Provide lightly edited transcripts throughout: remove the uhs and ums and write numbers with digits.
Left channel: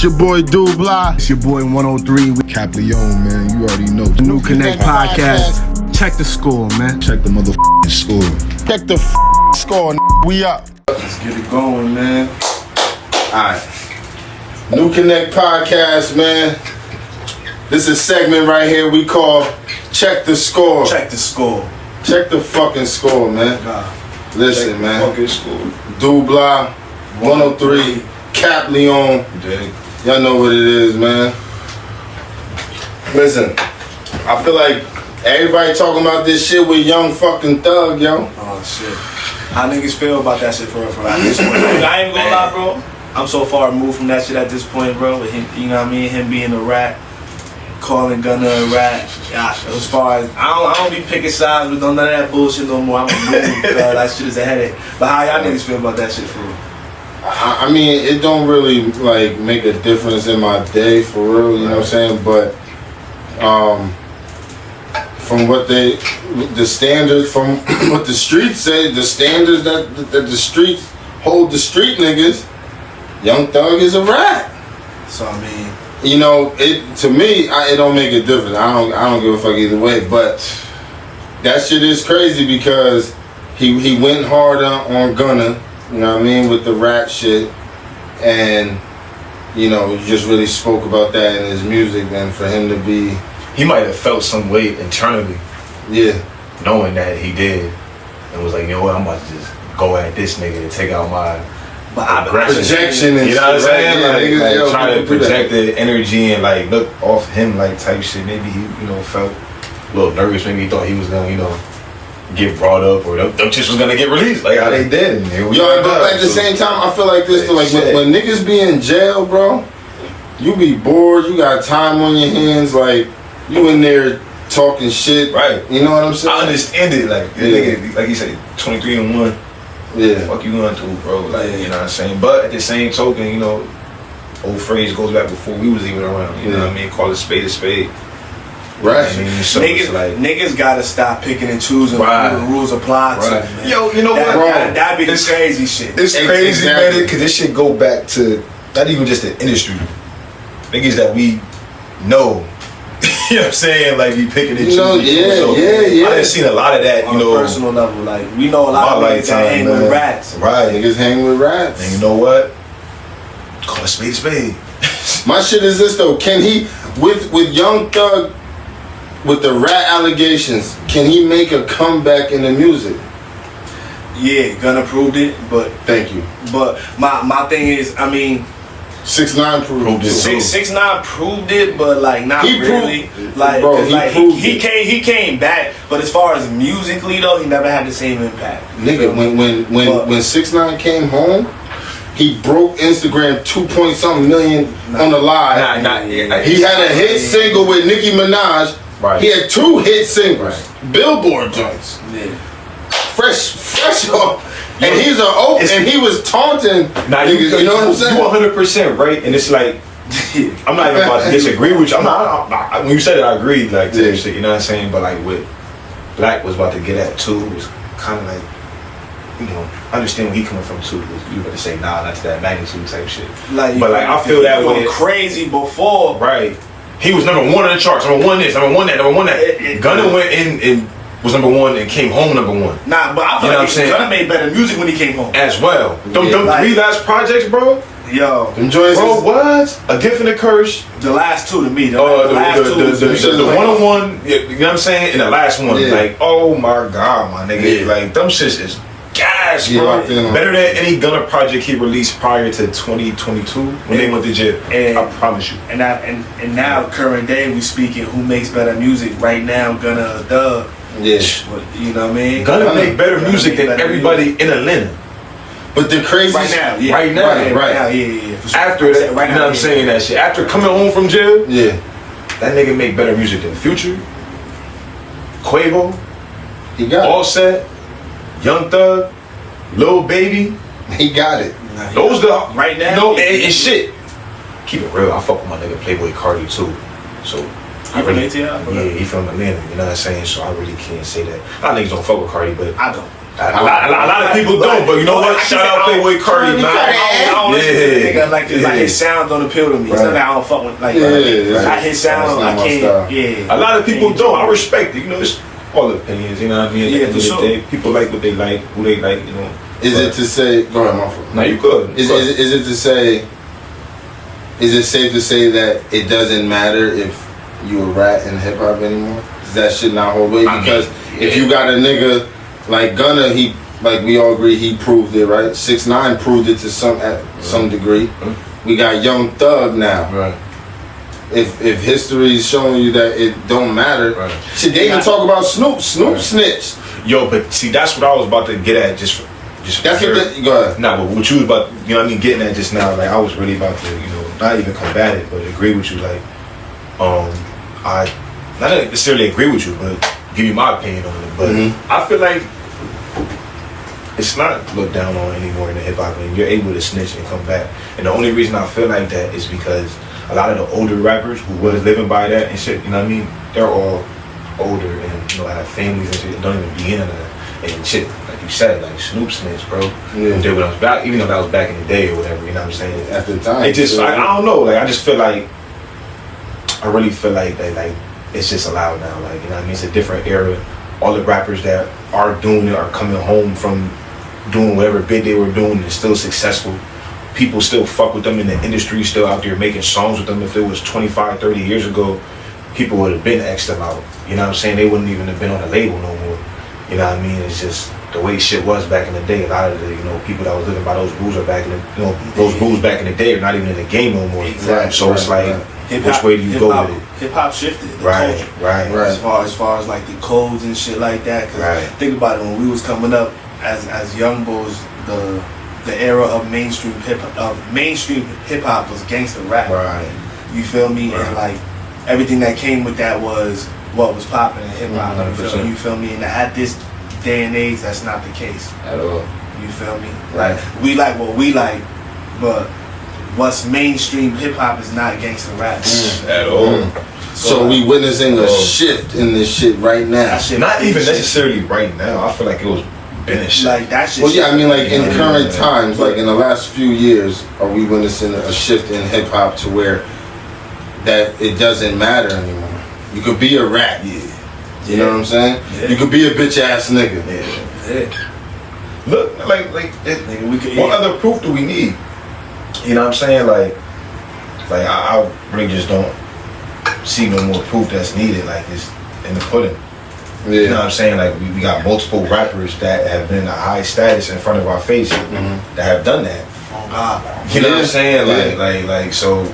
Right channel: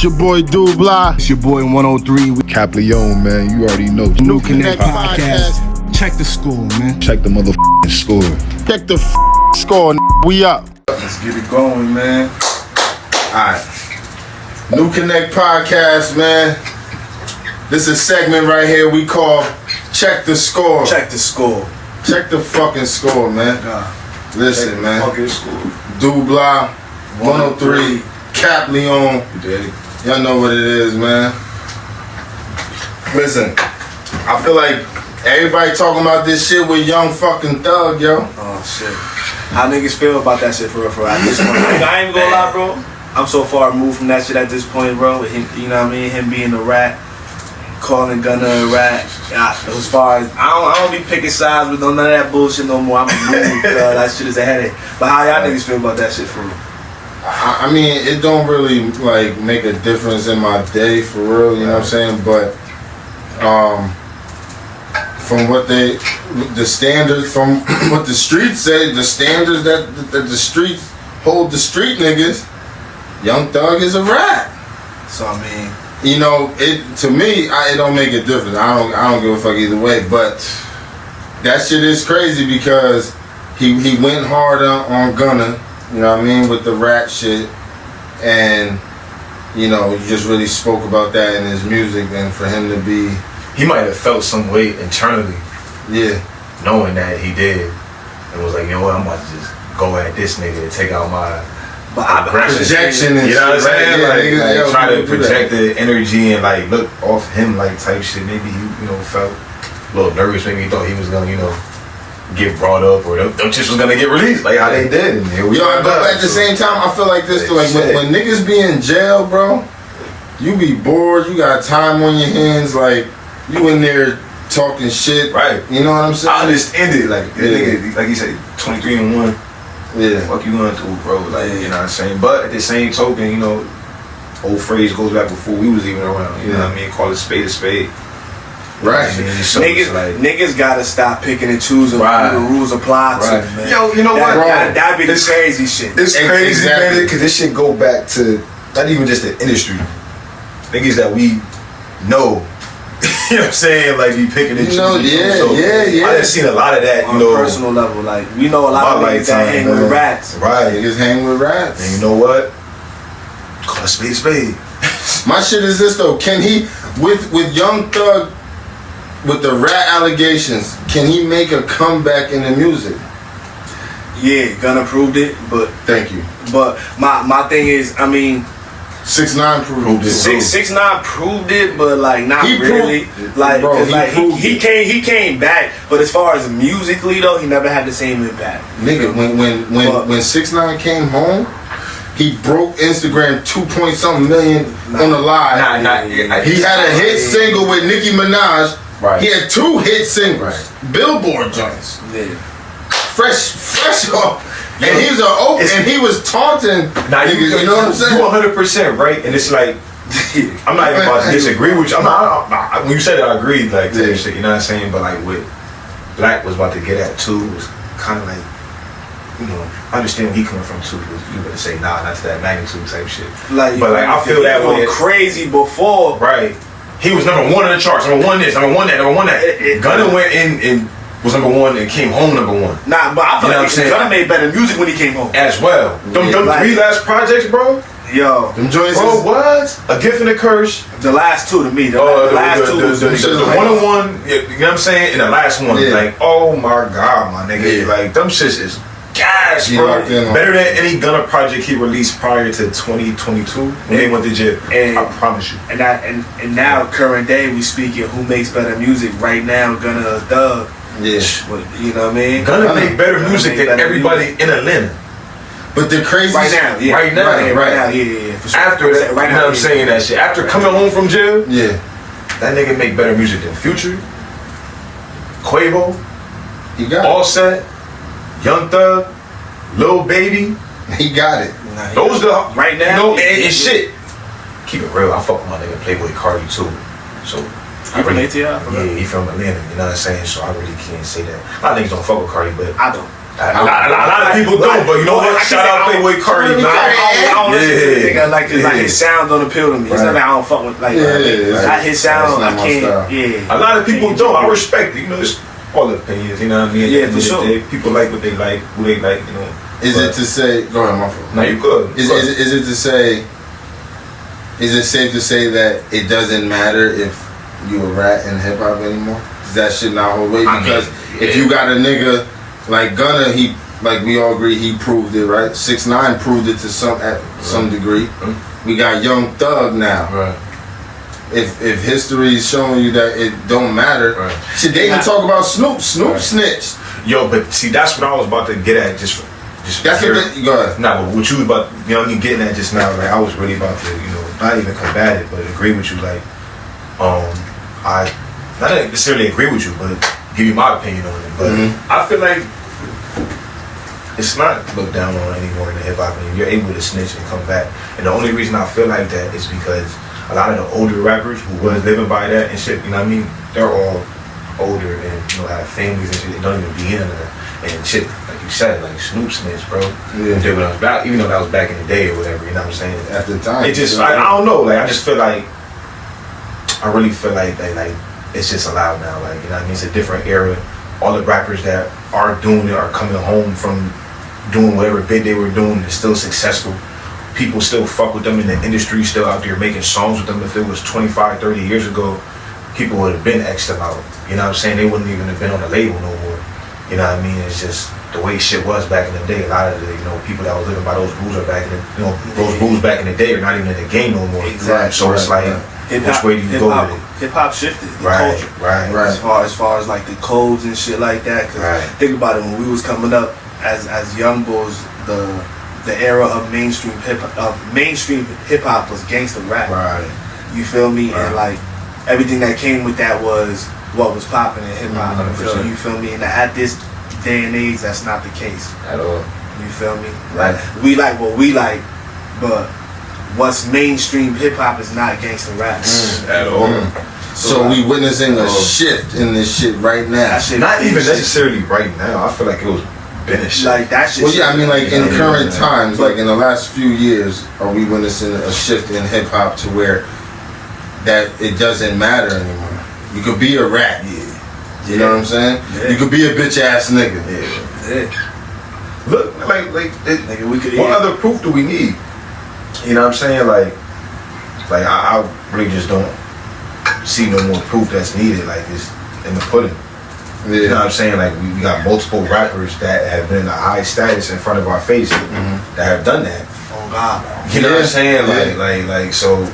It's your boy Dubla. It's your boy 103. Cap Leon, man. You already know. New Connect podcast. Check the score, man. Check the motherfucking score. Check the score. We up. Let's get it going, man. Alright. New Connect podcast, man. This is a segment right here we call Check the Score. Check the score. Check the fucking score, man. Listen, Check man. the fucking score. Dubla, 103, Cap Leon. You dig? Y'all know what it is, man. Listen, I feel like everybody talking about this shit with Young fucking Thug, yo. Oh shit. How niggas feel about that shit for real? At this point, I ain't gonna lie, bro. I'm so far removed from that shit at this point, bro. With him, you know what I mean? Him being a rat, calling Gunna a rat. Yeah, as far as I don't be picking sides with none of that bullshit no more. I'm a mood, that shit is a headache. But how y'all niggas feel about that shit for real? I mean, it don't really like make a difference in my day for real, you know what I'm saying? But from what the standards, from what the streets say, the standards that the streets hold the street niggas, Young Thug is a rat. So I mean, you know, it to me, it don't make a difference. I don't give a fuck either way. But that shit is crazy because he went hard on Gunna. You know what I mean, with the rat shit, and you know, you just really spoke about that in his music, and for him to be, he might have felt some weight internally, yeah, knowing that he did, and was like, you know what, I'm about to just go at this nigga to take out my projection, and you know what I'm saying, right? like try to project the energy and like look off him like type shit. Maybe he, you know, felt a little nervous. Maybe he thought he was gonna, you know, get brought up or them chicks was gonna get released like how they did. And here we but at the same time, I feel like this, like when niggas be in jail, bro, you be bored, you got time on your hands, like you in there talking shit, right? You know what I'm saying? I understand it, like that nigga, like you said, 23 and 1. Yeah, fuck you going through, bro? Like, you know what I'm saying? But at the same token, you know, old phrase goes back before we was even around. You know what I mean? Call it spade a spade. Right. I mean, so niggas gotta stop picking and choosing who the rules apply to, man. Yo, you know what? That'd be the crazy shit. It's crazy, man, because this shit go back to not even just the industry. Niggas that we know. You know what I'm saying? Like, be picking and choosing. Yeah. I done seen a lot of that, on a personal level. Like, we know a lot of niggas that hang with rats. Right. Niggas hang with rats. And you know what? Call a spade a spade. My shit is this, though. Can he, with Young Thug, with the rat allegations, can he make a comeback in the music? Yeah, Gunna proved it, but... Thank you. But my thing is, I mean... 6ix9ine proved it. 6ix9ine proved it, but like not really. Like, bro, he came back, but as far as musically though, he never had the same impact. Nigga, when 6ix9ine came home, he broke Instagram 2-point-something million on the live. He had a hit single with Nicki Minaj. Right. He had 2 hit singles, Billboard joints. Yeah. Fresh off. And he was and he was taunting niggas, you know what I'm saying? You 100% right, and it's like I'm not even about to disagree with you. I'm not when you said it, I agreed, like shit, you know what I'm saying? But like what Black was about to get at too was kind of like, you know, I understand where he coming from too. You better say nah, not to that magnitude type shit. Like, but like I feel that way crazy before, right? He was number 1 on the charts, number 1 this, number 1 that, number 1 that. Gunna went in and was number 1 and came home number 1. Nah, but I feel like Gunna made better music when he came home as well. Them 3 last projects, bro. Yo, them joints, bro, what? A Gift and a Curse. The last 2 to me. The one-on-one. You know what I'm saying? And the last one, like, oh my god, my nigga, like them shits is gas, bro. Better than any Gunna project he released prior to 2022 when they went to jail. And I promise you. And now current day we speaking who makes better music right now? Gunna or Thug? Yeah, you know what I mean? Gunna make better music than everybody in Atlanta. But the crazy right now, yeah. Right now, yeah. Sure. After that, right now, you know what I'm saying, that shit. After coming home from jail, that nigga make better music than Future, Quavo, he got Offset, Young Thug, Lil Baby. He got it. Those the right now, you know, and shit. Keep it real. I fuck with my nigga Playboy Cardi too. So I relate to you. Yeah, he from Atlanta. You know what I'm saying? So I really can't say that. A lot of niggas don't fuck with Cardi, but I don't. A lot of people don't, but you know what? Shout out Playboy Cardi, man. I don't like his sound don't appeal to me. It's not that I don't fuck with his sound. I can't. Yeah. A lot of people don't. I respect it. You know, it's all opinions. You know what I mean? Yeah, for sure. People like what they like, who they like. You know. Is it to say? Go ahead, my fault. No, you could. Is it to say? Is it safe to say that it doesn't matter if you a rat in hip hop anymore? Does that shit not hold weight? Because if you got a nigga like Gunna, he like we all agree he proved it, right? 6ix9ine proved it to some degree. We got Young Thug now. Right. If history is showing you that it don't matter, shit, they even talk about Snoop snitched. Yo, but see, that's what I was about to get at. Just that's what go ahead. Nah, but what you was about, you know what I mean, getting at just now, like I was really about to, you know, not even combat it, but agree with you. Like, I not necessarily agree with you, but give you my opinion on it. But I feel like it's not looked down on anymore in the hip hop. I mean, you're able to snitch and come back, and the only reason I feel like that is because a lot of the older rappers who was living by that and shit, you know what I mean, they're all older and, you know, have families and shit that don't even be in there and shit. Like you said, like Snoop snitch, bro. Yeah. Did when I was back, even though that was back in the day or whatever, you know what I'm saying? At the time, it just, I don't know, like I just feel like, I really feel like like it's just allowed now, like, you know what I mean? It's a different era. All the rappers that are doing it are coming home from doing whatever bit they were doing and still successful. People still fuck with them in the industry, still out there making songs with them. If it was 25, 30 years ago, people would have been X'd them out. You know what I'm saying? They wouldn't even have been on the label no more. You know what I mean? It's just the way shit was back in the day. A lot of the, you know, people that was living by those rules are back in the, you know, those rules back in the day are not even in the game no more. Exactly. So it's like, which way do you go with it? Hip hop shifted. Right. As far as like the codes and shit like that. Cause think about it, when we was coming up as young boys, the era of mainstream hip hop was gangster rap. Right. You feel me? And like everything that came with that was what was popping in hip hop. You feel me? And at this day and age, that's not the case at all. You feel me? Like we like what we like, but what's mainstream hip hop is not gangster rap at all. So we witnessing a shift in this shit right now. Not even necessarily right now. I feel like it was been a shit. Like that shit. Well, yeah, I mean, like in current times, like in the last few years, are we witnessing a shift in hip hop to where that it doesn't matter anymore? You could be a rat, you know what I'm saying? Yeah. You could be a bitch ass nigga. Yeah. Look, what other proof do we need? You know what I'm saying? Like I really just don't see no more proof that's needed. Like it's in the pudding. Yeah. You know what I'm saying? Like we got multiple rappers that have been a high status in front of our face that have done that. Oh God. You know what I'm saying? Like so.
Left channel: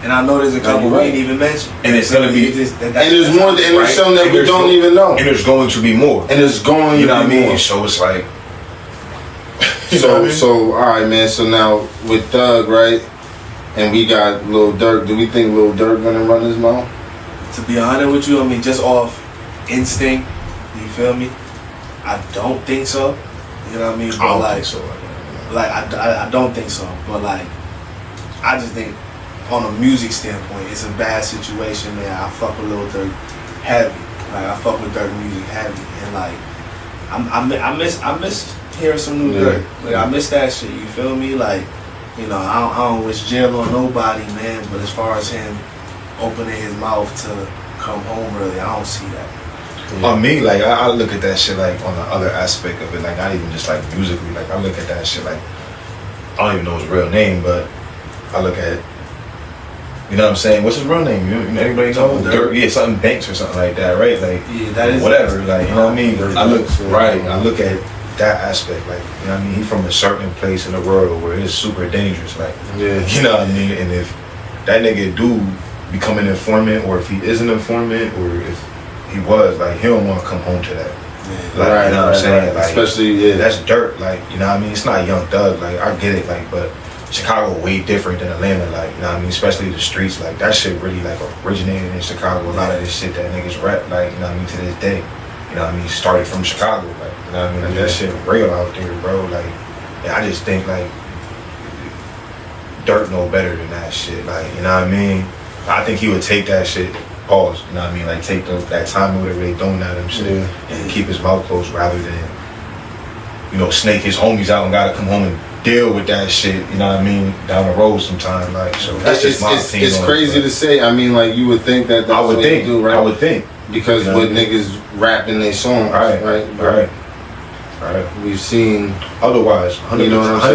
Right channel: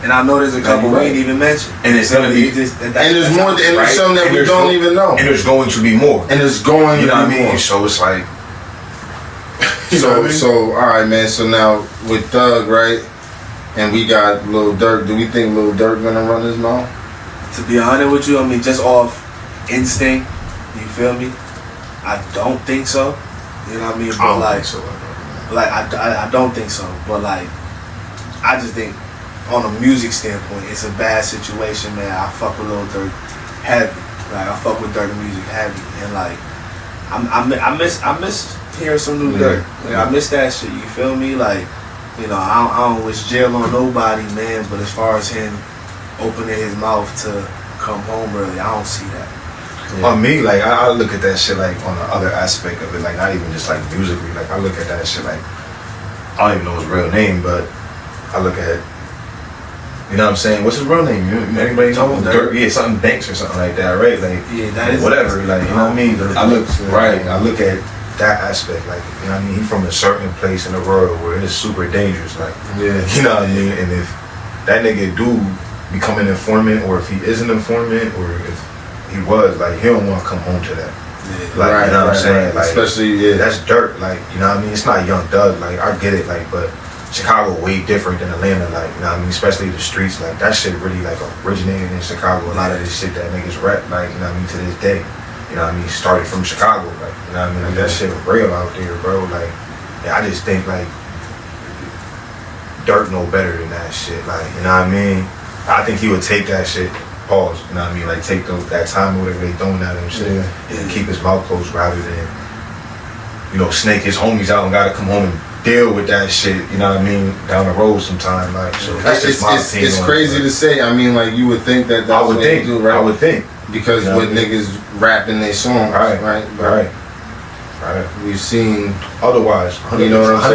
And I know there's a couple we ain't even mentioned. And it's gonna be, and there's more, and there's some that we don't even know. And there's going to be more. And there's going, you know what I mean? More. So it's like, so all right, man. So now with Thug, right, and we got Lil Durk. Do we think Lil Durk gonna run his mouth? To be honest with you, I mean, just off instinct, you feel me? I don't think so. You know what I mean? But I don't like, think so. I don't think so. But like, I just think, on a music standpoint, it's a bad situation that I fuck with Lil Durk heavy. Like I fuck with Durk music heavy, and like I miss hearing some new Durk. Like I miss that shit. You feel me? Like, you know, I don't wish jail on nobody, man. But as far as him opening his mouth to come home early, I don't see that. Yeah. On me, like I look at that shit like on the other aspect of it, like not even just like musically. Like I look at that shit like I don't even know his real name, but I look at. You know what I'm saying? What's his real name? Anybody know? Durk, yeah, something Banks or something like that, right? Like, yeah, that is whatever. Like, you know what I mean? I look at that aspect. Like, you know what I mean? He's from a certain place in the world where it's super dangerous. Like, you know what I mean? And if that nigga do become an informant, or if he is an informant, or if he was, like, he don't want to come home to that. Like, you know what I'm saying? Like, especially that's dirt. Like, you know what I mean? It's not Young Thug. Like, I get it. Like, but Chicago way different than Atlanta, like, you know what I mean? Especially the streets, like, that shit really, like, originated in Chicago. A lot of this shit that niggas rap, like, you know what I mean, to this day. You know what I mean? Started from Chicago, like, you know what I mean? Like, that shit was real out there, bro. Like, yeah, I just think, like, Durk know better than that shit, like, you know what I mean? I think he would take that shit, pause, you know what I mean? Like, take that time or whatever they doing out of him shit, and keep his mouth closed rather than snake his homies out and gotta come home and deal with that shit, you know what I mean, down the road sometime. Like, so that's just my opinion. It's crazy to say. I mean, like, you would think that's what they do, right? I would think. Because what niggas rap in their songs, right? We've seen otherwise 100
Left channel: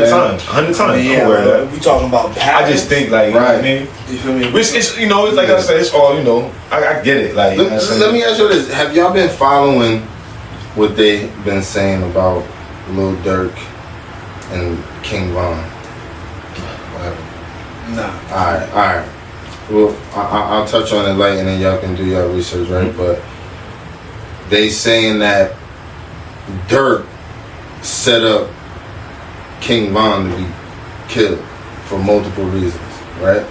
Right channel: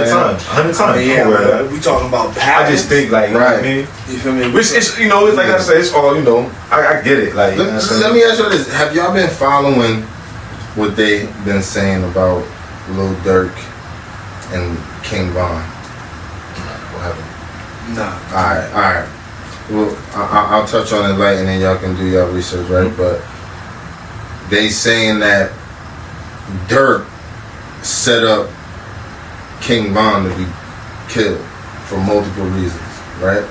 times. Yeah, we talking about patterns. I just think, like, you know what I mean? You feel me? Which is, it's like I said, it's all, I get it. Like, let me ask you this: have y'all been following what they been saying about Lil Durk and King Von? What happened? Nah. All right. Well, I'll touch on it light, and then y'all can do your research, right? Mm-hmm. But they saying that Durk set up King Von to be killed for multiple reasons, right?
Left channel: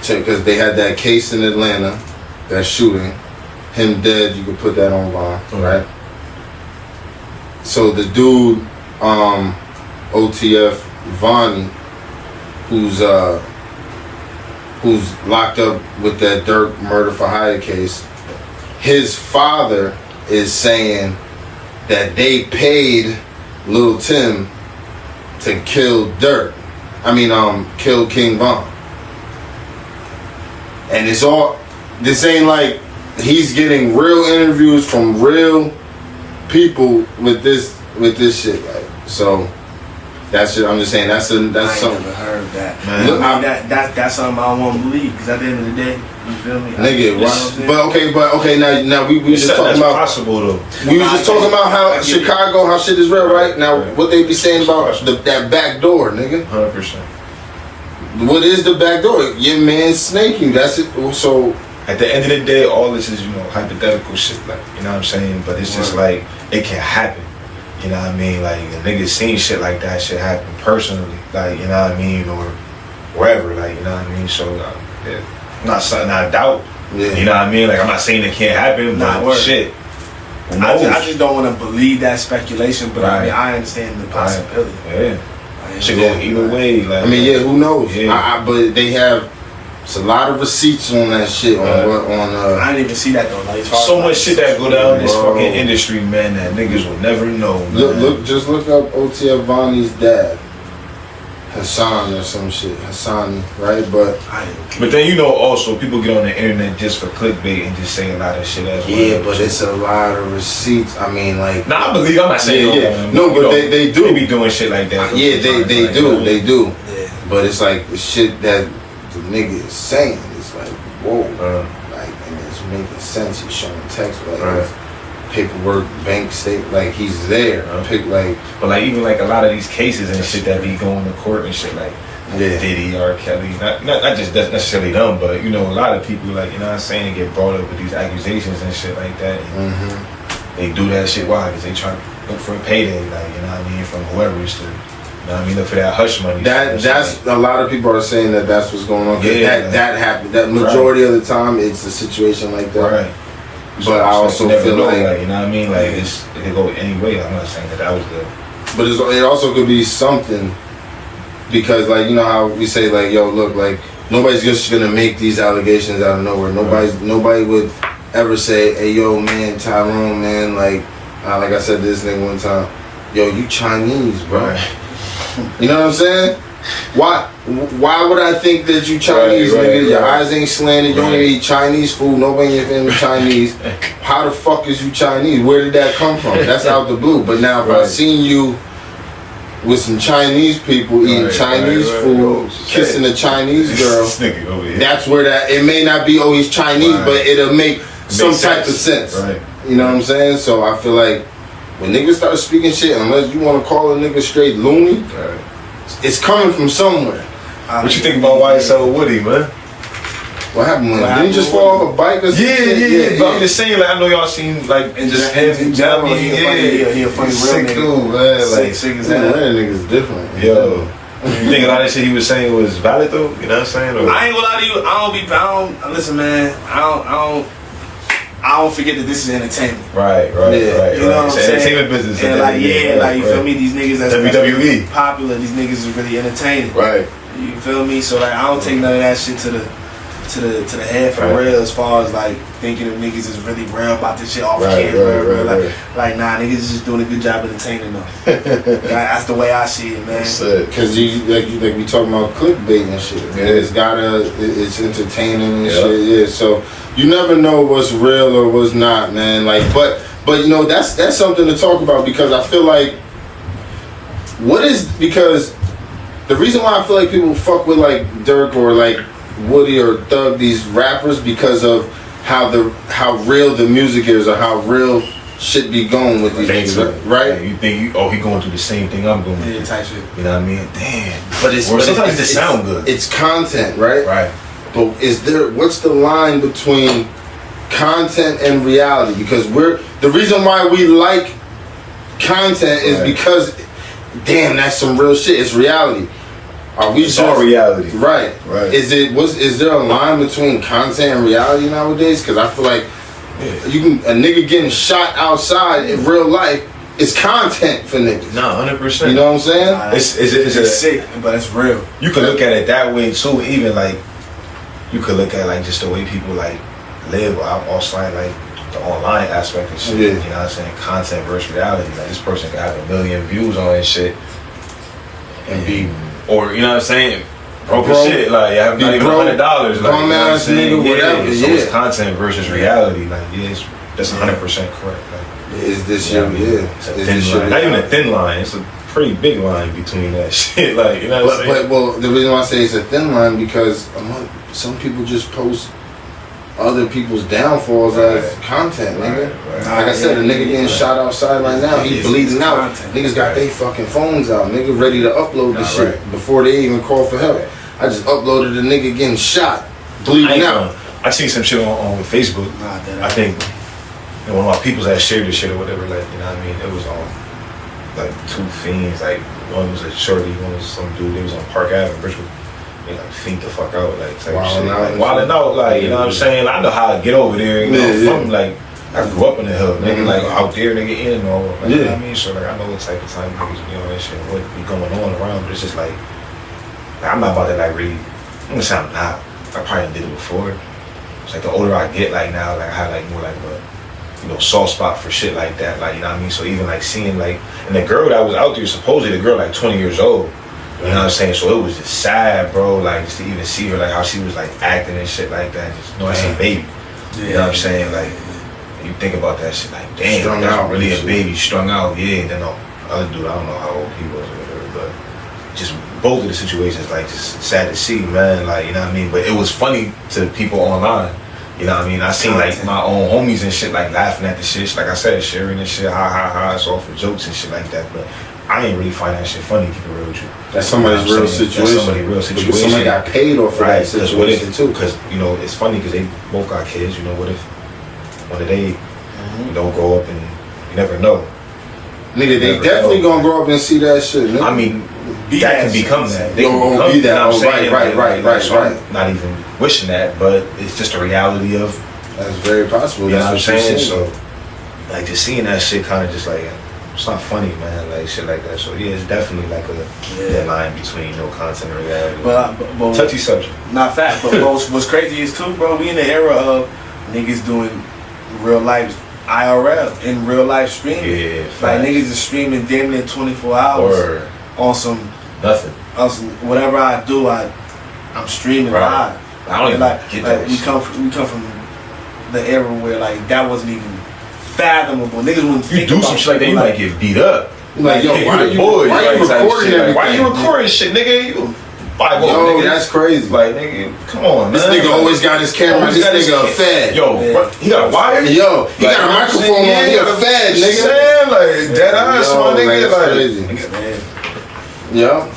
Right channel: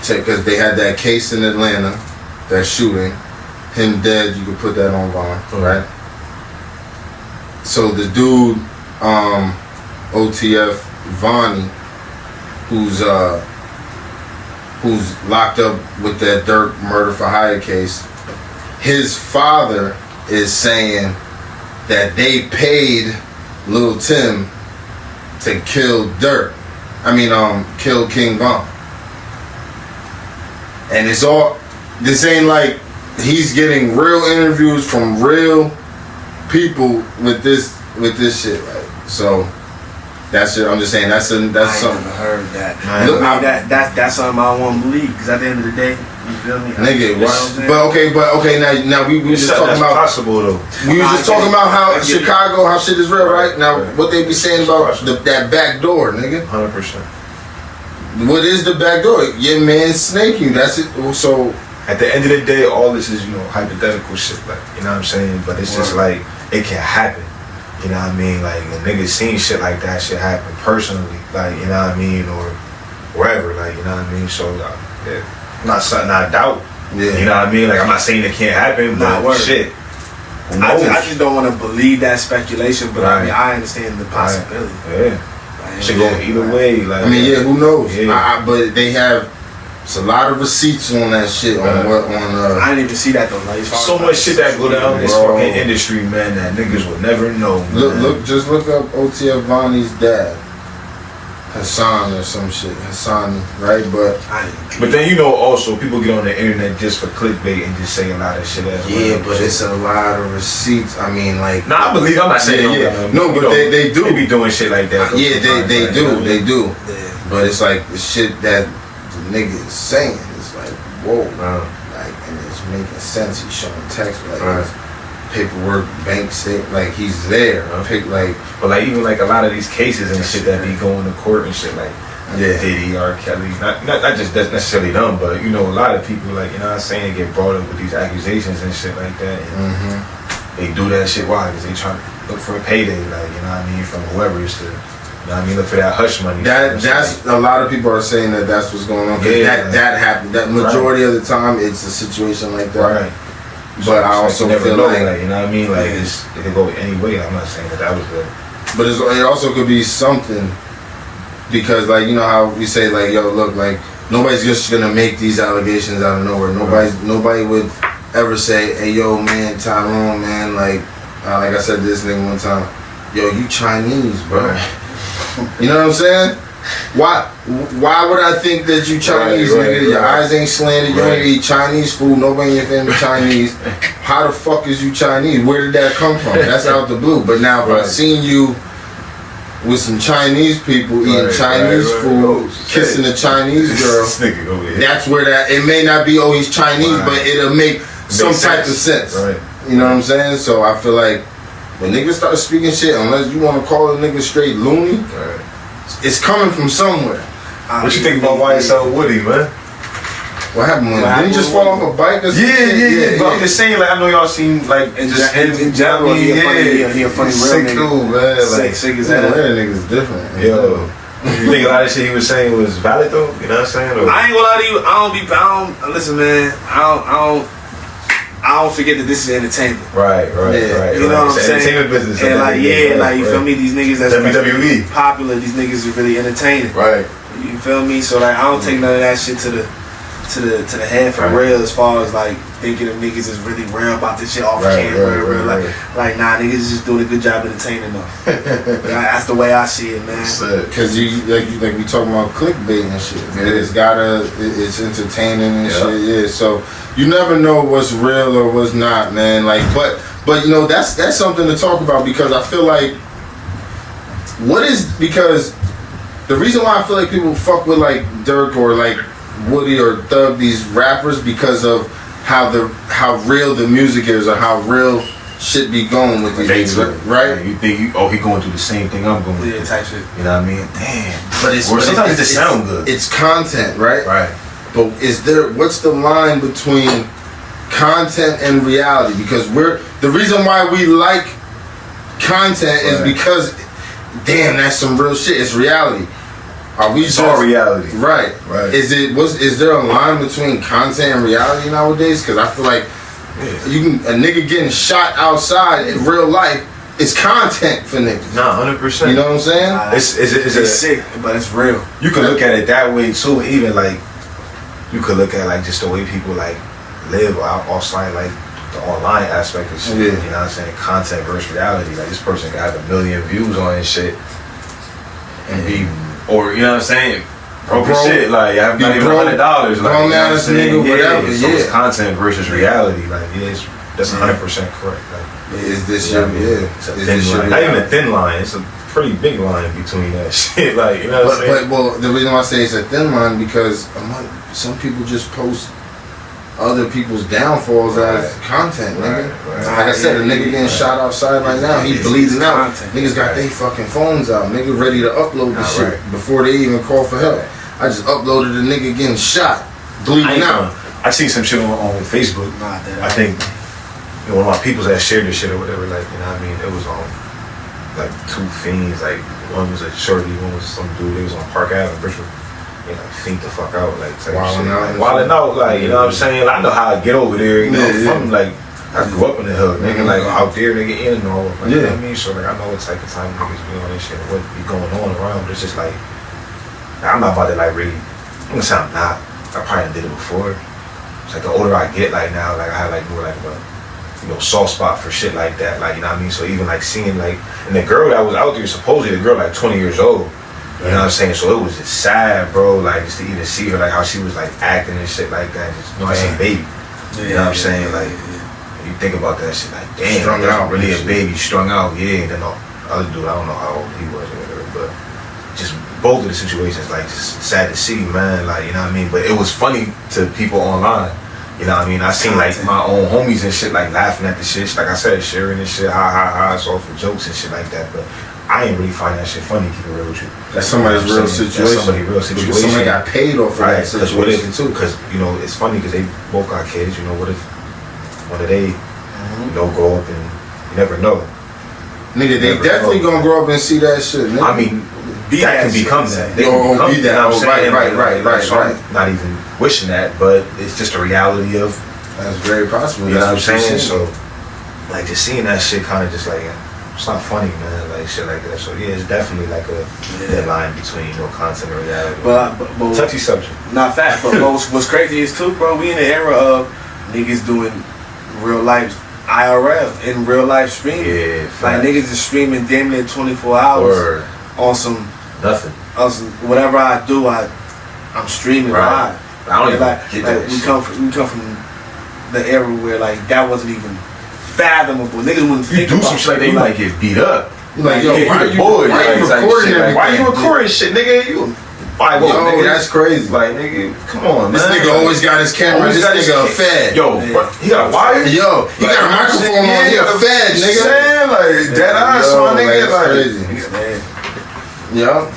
Because they had that case in Atlanta, that shooting, him dead. You could put that on Von, right? So the dude, OTF Vonnie, who's locked up with that Durk murder for hire case, his father is saying that they paid Lil Tim to kill Durk. Kill King Von. And it's all, this ain't like he's getting real interviews from real people with this shit, right? So that's it. I'm just saying that's something. I heard that. Look, that's something I don't want to believe, because at the end of the day, you feel me? Nigga, but okay. Now we just talking about possible though. We was just talking about how Chicago, how shit is real, right? Now what they be saying about that back door, nigga? 100%. What is the back door? Your man snake you. That's it. So at the end of the day, all this is hypothetical shit, like, you know what I'm saying? But it's just like it can happen. You know what I mean? Like, a nigga seen shit like that shit happen personally, like, you know what I mean, or wherever, like, you know what I mean? So, not something I doubt. Yeah. You know what I mean? Like, I'm not saying it can't happen, but shit. I just don't want to believe that speculation, but I understand the possibility. Yeah. Should go either way. Like, who knows? Yeah. But they have. It's a lot of receipts on that shit. I didn't even see that though. Like, so much shit that go down this fucking industry, man, that niggas would never know. Man. Just look up OTF Vonnie's dad, Hassan or some shit, Hassani, right? But then also people get on the internet just for clickbait and just say a lot of shit as well. Yeah, but it's a lot of receipts. I mean, like. Nah, I believe. I'm not saying no, but they do. They be doing shit like that. Yeah, they do. Yeah. But it's like the shit that the nigga is saying is like, whoa, like, and it's making sense. He's showing text, like paperwork, bank statement, like he's there. But like even like a lot of these cases and shit that be going to court and shit, like Diddy, R. Kelly, not just necessarily them, but a lot of people, like, you know what I'm saying, get brought up with these accusations and shit like that. And they do that shit. Why? Because they trying to look for a payday, like, you know what I mean, from whoever is to. You know what I mean? Look for that hush money. That's a lot of people are saying that's what's going on. That happened. That majority of the time, it's a situation like that. Right. But I also feel like, you know what I mean? Like, it could go any way. I'm not saying that was the. But it also could be something, because, like, you know how we say, like, yo, look, like, nobody's just gonna make these allegations out of nowhere. Nobody would ever say, hey, yo, man, Tyrone, man, like I said to this nigga one time, yo, you Chinese, bro. Right. You know what I'm saying? Why would I think that you Chinese, nigga? Your eyes ain't slanted. You don't even eat Chinese food. Nobody in your family Chinese. How the fuck is you Chinese? Where did that come from? That's out the blue. But now if I seen you with some Chinese people eating Chinese food, kissing a Chinese girl, that's where that, it may not be, he's Chinese, but it'll make some type of sense. Right. You know what I'm saying? So I feel like when niggas start speaking shit, unless you want to call a nigga straight loony, it's coming from somewhere. What you think about YSL Woody, man? What happened with him? Didn't he just fall off a bike or something? Yeah. But I'm just saying, like, I know y'all seen, like, in general, he a funny sick dude, man. Like, sick as hell. That nigga's different. Yo. You think a lot of shit he was saying was valid though? You know what I'm saying? Or? I ain't gonna lie to you. I don't listen, man. I don't forget that this is entertainment. Right. You know what I'm saying? Entertainment business. And like, you feel me? These niggas that's WWE popular. These niggas are really entertaining. Right. You feel me? So like, I don't take none of that shit to to the head for real, as far as like thinking of niggas is really real about this shit off Right, camera. right. Like nah, niggas is just doing a good job entertaining them. That's the way I see it, man. Because you like we talking about clickbait and shit. Yeah. It's entertaining and shit. Yeah. So you never know what's real or what's not, man. Like, but you know that's something to talk about, because I feel like because the reason why I feel like people fuck with like Dirk or like Woody or Thug, these rappers, because of how real the music is, or how real shit be going with these niggas, right? You think he going through the same thing I'm going through. Type shit. You know what I mean? Damn. But sometimes it sound good. It's content, right? Right. But what's the line between content and reality? Because the reason why we like content is because, damn, that's some real shit. It's reality. It's all reality. Right. Is there a line between content and reality nowadays? Because I feel like a nigga getting shot outside in real life is content for niggas. Nah, 100%. You know what I'm saying? It's sick, but it's real. You can look at it that way too. Even like you could look at like just the way people like live outside, like the online aspect of shit. You know what I'm saying? Content versus reality. Like this person can have 1 million views on his shit and be, or you know what I'm saying, broke as shit. Like you have not even $100. Like you know what I'm saying? So it's content versus reality. Like that's 100% correct. Like, is this your it's a thin line. Not even a thin line. It's a pretty big line between that shit. Like you know what I'm saying? But the reason why I say it's a thin line, because some people just post other people's downfalls as content, nigga. Right. Like I said, a nigga getting shot outside right now, he bleeding out. Niggas got their fucking phones out, nigga ready to upload the shit before they even call for help. I just uploaded a nigga getting shot, bleeding out. I seen some shit on Facebook. I think one of my peoples that shared this shit or whatever, like, you know what I mean? It was on like two fiends, like one was a shorty, one was some dude. They was on Park Avenue, Richmond. They like fiend the fuck out, like type shit, like wilding out, like you know what I'm saying. I know how I get over there, you know, from like I grew up in the hood, nigga, like out there, nigga, in and all, like, you know what I mean. So like I know what type of time niggas be on this shit, what be going on around, but it's just like I'm not about to like really. I'm gonna say I'm not. I probably did it before. It's like the older I get, like now, like I have like more like a soft spot for shit like that, like you know what I mean. So even like seeing like, and the girl that was out there, supposedly the girl like 20 years old. You know what I'm saying? So it was just sad, bro, like just to even see her, like how she was like acting and shit like that. Just I said baby. You know what I'm saying? Like you think about that shit, like damn, that's really a baby, strung out, Then the other dude, I don't know how old he was or whatever, but just both of the situations, like just sad to see, man. Like you know what I mean? But it was funny to people online. You know what I mean? I seen like my own homies and shit like laughing at the shit, like I said, sharing and shit, ha, it's all for jokes and shit like that. But I ain't really find that shit funny, keep it real with you. That's somebody's real situation. That's somebody's real situation. Somebody got paid off of that situation too. Because, it's funny because they both got kids. What if one of they, grow up and you never know. Nigga, they definitely gonna grow up and see that shit, nigga. I mean, that can become that. They can become that. Right. So I'm not even wishing that, but it's just a reality of. That's very possible. You know what I'm saying? So, like, just seeing that shit kind of just like, it's not funny, man, like shit like that. So yeah, it's definitely like a thin line between content and reality. But touchy subject. Not fact, but what's crazy is too, bro. We in the era of niggas doing real life IRL in real life streaming. Yeah, like niggas is streaming damn near 24 hours on some nothing. On some whatever I do, I'm streaming live. I don't even get that. We come from the era where like that wasn't even fathomable. Niggas wouldn't think about some shit like that, you might get beat up. You like, yo, why you recording shit, nigga? Like, whoa, nigga, that's crazy. Like, nigga, come on, this man. Nigga always got his camera. This nigga a fed. Yo, he got a wire? Yo, he got a microphone on. He a fed, nigga. Saying, like, dead eyes, my nigga. Like, crazy. Yeah.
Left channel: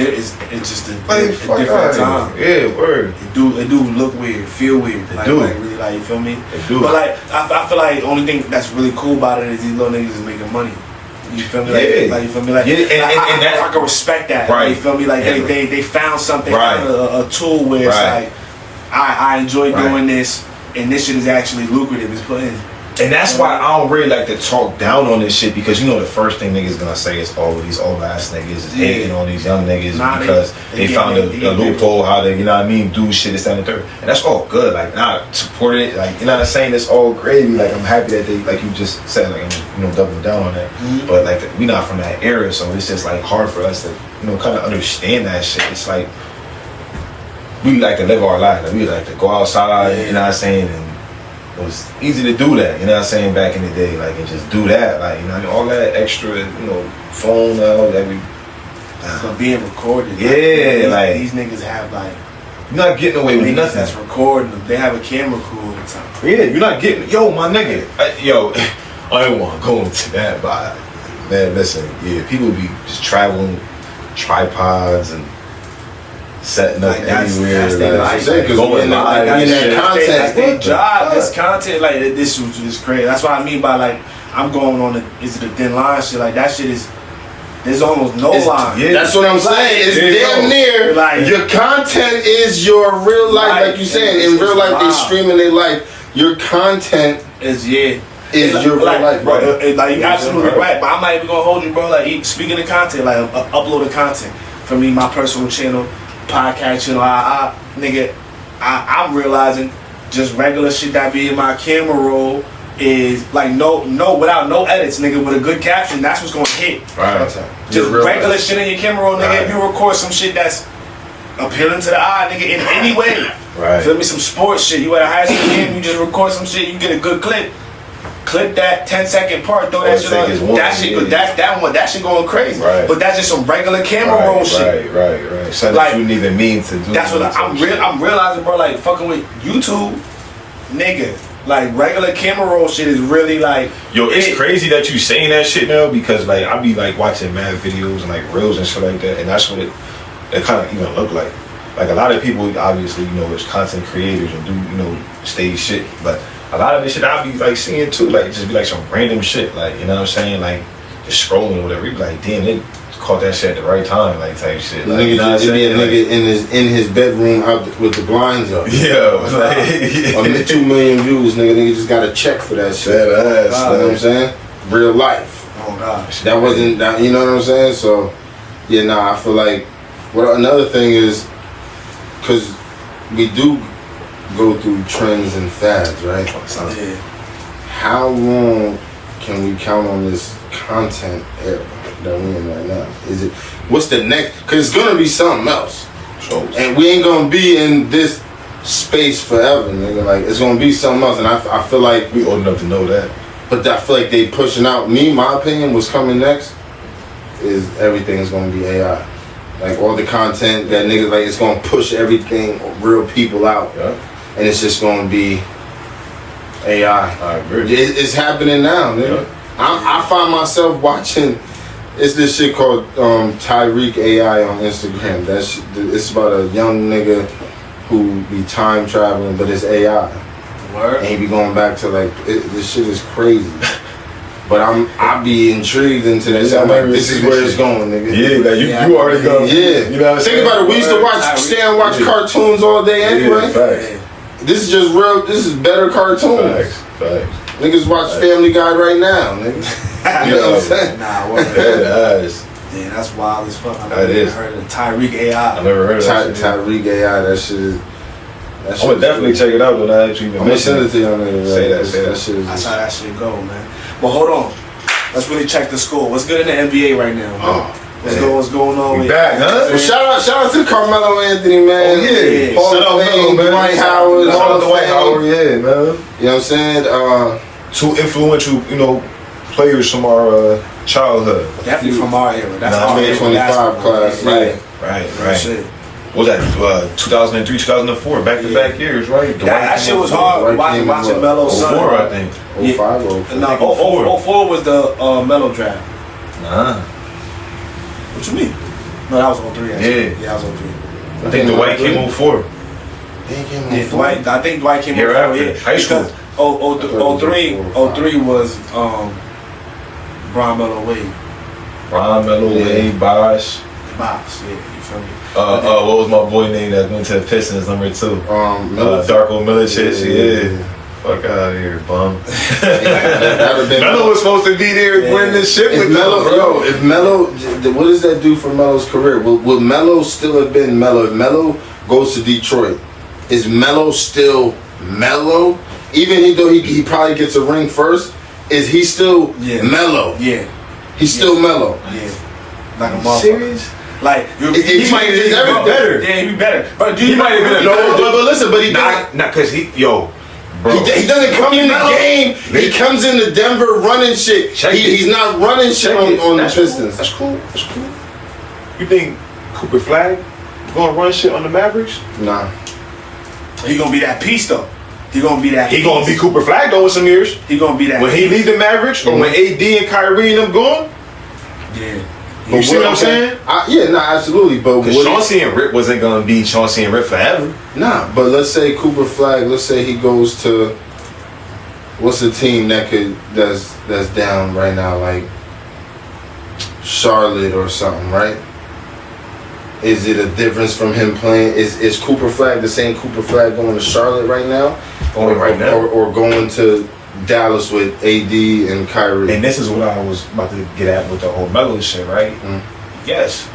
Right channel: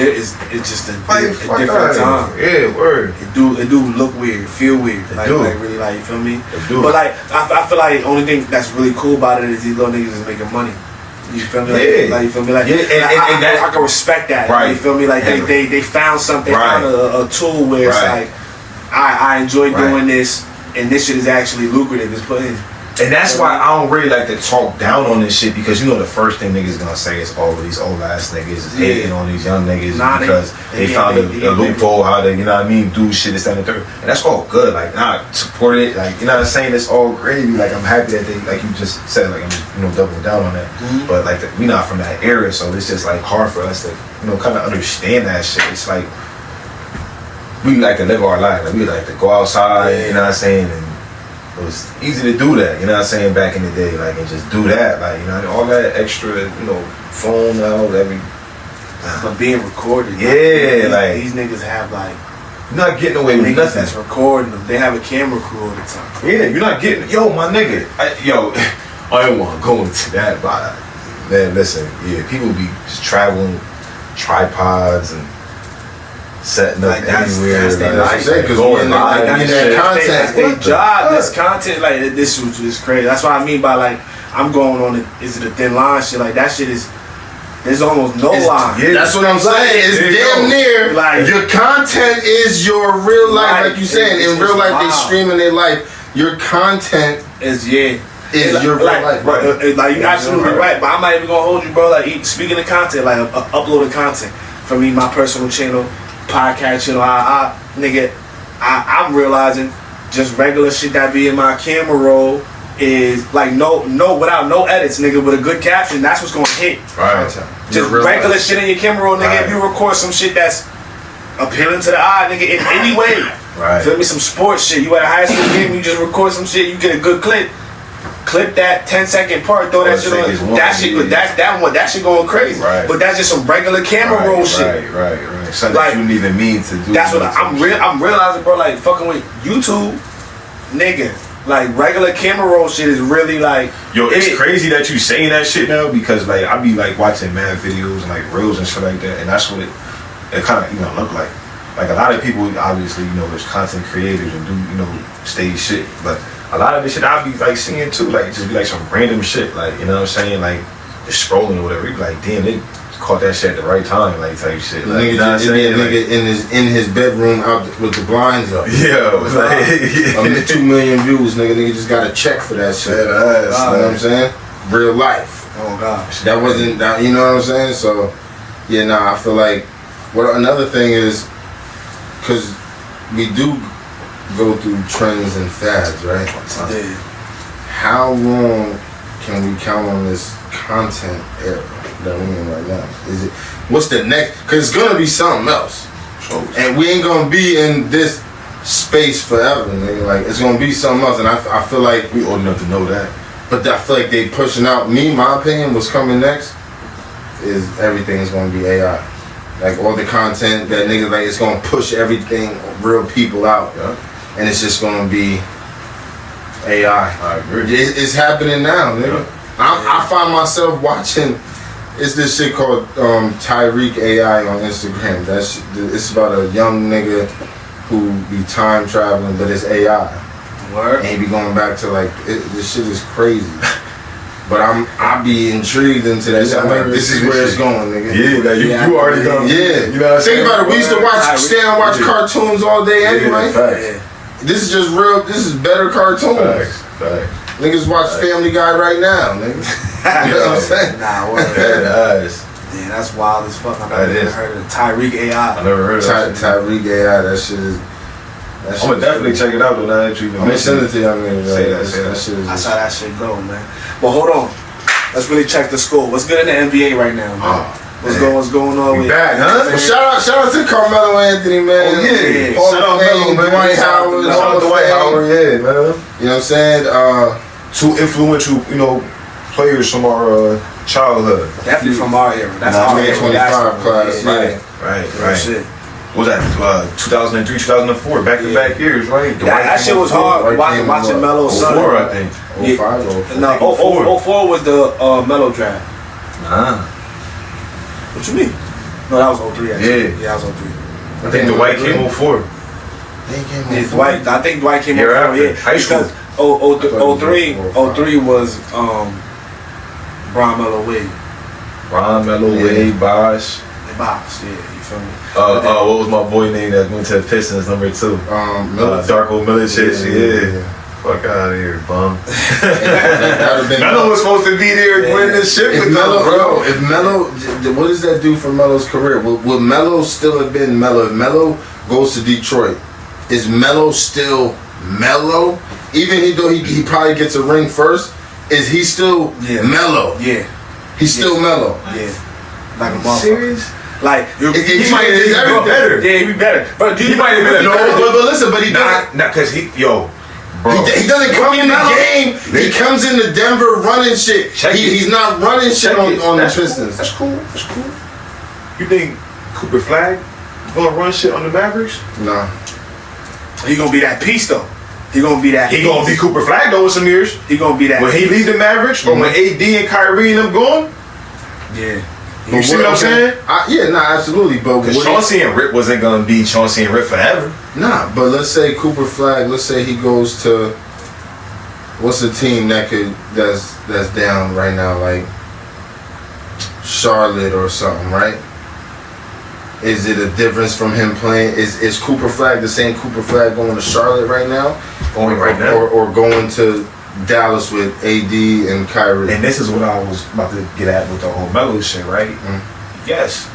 It's just a different time. Yeah, word. It do look weird, feel weird. Like really, like, you feel me? It do. But like, I feel like the only thing that's really cool about it is these little niggas is making money. You feel me? Like you feel me? Like, I can respect that. Right. You feel me? Like they found something, found a tool where it's like, I enjoy doing this, and this shit is actually lucrative. It's putting And that's why I don't really like to talk down on this shit, because you know the first thing niggas gonna say is, oh, these old ass niggas is hating on these young niggas because they found a loophole how to, you know what I mean, do shit, this, that, and the third. And that's all good. Like, nah, support it. Like, you know what I'm saying? It's all gravy. Like, I'm happy that they, like you just said, like, I'm, you know, doubling down on that. But like, we not from that era, so it's just like hard for us to, you know, kind of understand that shit. It's like we like to live our life. Like, we like to go outside. You know what I'm saying? And it was easy to do that, you know what I'm saying, back in the day, like, and just do that, like, you know, all that extra, you know, phone out, but being recorded. Yeah, like these niggas have, like, you're not getting away with nothing. That's recording them. They have a camera crew all the time. Yeah, you're not getting, yo, my nigga, I ain't want to go into that, but, man, listen, yeah, people be just traveling tripods and setting up anywhere, going live, that's their job. This content, like, this was just crazy. That's what I mean by, like, I'm going on is it a thin line shit? Like, that shit is, there's almost no line. Yeah, that's what I'm saying. It's damn near. Like, your content is your real life, like you said. In real life, they streaming their life. Your content is your real life, right? Like, you're absolutely right. But I'm not even gonna hold you, bro. Like, speaking of content, like, uploading content for me, my personal channel, podcast channel, I'm realizing just regular shit that be in my camera roll is like without no edits, nigga, with a good caption, that's what's gonna hit. Right. Just regular shit in your camera roll, nigga. Right. If you record some shit that's appealing to the eye, nigga, in any way. Right. Feel me? Some sports shit. You at a high school game, you just record some shit, you get a good clip. Clip that 10-second part, throw that shit on. That shit, that shit going crazy. Right. But that's just some regular camera roll shit. Right. Something like, you didn't even mean to do. That's what I'm realizing, bro. Like, fucking with YouTube, nigga. Like, regular camera roll shit is really like. Yo, it's crazy that you saying that shit now, because like I be like watching mad videos and like reels and shit like that, and that's what it kind of even look like. Like, a lot of people, obviously, you know, there's content creators and do, you know, stage shit, but a lot of this shit I be like seeing too, like, just be like some random shit, like, you know what I'm saying, like just scrolling or whatever. You be like, damn, they caught that shit at the right time, like, type shit. Like, you know what I'm saying? Nigga in his bedroom out with the blinds up. Yeah, like 2 million views, nigga just got a check for that shit. You know what I'm saying? Real life. Oh gosh, that wasn't that. You know what I'm saying? So yeah, I feel like another thing is, because we do go through trends and fads, right? Yeah. How long can we count on this content era that we're in right now? What's the next? Because it's gonna be something else, and we ain't gonna be in this space forever, nigga. Like, it's gonna be something else, and I feel like we old enough to know that. But I feel like they pushing out. My opinion, what's coming next is everything is gonna be AI. Like, all the content that niggas, like, it's gonna push everything, real people out. Yeah. And it's just gonna be AI. I agree. It's happening now, nigga. Yeah. I find myself watching. It's this shit called Tyreek AI on Instagram. It's about a young nigga who be time traveling, but it's AI. Word. And he be going back to, like, this shit is crazy. But I be intrigued into that. Yeah, I'm like, this is where it's going, nigga. Yeah, like you already go. Yeah. You know what I'm saying? Think about it. We used to stay and watch cartoons all day anyway. Facts. This is just real. This is better cartoons. Facts. Niggas watch Family Guy right now, nigga. You know what I'm saying? Nah, what? Yeah, that's wild as fuck. I never heard of Tyreek AI. I never heard of that. Tyreek AI. That shit is. I'm gonna definitely check it out though. Now that you even mentioned it. Send it to y'all niggas. Say that shit. That's how that shit go, man. But hold on. Let's really check the score. What's good in the NBA right now, man? What's going on? We back, huh? Well, shout out to Carmelo Anthony, man. Oh yeah. Hall of Fame, Dwight Howard. Yeah, man. You know what I'm saying? Two influential, you know, players from our childhood. Definitely from our era. That's our 25 class. Right. Shit. What was that 2003, 2004, back-to-back years, right? That shit was hard watching Melo's son. 04, I think. 05 or 04. No, 04 was the Melo draft. Nah. What you mean? No, that was 03. Actually. Yeah, that was 03. I think Dwight came 04. Yeah, Dwight. I think Dwight came 04. Yeah, high school. 03 was Bron Melo Wade. Bron Melo Wade, Bosh. Bosh, yeah, you feel me? What was my boy name that went to the Pistons, number 2? Darko Milicic, yeah. Fuck out of here, bum. Been Melo was supposed to be there winning this shit if with Melo, them, bro. if Melo, what does that do for Melo's career? Will Melo still have been Melo? If Melo goes to Detroit, is Melo still Melo? Even though he probably gets a ring first, is he still Melo? Yeah. He's still Melo. Yeah. Like a motherfucker. Serious? Like he might be better. Yeah, he be better. But He might have been but listen, but he not because bro. He doesn't come in the game. He comes into Denver running shit. He's not running shit on the Pistons. That's cool. You think Cooper Flag gonna run shit on the Mavericks? Nah. He gonna be that piece though. He gonna be that. He gonna be Cooper Flag though in some years. He gonna be that. When he leave the Mavericks or when AD and Kyrie and them going. Yeah. You see what I'm saying? Absolutely. But because Chauncey and Rip wasn't gonna be Chauncey and Rip forever. Nah, but let's say Cooper Flag. Let's say he goes to what's a team that's down right now, like Charlotte or something, right? Is it a difference from him playing? Is Cooper Flag the same Cooper Flag going to Charlotte right now? Or going to Dallas with AD and Kyrie? And this is what I was about to get at with the whole Melo shit, right? Yes.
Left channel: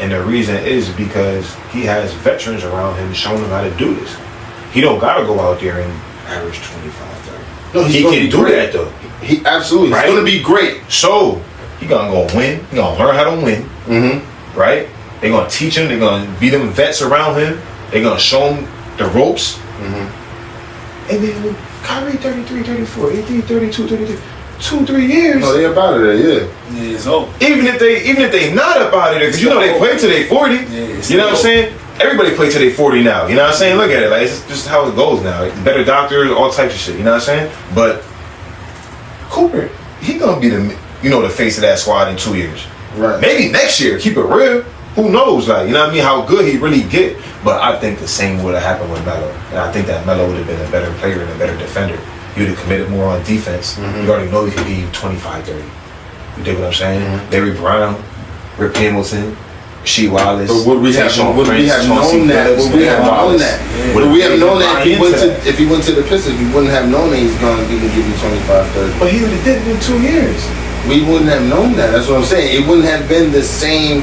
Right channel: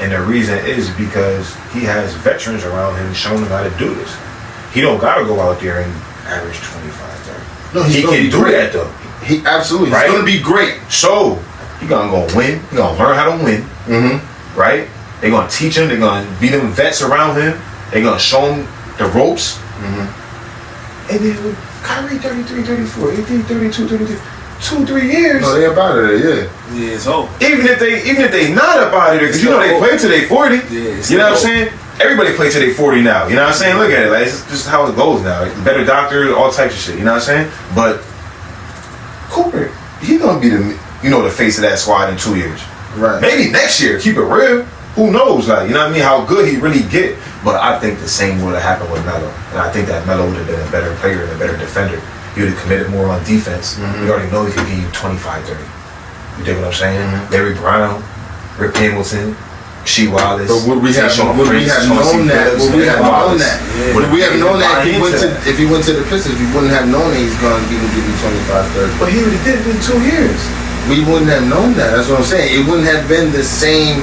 And the reason is because he has veterans around him showing him how to do this. He don't gotta go out there and average 25, 30. No, he can do that though. He absolutely. Right? He's gonna be great. So he gonna go win. He gonna learn how to win. Mm-hmm. Right? They're gonna teach him. They're gonna be them vets around him. They're gonna show him the ropes. Mm-hmm. And then Kyrie 33, 34, 18, 32, 33. 2-3 years. Oh, they up out of there, yeah. Yeah, so even if they not up out of there, because you know they play till they 40. Yeah, you know what I'm saying? Everybody play till they 40 now. You know what I'm saying? Look at it, like it's just how it goes now. Like, better doctors, all types of shit. You know what I'm saying? But Cooper, he gonna be the face of that squad in 2 years. Right. Maybe next year. Keep it real. Who knows? Like, you know what I mean? How good he really get. But I think the same would have happened with Melo, and I think that Melo would have been a better player and a better defender. He would have committed more on defense. You already know he could give you 25, 30. You dig what I'm saying? Larry Brown, Rip Hamilton, Shea Wallace. But would we have known that? Would we have known that if he went to the Pistons, we wouldn't have known that he's going to give you 25, 30. But he would have did it in 2 years. We wouldn't have known that. That's what I'm saying. It wouldn't have been the same.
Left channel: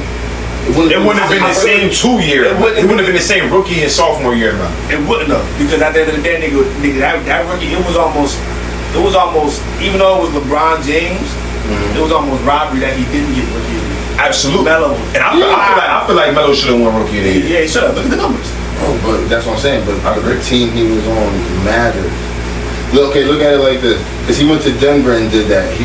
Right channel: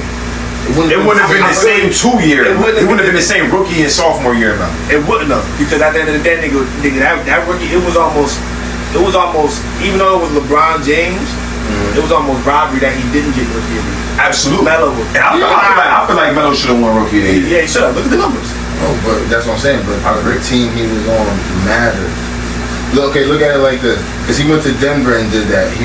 It wouldn't have been the same 2 year. It wouldn't have been the same rookie and sophomore year, man. It wouldn't have, because at the end of the day, nigga, that rookie, it was almost, even though it was LeBron James, it was almost robbery that he didn't get rookie of the year. Absolutely. Melo. And I feel like Melo should have won rookie of the year. Yeah, he should have. Look at the numbers. No, but that's what I'm saying. But the team he was on mattered. Look at it like this, because he went to Denver and did that.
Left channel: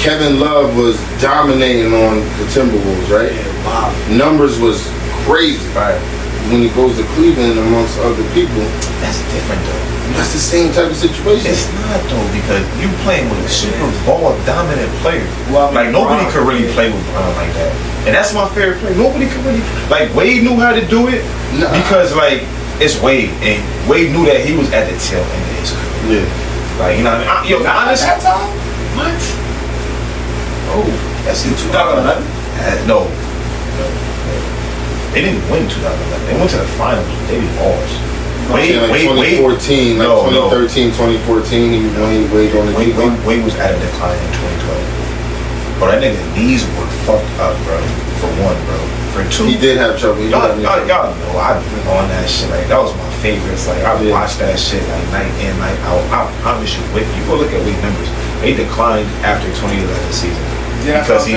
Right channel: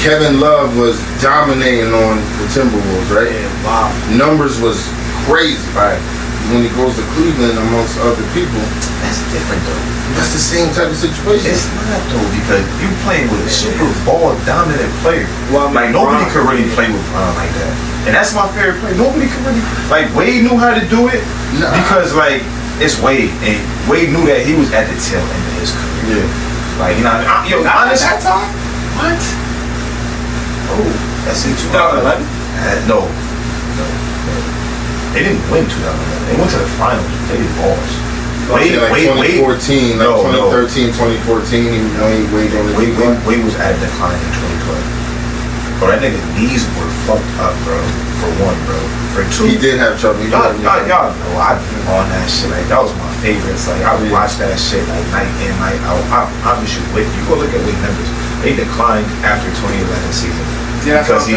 Kevin Love was dominating on the Timberwolves, right? Yeah, wow. Numbers was crazy. Right. When he goes to Cleveland amongst other people, That's different though. that's the same type of situation. It's not though, because you playing with a super ball dominant player. Well, like nobody could really play with Brown like that. And that's my favorite play. Nobody could really like Wade knew how to do it because like it's Wade. And Wade knew that he was at the tail end of his career. Yeah. Like, you know what I mean? Honest that time? What? Oh, that's in 2011? No. They didn't win 2011. They went to the finals. They did balls. Wade, 2014, 2013, 2014, Wade was at a decline in 2012. Bro, that nigga knees were fucked up, bro. For one, bro. For two, he did have trouble. Y'all know I be on that shit. Like, that was my favorites. Like, I would watch that shit like night in, night out. I promise you, Wade, you go look at Wade numbers. They declined after 2011 season. Yeah, because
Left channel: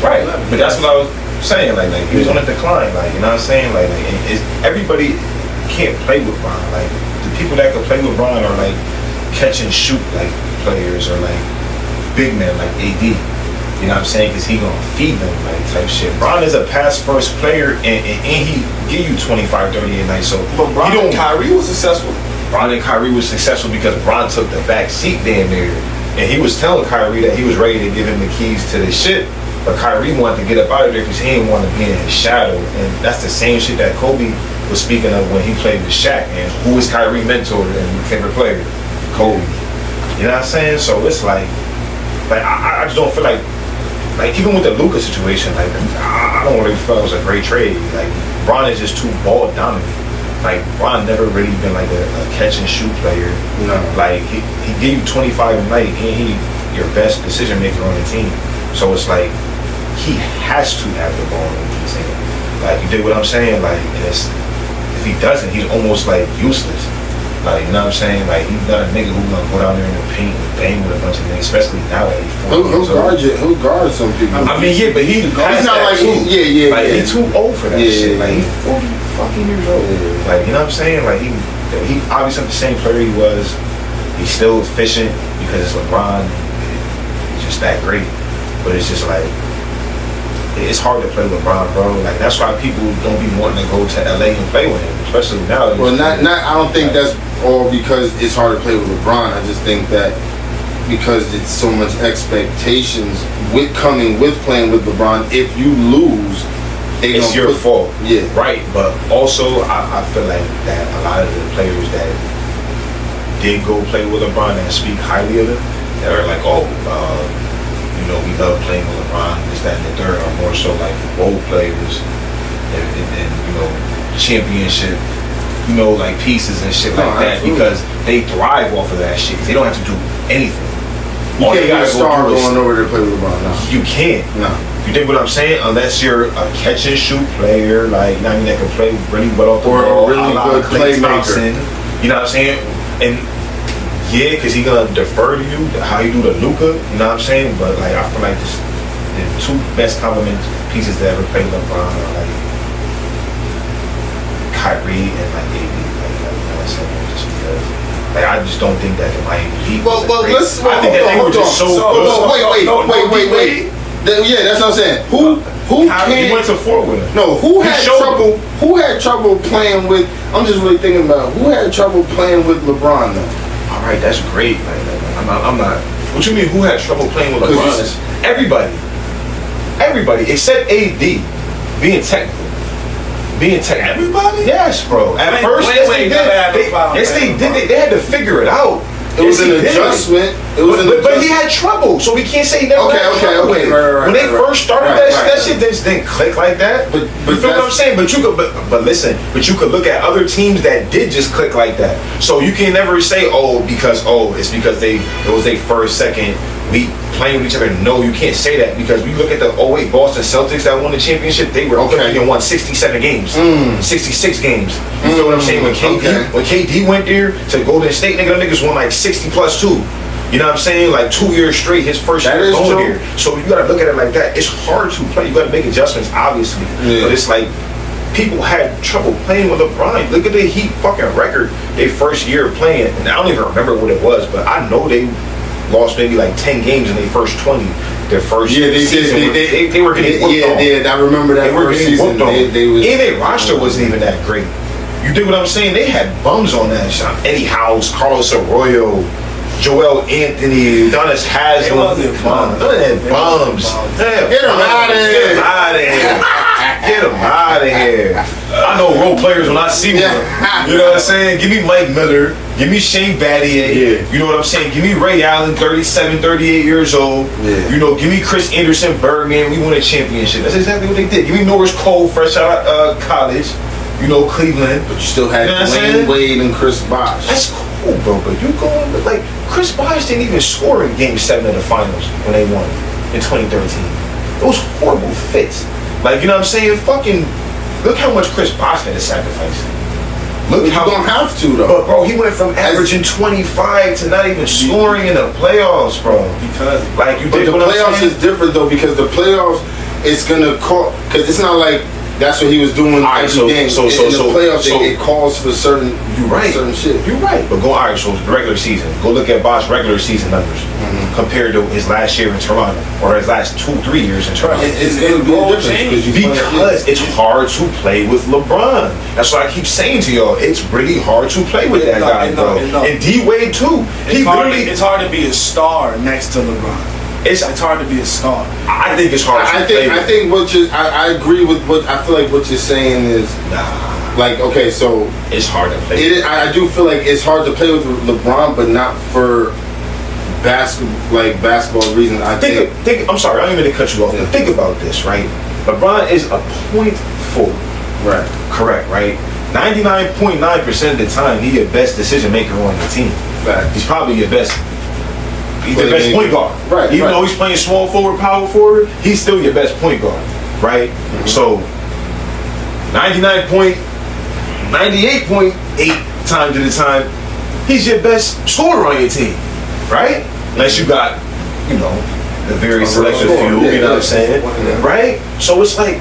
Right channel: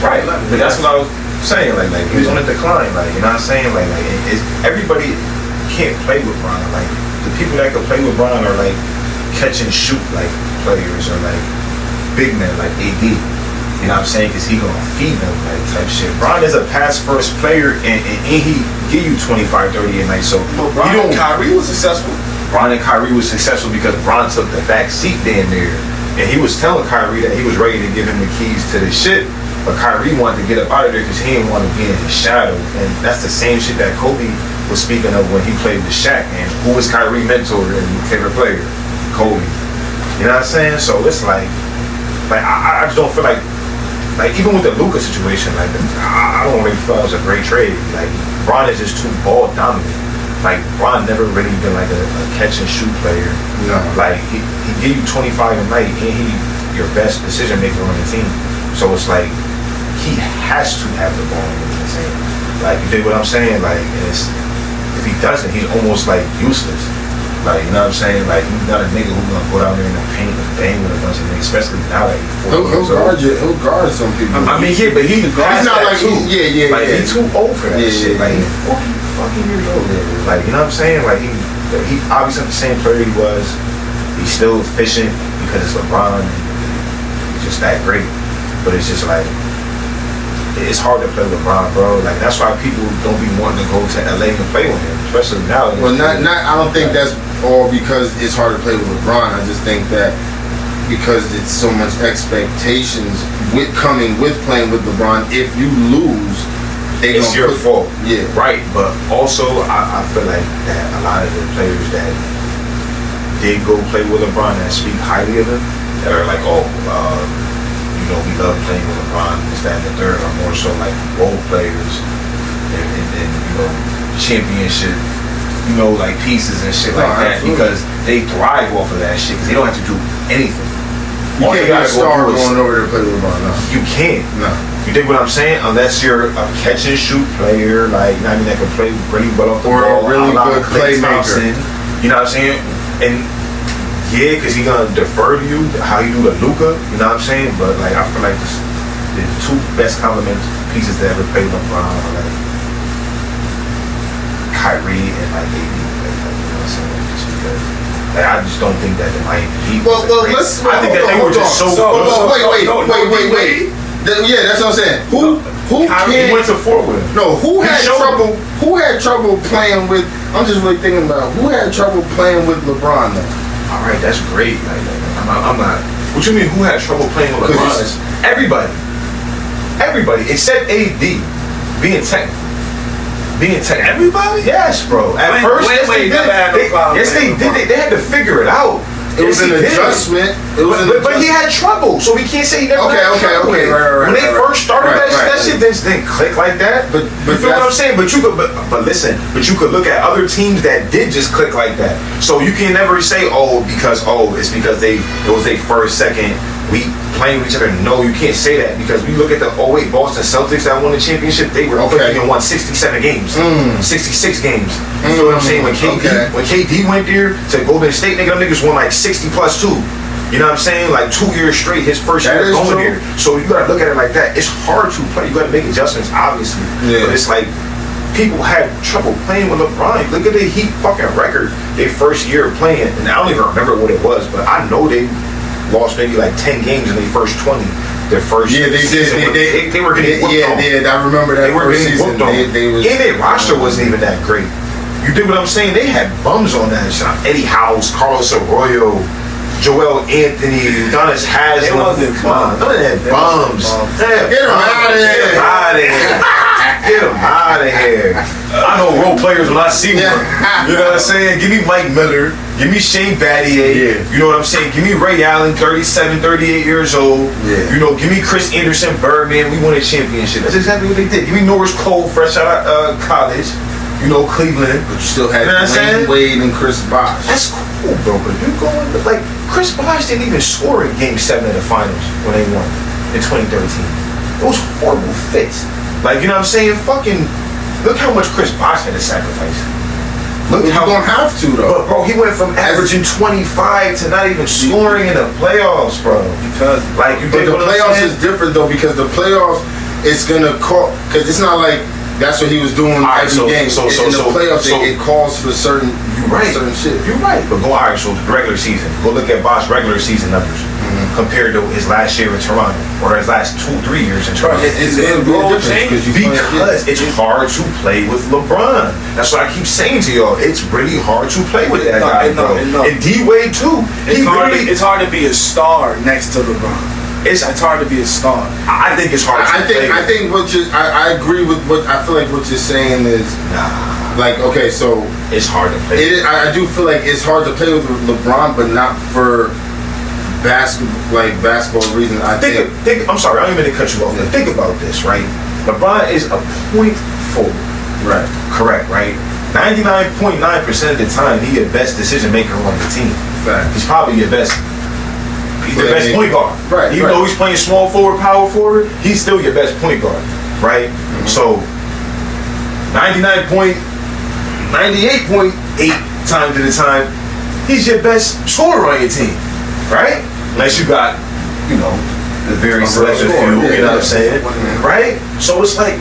right. But that's what I was saying. Like he was on a decline. Like, you know what I'm saying? Like everybody can't play with Bron. Like the people that can play with Bron are like catch and shoot like players or like big men like AD. You know what I'm saying? Because he gonna feed them like type shit. Bron is a pass first player and he give you 25, 30 a night. So Bron and Kyrie was successful. Bron and Kyrie was successful because Bron took the back seat damn near. And he was telling Kyrie that he was ready to give him the keys to the shit, but Kyrie wanted to get up out of there because he didn't want to be in his shadow. And that's the same shit that Kobe was speaking of when he played with Shaq. And who was Kyrie mentor and favorite player? Kobe. You know what I'm saying? So it's like I just don't feel like even with the Luka situation, like I don't really feel it was a great trade. Like Bron is just too ball dominant. like Bron never really been like a catch and shoot player. No. Like he give you 25 a night, and he your best decision maker on the team. So it's like he has to have the ball in his hand. Like, you dig what I'm saying? Like, and it's, if he doesn't, he's almost like useless. Like, you know what I'm saying? Like, he's not a nigga who's gonna go down there in the paint and bang with a bunch of niggas, especially now that he's 40 years old. He'll guard some people. I mean, yeah, but he's not that like too. Like, yeah. he's too old for that shit. Like, Yeah. he's 40 fucking years old. Yeah. Like, you know what I'm saying? Like, he obviously the same player he was. He's still efficient because it's LeBron. He's just that great. But it's just like, it's hard to play with LeBron, bro. Like, that's why people don't be wanting to go to LA and play with him, especially now. Well, not. I don't think that's all because it's hard to play with LeBron. I just think that because it's so much expectations with playing with LeBron. If you lose, it's your fault. Yeah, right. But also, I feel like that a lot of the players that did go play with LeBron that speak highly of him, that are like, you know, we love playing with LeBron, this, that, and the third, are more so like role players and you know, championship, you know, like pieces and shit like that, because they thrive off of that shit, because they don't have to do anything. You can't be a star going over to play with LeBron. No. You can't. No. You dig what I'm saying? Unless you're a catch and shoot player, like, you know what I mean, that can play really well off the ball, a really good Klay playmaker. You know what I'm saying? And yeah, because he's gonna defer to you how you do the Luka, you know what I'm saying? But like, I feel like the two best compliment pieces that ever played with LeBron are like Kyrie and like AD. Like, you know what I'm saying? Just because, like, I just don't think that the Miami Heat. Well, I think that they were just so good. Wait. Yeah, that's what I'm saying. Who He went to 4 with him. No, who had trouble playing with? I'm just really thinking about who had trouble playing with LeBron though. All right, that's great. Like, I'm not. What you mean? Who had trouble playing with LeBron? Everybody except AD being technical. Everybody? Yes, bro. At first, they did. They had to figure it out. It was an adjustment. But he had trouble, so we can't say he never had trouble. Right, when they first started that shit didn't click like that. But you feel what I'm saying? But you could, but listen. But you could look at other teams that did just click like that. So you can never say, it's because it was their first, second week playing with each other. No, you can't say that, because we look at the 08 Boston Celtics that won the championship. They were cooking and won 67 games, 66 games. You feel what I'm saying? When KD went there to Golden State, them niggas won like 60 plus 2. You know what I'm saying? Like 2 years straight, his first year going there. So you gotta look at it like that. It's hard to play. You gotta make adjustments, obviously. Yeah. But it's like, people had trouble playing with LeBron. Look at the Heat fucking record. Their first year of playing, and I don't even remember what it was, but I know they lost maybe like 10 games in their first 20. Their first season. They were getting whooped on. Yeah, I remember that. They were getting whooped on. And their roster wasn't even that great. You dig what I'm saying? They had bums on that shot. Eddie House, Carlos Arroyo, Joel Anthony, Udonis Haslem. None of that bums. Get them out of here. Get them out of here. I know role players when I see one. You know what I'm saying? Give me Mike Miller. Give me Shane Battier. Yeah. You know what I'm saying? Give me Ray Allen, 37, 38 years old. Yeah. You know, give me Chris Anderson, Birdman. We won a championship. That's exactly what they did. Give me Norris Cole, fresh out of college. You know, Cleveland. But you still had Dwayne Wade and Chris Bosh. That's cool, bro. But you're going, like, Chris Bosh didn't even score in Game 7 of the finals when they won in 2013. Those horrible fits. Like, you know what I'm saying? Fucking, look how much Chris Bosh had to sacrifice. Look how you don't have to, though. But, bro, he went from averaging 25 to not even scoring in the playoffs, bro. Because, like, you did. But the playoffs is different, though, because the playoffs, it's gonna call, because it's not like that's what he was doing every game. So in the playoffs, it calls for certain shit. You're right. But so regular season. Go look at Bosh's regular season numbers compared to his last year in Toronto or his last 2-3 years in Toronto. It's a difference because it's hard to play with LeBron. That's what I keep saying to y'all. It's really hard to play with that guy, bro. And D-Wade too. It's hard to be a star next to LeBron. It's hard to be a star. I think it's hard. I think I agree with what I feel like what you're saying is like, okay, so it's hard to play. I do feel like it's hard to play with LeBron, but not for basketball reasons. Think. I'm sorry, I don't even mean to cut you off. Think about this, right? LeBron is a point forward. Right. Correct, right? 99.9% of the time, he's your best decision maker on the team. Fact. He's probably your best. He's the best point guard. Right. Even though he's playing small forward, power forward, he's still your best point guard. Right. Mm-hmm. So 98.8 times of the time, he's your best scorer on your team. Right. Unless you got, the very selective few. You know what I'm saying? Yeah. Right. So it's like,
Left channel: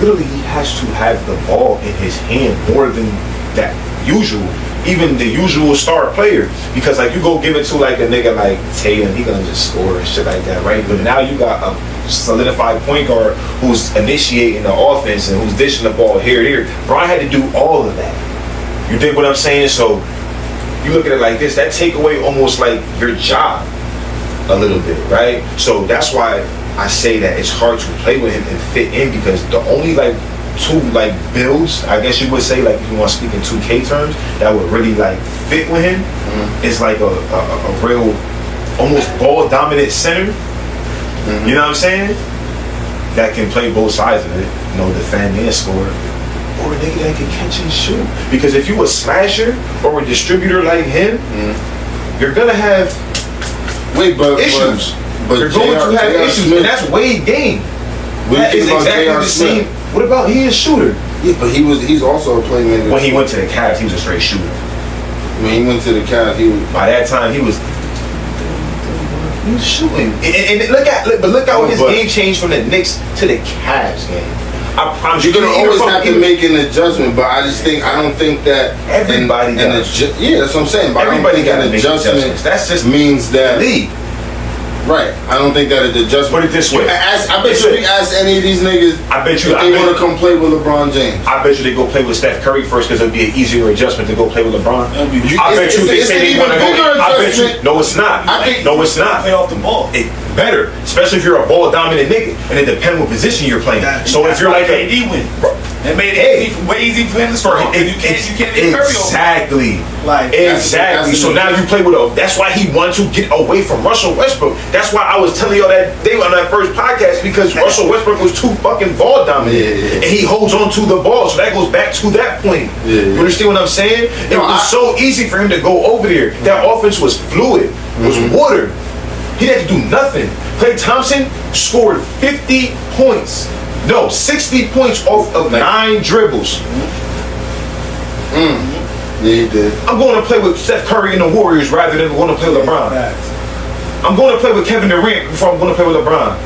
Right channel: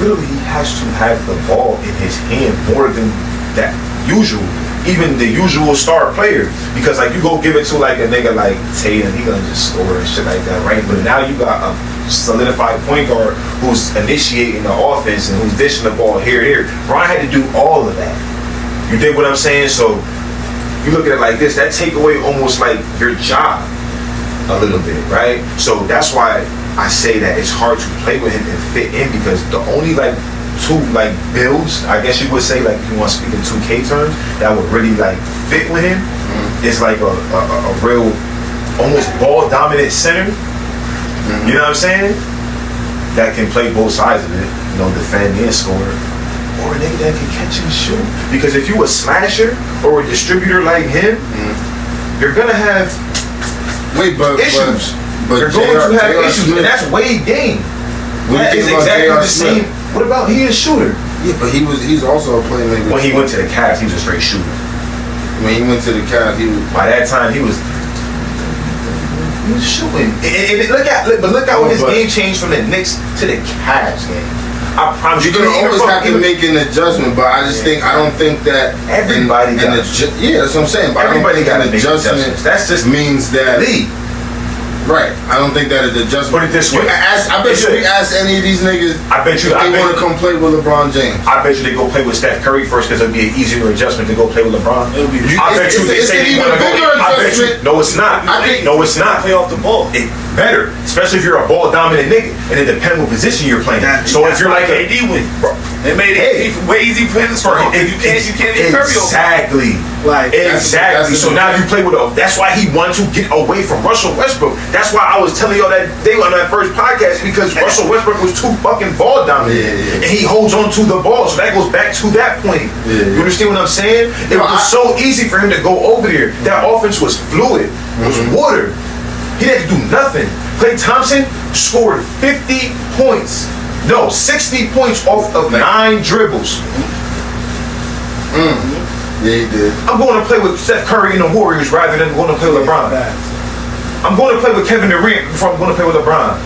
literally, he has to have the ball in his hand more than that usual, even the usual star player. Because like you go give it to like a nigga like Tatum, he gonna just score and shit like that, right? But now you got a solidified point guard who's initiating the offense and who's dishing the ball here. Brian had to do all of that. You dig what I'm saying? So you look at it like this, that take away almost like your job a little bit, right? So that's why I say that it's hard to play with him and fit in, because the only like two like builds, I guess you would say, like if you want to speak in 2K terms, that would really like fit with him is like a real almost ball dominant center. You know what I'm saying? That can play both sides of it, defend and score. Or a nigga that can catch and shoot. Because if you a slasher or a distributor like him, you're gonna have issues. But you're going to have issues, and that's Wade game. That is exactly the same. What about he is a shooter? Yeah, but he's also a playmaker. When he went to the Cavs, he was a straight shooter. When he went to the Cavs, by that time he was shooting. And look how his game changed from the Knicks to the Cavs game. I promise you're gonna always have to make an adjustment, but I don't think that everybody does. Yeah, that's what I'm saying. But everybody got to make adjustments. That's just means that league. Right. I don't think that the adjustment. Put it this way. I bet you ask any of these niggas. I bet you they want to come play with LeBron James. I bet you they go play with Steph Curry first because it'll be an easier adjustment to go play with LeBron. I bet you they say they want to go. I bet you. No, it's not. No, it's not. Play off the ball. Better, especially if you're a ball dominant nigga, and it depends what position you're playing. So if you're like AD win, they made it way easy for him to score. If you can't hit Curry. Exactly. Exactly. So now you play with that's why he wanted to get away from Russell Westbrook. That's why I was telling y'all that day on that first podcast, because Russell Westbrook was too fucking ball dominant, and he holds on to the ball. So that goes back to that point. You understand what I'm saying? It was so easy for him to go over there. That offense was fluid. It was water. He had to do nothing. Klay Thompson scored 50 points. No, 60 points off of 9 dribbles. Yeah, he did. I'm going to play with Steph Curry and the Warriors rather than going to play with LeBron. I'm going to play with Kevin Durant before I'm going to play with LeBron.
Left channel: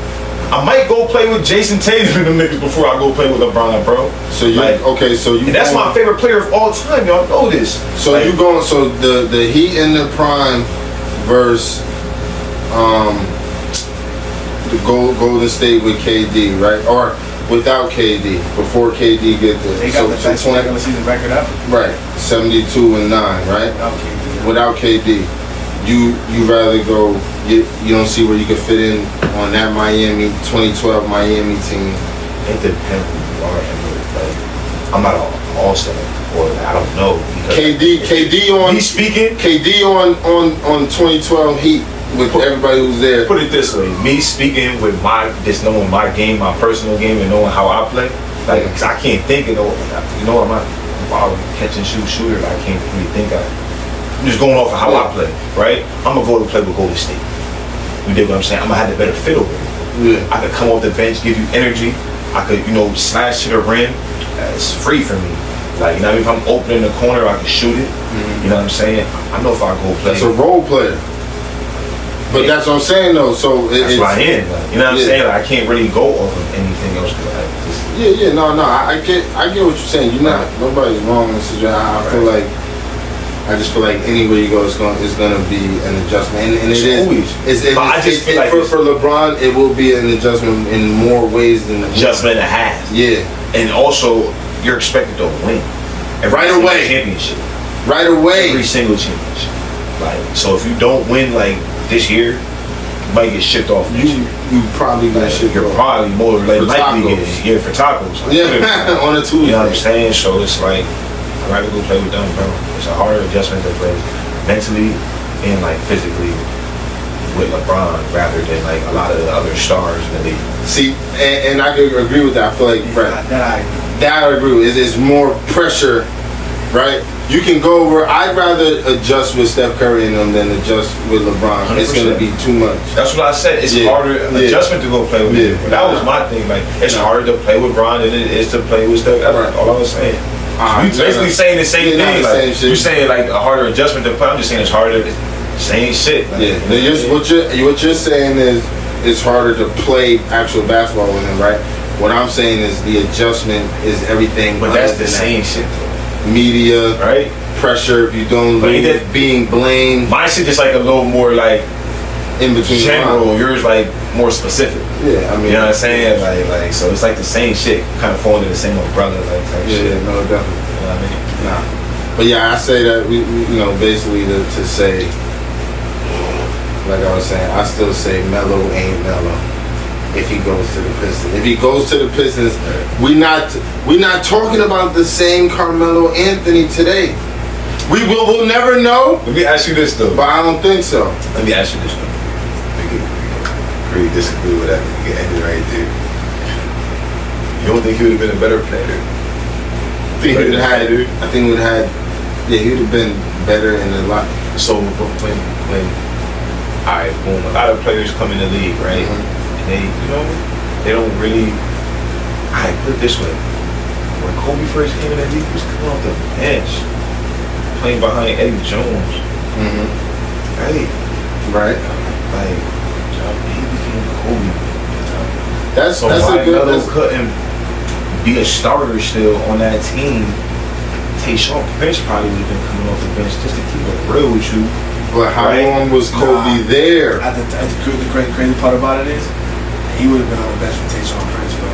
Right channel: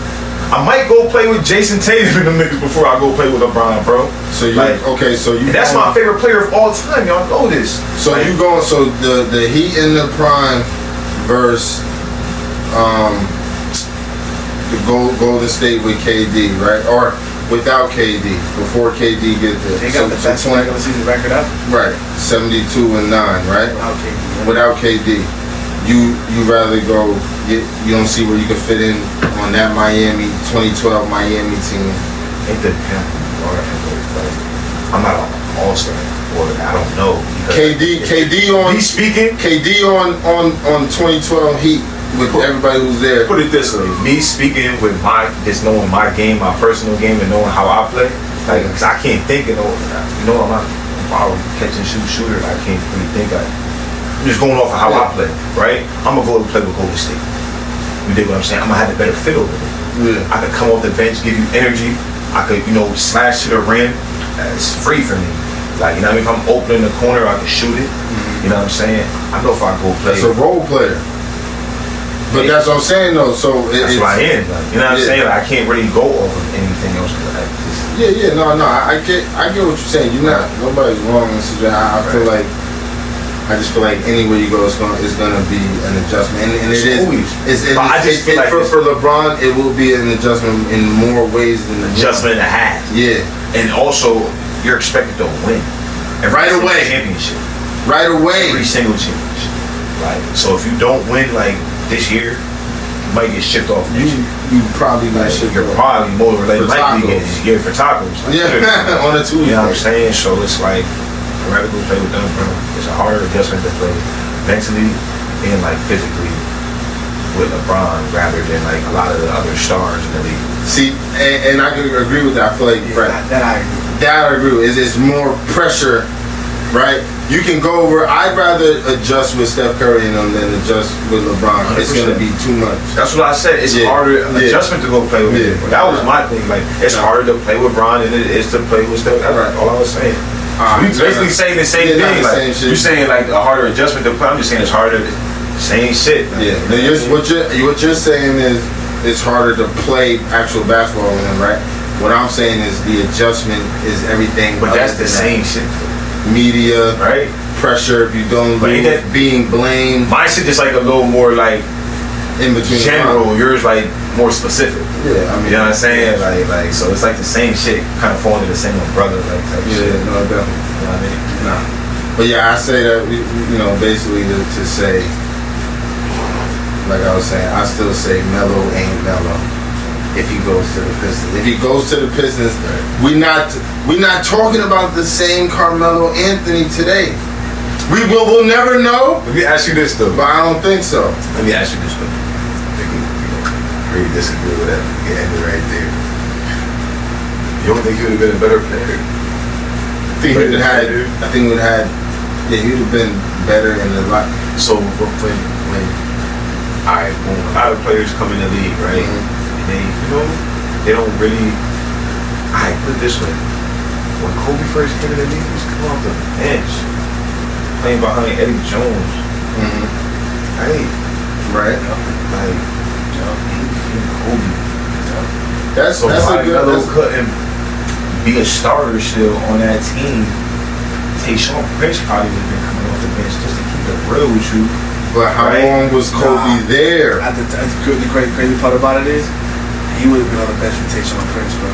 I might go play with Jason Tatum and them niggas before I go play with LeBron, bro. So you and that's my favorite player of all time. Y'all know this. So you going? So the Heat in the prime versus the Golden State with KD, right? Or without KD, before KD get there. They got the best regular season record up. Right, 72-9, right? Without KD. You rather go, you don't see where you could fit in on that 2012 Miami team. It depends. I'm not an all-star, or I don't know. KD on 2012 Heat. With everybody who's there. Put it this way, me speaking with just knowing my game, my personal game, and knowing how I play, cause I can't think of I'm a catch and shoot shooter. I can't really think of it. I'm just going off of how I play, right? I'm gonna go to play with Golden State. You dig what I'm saying? I'm gonna have the better fit over it. Yeah. I could come off the bench, give you energy. I could, slash to the rim. It's free for me. If I'm open in the corner, I can shoot it. You know what I'm saying? I know if I go play. That's a role player. But that's what I'm saying, though. So that's what I am. You know what I'm saying? I can't really go off of anything else. I get what you're saying. Nobody's wrong in this situation. I just feel like anywhere you go, it's gonna be an adjustment, and it is. For LeBron, it will be an adjustment in more ways than adjustment and a half. Yeah, and also you're expected to win right away. Championship. Right away. Every single championship. So if you don't win this year, you might get shipped off next year. You probably get shipped off. You're probably more likely to get for tacos. On a Tuesday. You know what I'm saying? So it's I'd rather go play with them, bro. It's a harder adjustment to play mentally and physically with LeBron rather than a lot of the other stars in the league. See, and I could agree with that. I feel like That I agree with. It's more pressure, right? You can go over. I'd rather adjust with Steph Curry and them than adjust with LeBron. 100%. It's gonna be too much. That's what I said. It's harder adjustment to go play with him. That was my thing. Like it's harder to play with Bron than it is to play with Steph. That's all I was saying. You basically saying the same thing. Like you saying like a harder adjustment to play. I'm just saying it's harder. Same shit. Like, what you're saying is it's harder to play actual basketball with him, right? What I'm saying is the adjustment is everything. But that's the same shit. Media, right? Pressure if you don't lose, being blamed. My shit is like a little more like in between general. Yours like more specific. Yeah, I mean, you know what I'm saying? Like so it's like the same shit, kind of falling in the same umbrella, like type shit. No, definitely. You know what I mean? Nah. But yeah, I say that basically to say, like I was saying, I still say Melo ain't Melo. If he goes to the Pistons, we're not talking about the same Carmelo Anthony today. We'll never know. Let me ask you this though, but I don't think so. Let me ask you this though. Agree, disagree with that. We can end it right there. You don't think he would have been a better player? I think he would have been better in the lot. So when alright, boom, a lot of players come in the league, right? Mm-hmm. They don't really. I put it this way: when Kobe first came in the league, he was coming off the bench, playing behind Eddie Jones. Mm-hmm. Right. Like, he became Kobe. That's why a good. Melo couldn't be a starter still on that team. Tayshaun Prince probably would have been coming off the bench just to keep it real with you. But how long was Kobe there? The crazy part about it is, he would have been on the bench for Tayshaun Prince, bro.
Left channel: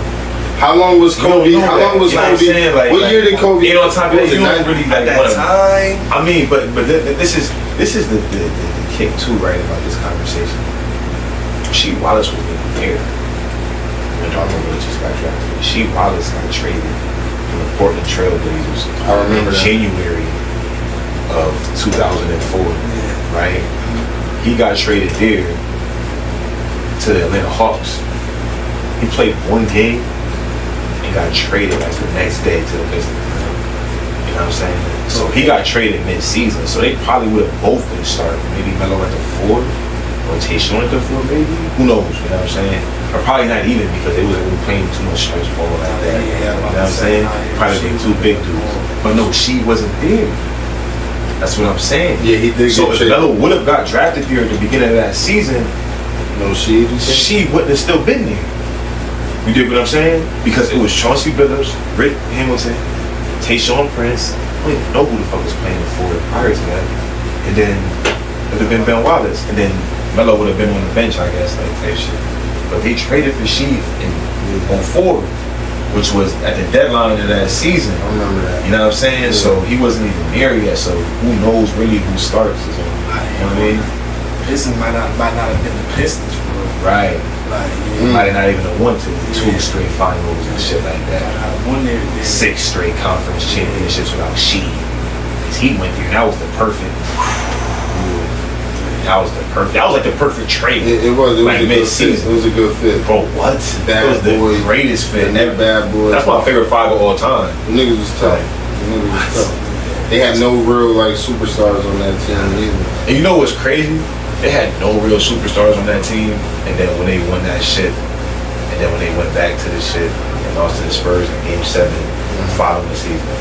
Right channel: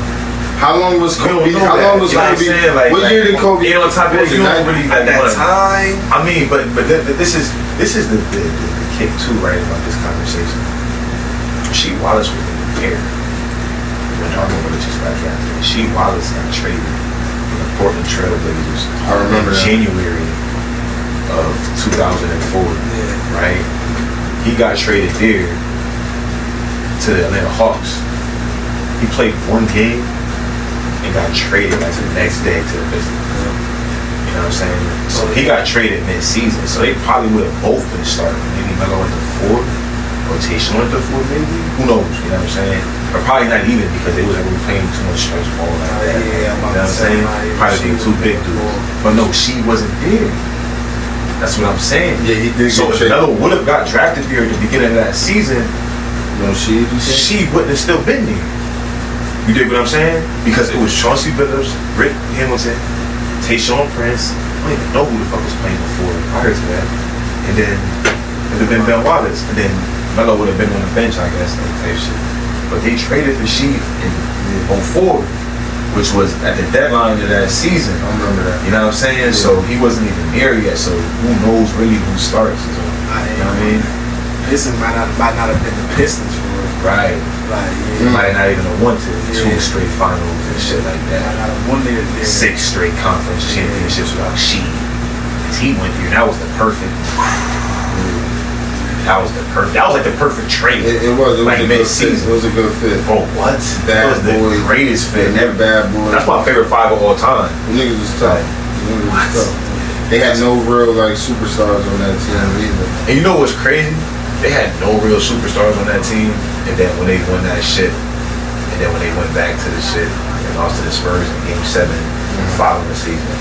How long was Kobe? How long was Kobe? What year did Kobe? You know, on top of it, you don't really at that time. I mean, but this is the kick too, right? About this conversation. Rasheed Wallace was there when Harlem Willis just got drafted. Rasheed Wallace got traded from the Portland Trail Blazers in January of 2004, right? He got traded there to the Atlanta Hawks. He played one game and got traded like the next day to the Pistons. You know what I'm saying? So he got traded mid-season. So they probably would have both been starting. Maybe Melo at the 4, rotation at the 4, maybe. Who knows? You know what I'm saying? Or probably not even because they wasn't really playing too much stretch ball like that. You know what I'm saying? Probably being too big dudes. But no, she wasn't there. That's what I'm saying. Yeah, he did. So if Melo would have got drafted there at the beginning of that season, she wouldn't have still been there. You get what I'm saying? Because it was Chauncey Billups, Rick Hamilton, Tayshaun Prince. I don't even know who the fuck was playing the 4 prior to that. And then it would have been Ben Wallace. And then Melo would have been on the bench, I guess, that type shit. But they traded for Sheed on 4, which was at the deadline of that season. I remember that. You know what I'm saying? Yeah. So he wasn't even there yet. So who knows really who starts? So, you know what I mean? Pistons might not have been the Pistons for real. Right. Might not even have won to 2 straight finals and shit like that. 6 straight conference championships without Sheed. He went there. That was the perfect. That was like the perfect trade. It was like mid-season. It was a good fit. Bro, what? It was the greatest fit. Bad boy. That's my favorite 5 of all time. The niggas was tough. They had no real superstars on that team either. And you know what's crazy? They had no real superstars on that team. And then when they won that shit, and then when they went back to the shit and lost to the Spurs in Game 7, following the season,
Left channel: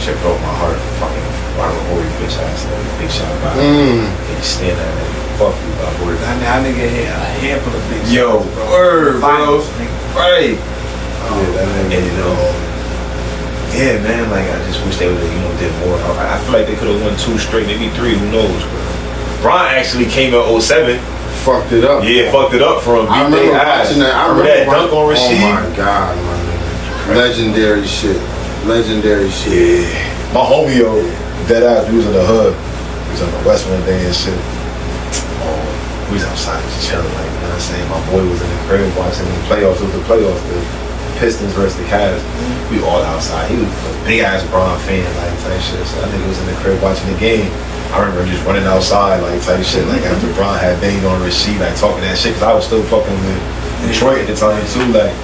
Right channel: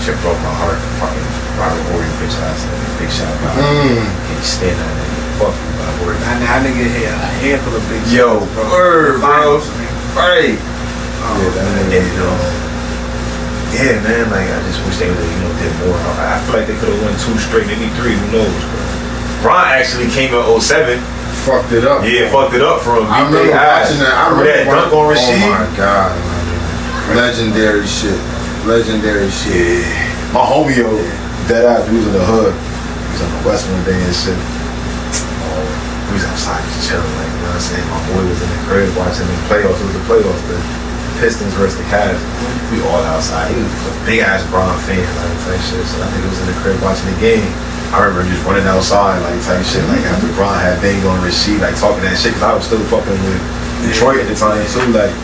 shit broke my heart. Fucking Robert Horry, bitch ass nigga, big shot by can't stand that nigga. Fuck you, my word. That nigga hit a handful of big shots, word, bro. Right. Yeah, man. Like I just wish they would have, did more. I feel like they could have won 2 straight, maybe 3. Who knows? Bron actually came in 07. Fucked it up. Yeah, fucked it up for him. I remember watching that. I remember that dunk on Rasheed. Oh my god, man. Legendary shit. Yeah. My homie, dead ass, we was in the hood. He was on the West one day and shit. We was outside just chilling, like, you know what I'm saying? My boy was in the crib watching the playoffs. It was the playoffs, the Pistons versus the Cavs. We all outside. He was a big ass Bron fan, like, type shit. So I think he was in the crib watching the game. I remember just running outside, like, type shit, like, after Bron had banged on Rasheed, like, talking that shit, because I was still fucking with Detroit at the time, too, like,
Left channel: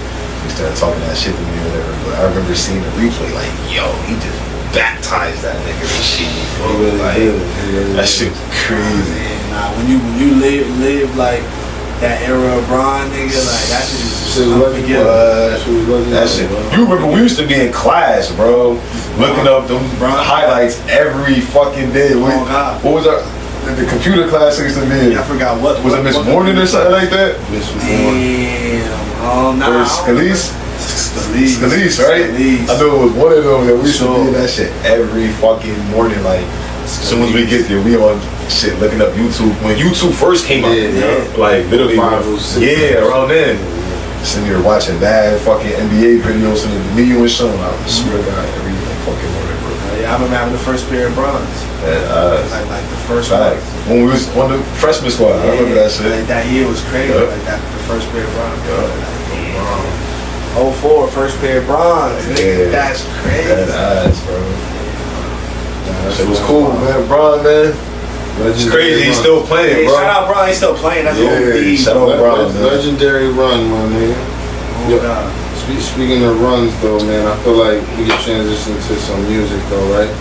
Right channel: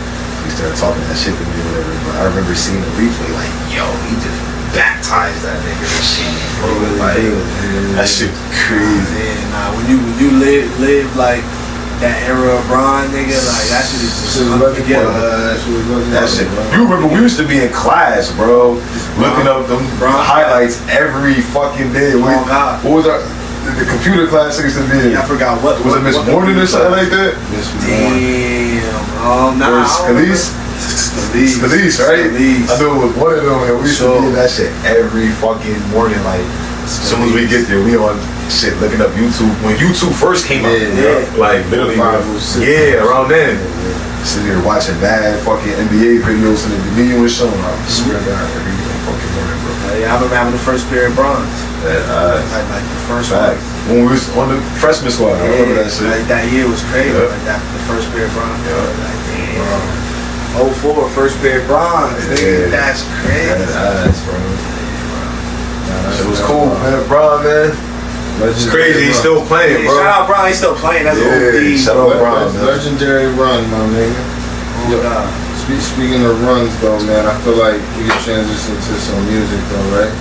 he started talking that shit to me or whatever. But I remember seeing the replay, like, yo, he just baptized that nigga and shit. That shit was crazy. Nah, when you live like that era of Bron, nigga, like that shit is just unforgettable. That shit. You remember we used to be in class, bro, looking up them highlights every fucking day. What was the computer class used to be? Yeah, I forgot what was it. Miss Morning or something like that? Damn. Oh no. Or Scalise, right? Scalise. I know it was one of them. And we used to be in that shit every fucking morning. Like as soon as we get there, we on shit looking up YouTube when YouTube first came out. Like literally, around then. Sitting here watching bad fucking NBA videos and the video and showing. I swear to God, every fucking morning, bro. Yeah, I remember having the first pair of Brons. Like the first one. When we was on the freshman squad, I remember that shit. Like that year was crazy. Like that, the first pair of Brons. Like, 04, first pair of Brons. Yeah. That's crazy. That's ass, bro. It was cool, man. Bron, man. It's crazy. He's still playing, bro. Shout out Bron. He's still playing. That's shout out Bron. Legendary run, my nigga. Speaking of runs, though, man, I feel like we can transition to some music, though, right?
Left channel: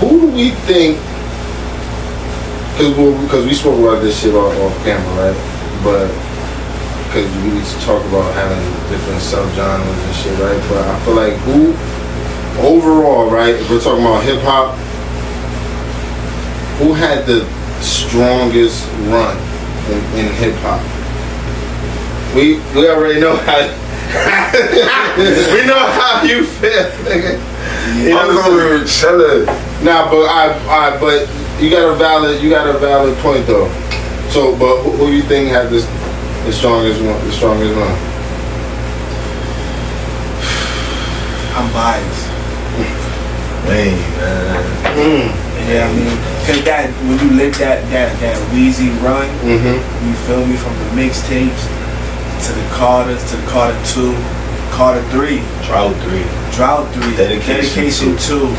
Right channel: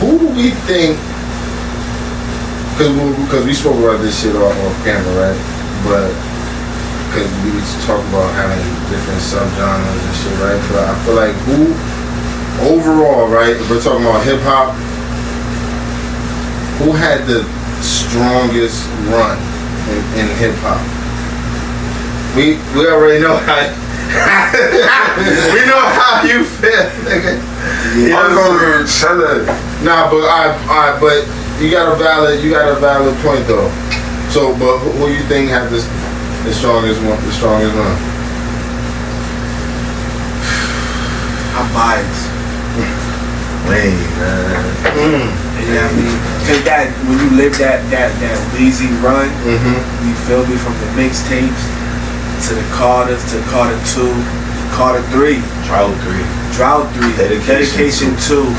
Who do we think? Because we spoke about this shit off camera, right? But because we talk about having different subgenres and shit, right? But I feel like who overall, right? If we're talking about hip hop, who had the strongest run in hip hop? We already know how we know how you feel, nigga. I'm going to tell it. Nah, but you got a valid point though. So, but who you think had the strongest one? The strongest run? I'm biased. Wayne, man. Yeah, I mean, cause that when you live that Weezy run, you feel me, from the mixtapes to the Carters to Carter 2, Carter 3, Drought 3, Dedication 2,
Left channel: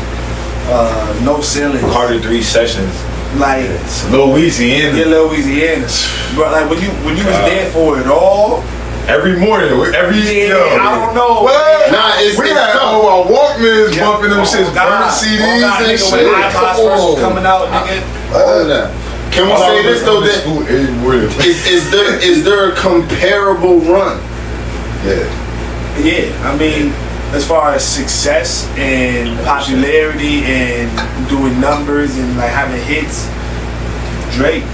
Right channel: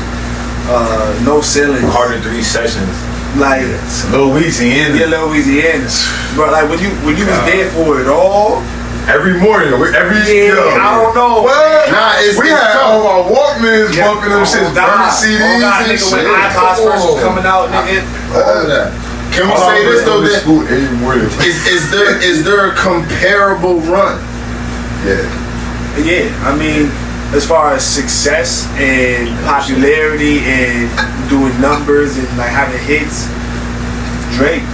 No Ceiling, Carter 3 Sessions, like Lil Louisiana. Yeah, Lil Louisiana. Bro, like when you was there for it all. Every morning, I don't know. What? Nah, we had all our Walkmans bumping them shits, burning CDs and shit. When iPods first was coming out, nigga. Can we say this though? That every morning. Is there a comparable run? Yeah. I mean, as far as success and popularity and doing numbers and like having hits, Drake.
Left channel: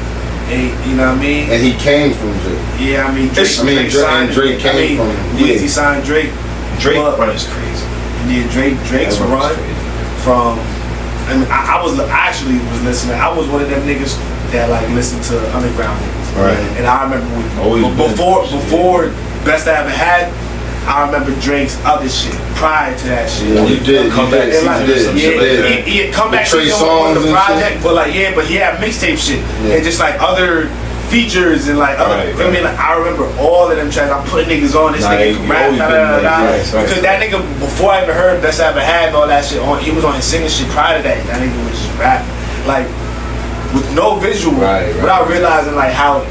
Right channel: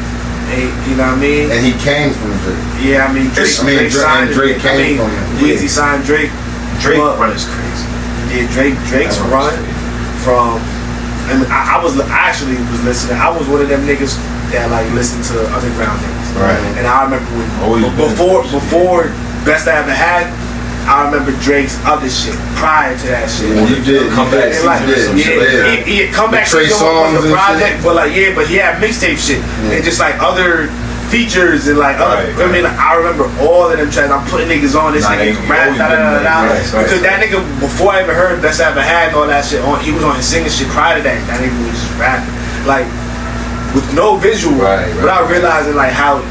You know what I mean? And he came from Drake. Yeah, I mean, Drake came from Weezy signed Drake. Drake run is crazy. Yeah, Drake's run from. I mean, I actually was listening. I was one of them niggas that like listened to underground niggas. Right. And I remember before Best I Ever Had. I remember Drake's other shit prior to that shit. Yeah, you did. Come back. He come back Trey songs with the project, but like but he had mixtape shit and just like other features and like other. I mean, like I remember all of them tracks. I'm putting niggas on this nigga rap because that nigga before I even heard Best I Ever Had and all that shit on, he was on his singing shit prior to that. That nigga was just rapping like with no visual, without realizing like how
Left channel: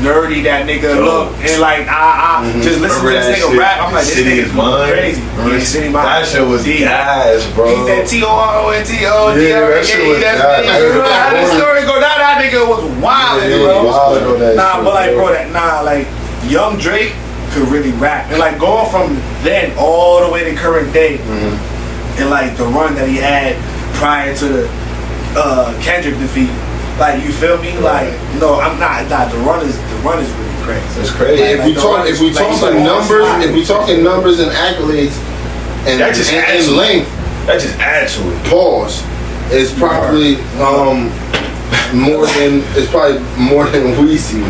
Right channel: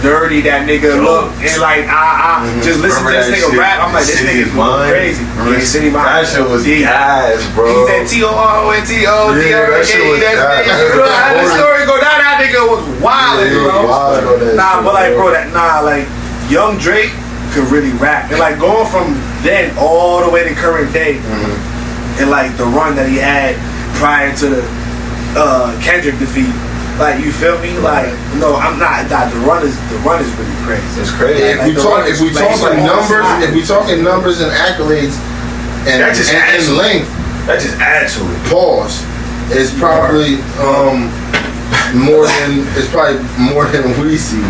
nerdy that nigga look and like I just listen to this nigga rap. I'm like, this nigga's crazy. Yeah, City Mind. That shit was gas, bro. He's that T-O-R-O-N-T-O. Yeah, that shit was gas. You know how the story go down? That nigga was wild, bro. Nah, but like, bro, like young Drake could really rap and like going from then all the way to current day and like the run that he had prior to the Kendrick defeat. Like, you feel me? Like, no, I'm not. The run is really crazy. It's crazy. If we talking numbers and accolades and that just adds and length, that just adds to it. Pause. It's probably more than Weezy.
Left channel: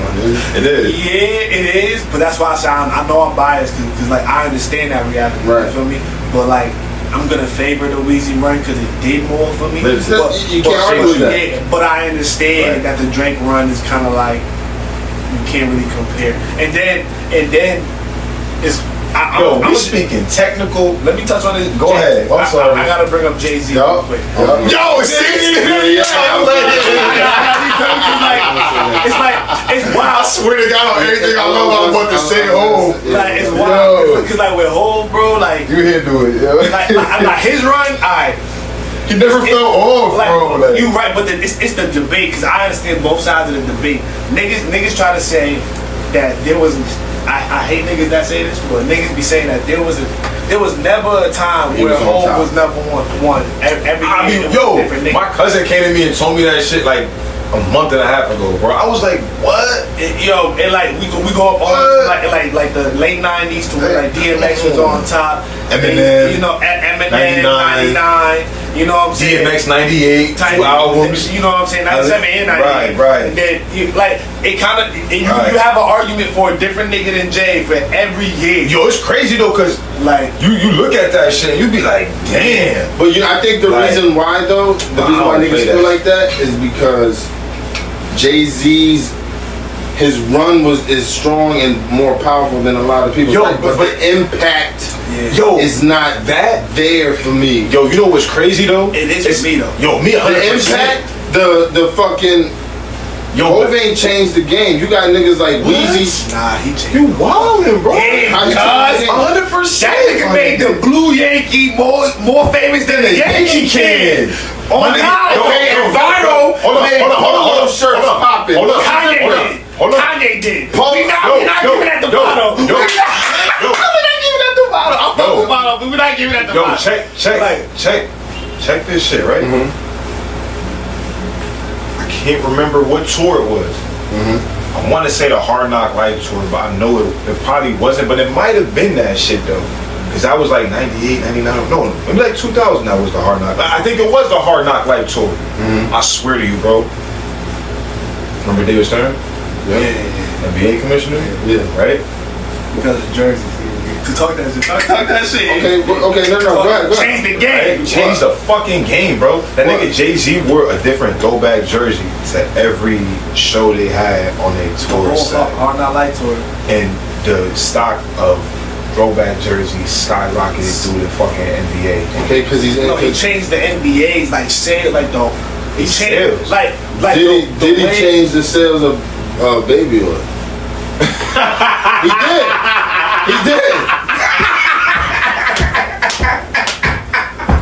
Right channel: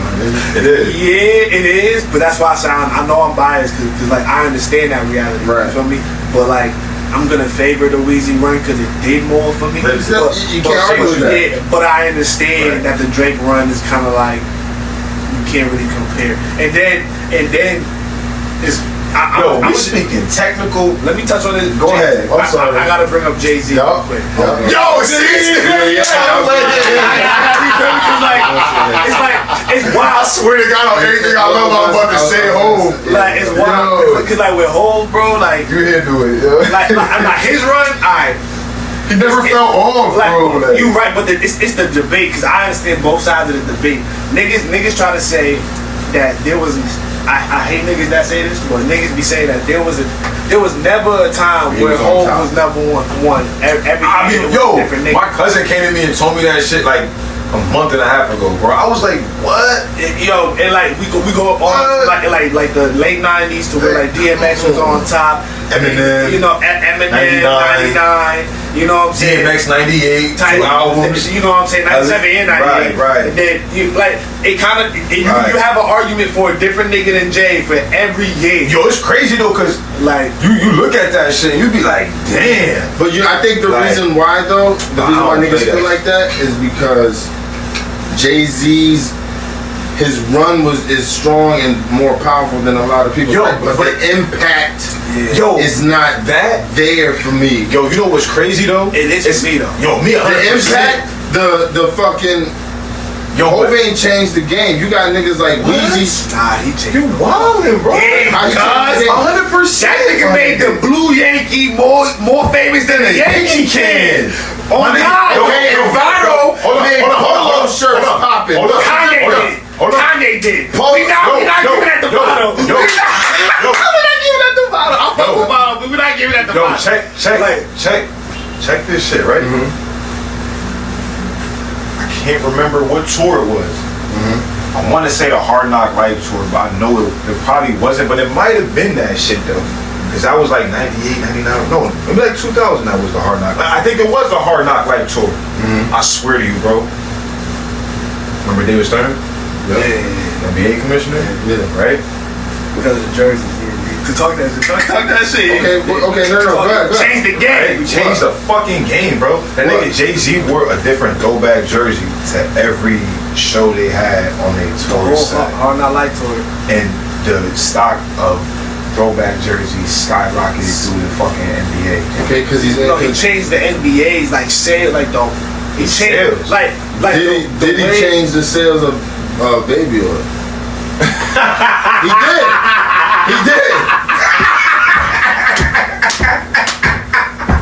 It is. Yeah, it is. But that's why I know I'm biased because like I understand that reality. Right. You feel me? But like, I'm gonna favor the Weezy run because it did more for me. You can't argue that. Yeah, but I understand that the Drake run is kind of like you can't really compare. And then it's. I'm speaking technical. Let me touch on this. Go ahead. I'm sorry. I gotta bring up Jay-Z real quick. Yo, see? it's wild. I swear to God, on everything I love, I'm about to say home. Like it's wild. Cause like with Hov, bro, like You here do it, yo. like his run, alright. He never fell off, bro. Like, you right, but it's the debate because I understand both sides of the debate. Niggas try to say that there was. I hate niggas that say this, but niggas be saying that there was never a time where Hov was number one. Every year was a different nigga. My cousin came to me and told me that shit like a month and a half ago, bro. I was like, what? Yo, and like we go up on like the late '90s to where like DMX was on top. Eminem, you know, Eminem 99. You know what I'm saying? DMX 98, 2 albums. You know what I'm saying? 97 and 98. Right. And then it kind of you have an argument for a different nigga than Jay for every year. Yo, it's crazy though, cause like you look at that shit, and you be like, damn. But I think the reason why though, the reason why niggas feel like that is because Jay-Z's his run is strong and more powerful than a lot of people. But the impact is not that there for me. Yo, you know what's crazy though? It is for me though. Yo, me 100%. The impact, the fucking. Hov ain't changed the game. You got niggas like Weezy. Nah, he changed. You wildin', bro. Yeah, 100%. That nigga made the Blue Yankee more famous than the Yankee Can. On God. Okay, and Viral made polo shirts popping. Kanye did it. We're not giving that to Viral. We're not giving that to Viral. I'm fucking Viral, but we're not giving that to Viral. Check this shit, right? I can't remember what tour it was. I want to say the Hard Knock Life tour, but I know it probably wasn't, but it might have been that shit though. Because that was like 98, 99, no, maybe like 2000 that was the Hard Knock. I think it was the Hard Knock Life tour. I swear to you, bro. Remember David Stern? Yeah. NBA commissioner? Yeah. Right? Because of jerseys. To talk that shit. Okay, no, go ahead. Change the game. Right? Change the fucking game, bro. That nigga Jay-Z wore a different throwback jersey to every show they had on their tour set. Hard Knock Life tour. And the stock of throwback jerseys skyrocketed through the fucking NBA. Okay, because he changed the NBA's like sale, like the he changed sales. like did he change the sales of baby oil? He did.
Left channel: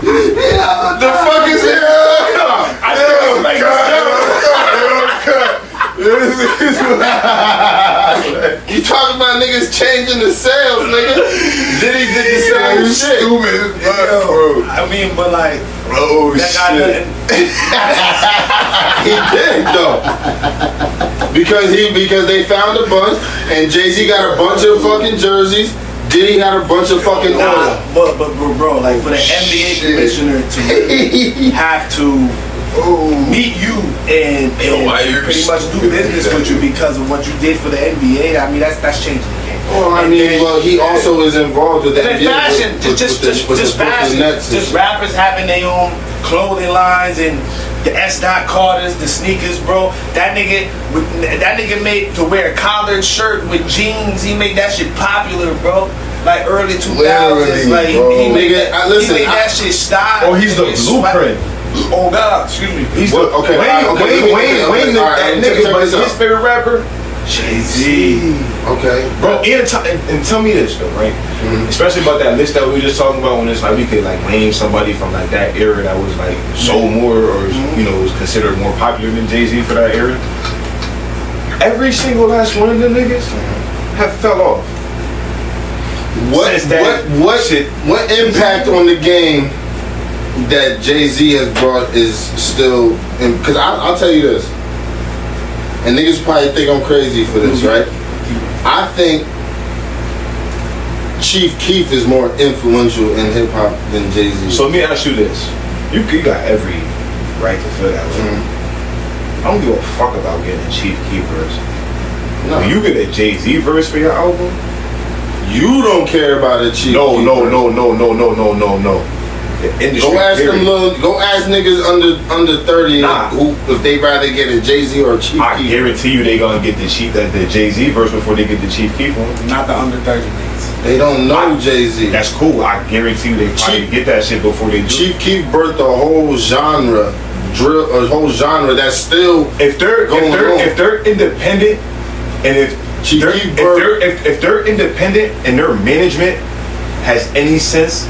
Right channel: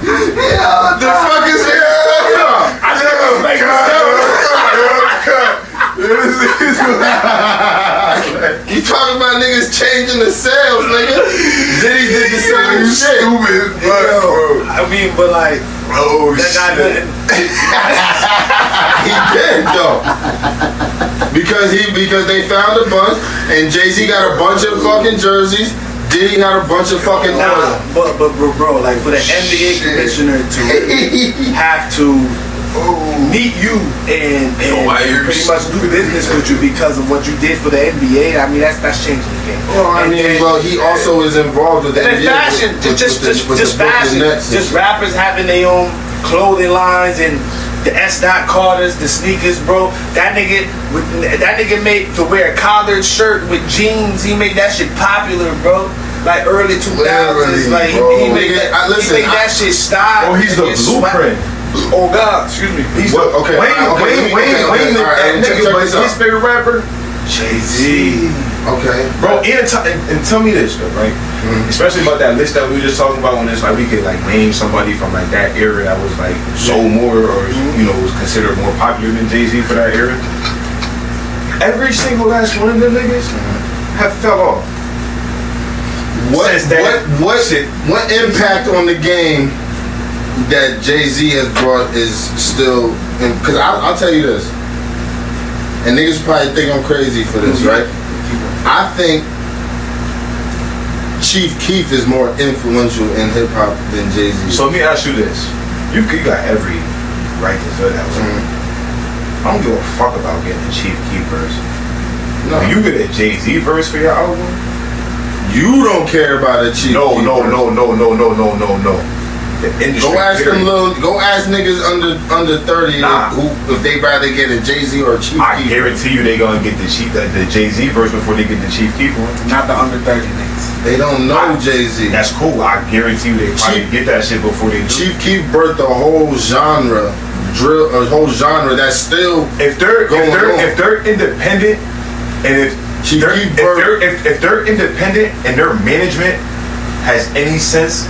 Yeah, the fuck is here? You talking about niggas changing the sales, nigga? Diddy did the same shit. Stupid, bro. I mean, but like, that shit. He did though, because they found a bunch, and Jay-Z got a bunch of fucking jerseys. Diddy got a bunch of fucking oil. But bro, like for the NBA commissioner to have to meet you and pretty much do business with you because of what you did for the NBA. I mean, that's changing the game. Well, he also is involved with the NBA. Fashion, just fashion, just rappers having their own clothing lines and the S. Carters, the sneakers, bro. That nigga made to wear a collared shirt with jeans. He made that shit popular, bro. Like early 2000s, like he made that shit style. Oh, he's the blueprint. Oh God, excuse me. He's Wayne, that nigga, but his favorite rapper, Jay-Z. Okay, bro. And tell me this though, right? Especially about that list that we were just talking about, when it's like we could like name somebody from like that era that was like sold more or you know was considered more popular than Jay-Z for that era. Every single last one of them niggas have fell off. What impact on the game that Jay-Z has brought is still, because I'll tell you this, and niggas probably think I'm crazy for this, right? I think Chief Keef is more influential in hip hop than Jay-Z. So let me ask you this: you got every right to feel that way. I don't give a fuck about getting a Chief Keef verse. No. When you get a Jay-Z verse for your album, you don't care about a Chief Keef No. The industry. Go ask niggas under 30 who if they rather get a Jay-Z or a Chief Keef. I guarantee you they gonna get the Jay-Z verse before they get the Chief Keef one. Not the under 30 niggas. They don't know Jay-Z. That's cool. I guarantee you they probably get that shit before they do. Chief Keef birthed a whole genre drill, a whole genre that's still if they're independent, and if they're independent and their management has any sense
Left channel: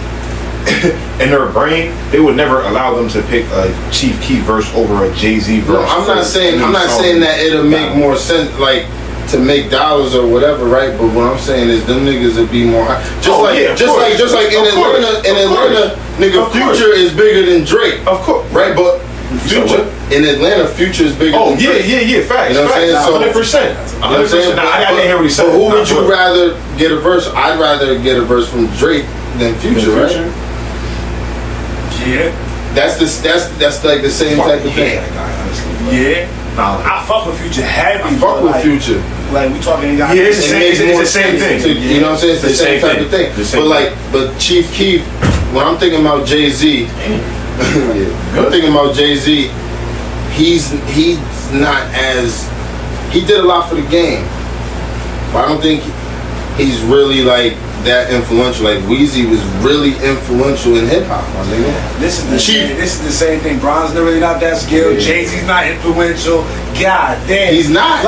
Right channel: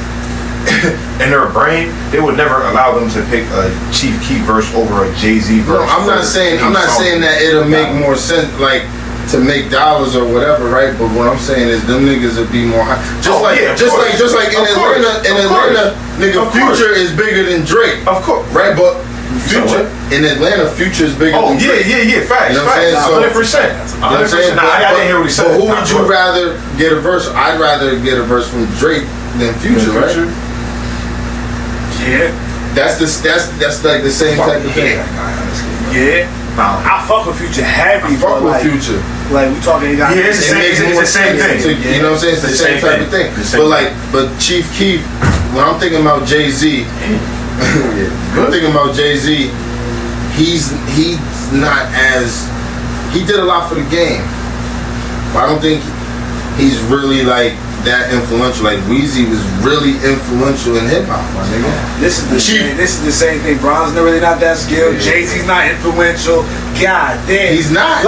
in their brain, they would never allow them to pick a Chief Keef verse over a Jay-Z verse. No, I'm not saying that it'll make more sense, like, to make dollars or whatever, right? But what I'm saying is them niggas would be more high. Just like in Atlanta, nigga, Future is bigger than Drake. Of course. Right? But Future in Atlanta, Future is bigger than Drake. Yeah, facts. You know what I'm saying? 100%. I didn't hear what he said. But who would you rather get a verse? I'd rather get a verse from Drake than Future, right? Yeah. That's like the same type of thing. Yeah. I fuck with Future heavy. Fuck with Future. Like we talking, it's the same thing. You know what I'm saying? It's the same type of thing. But Chief Keef, when I'm thinking about Jay-Z, I'm thinking about Jay-Z. He's not as, he did a lot for the game, but I don't think he's really like that influential. Like Weezy was really influential in hip hop, my nigga. This is the same thing. Bron's really not that skilled. Yeah. Jay-Z's not influential. God damn, He's not.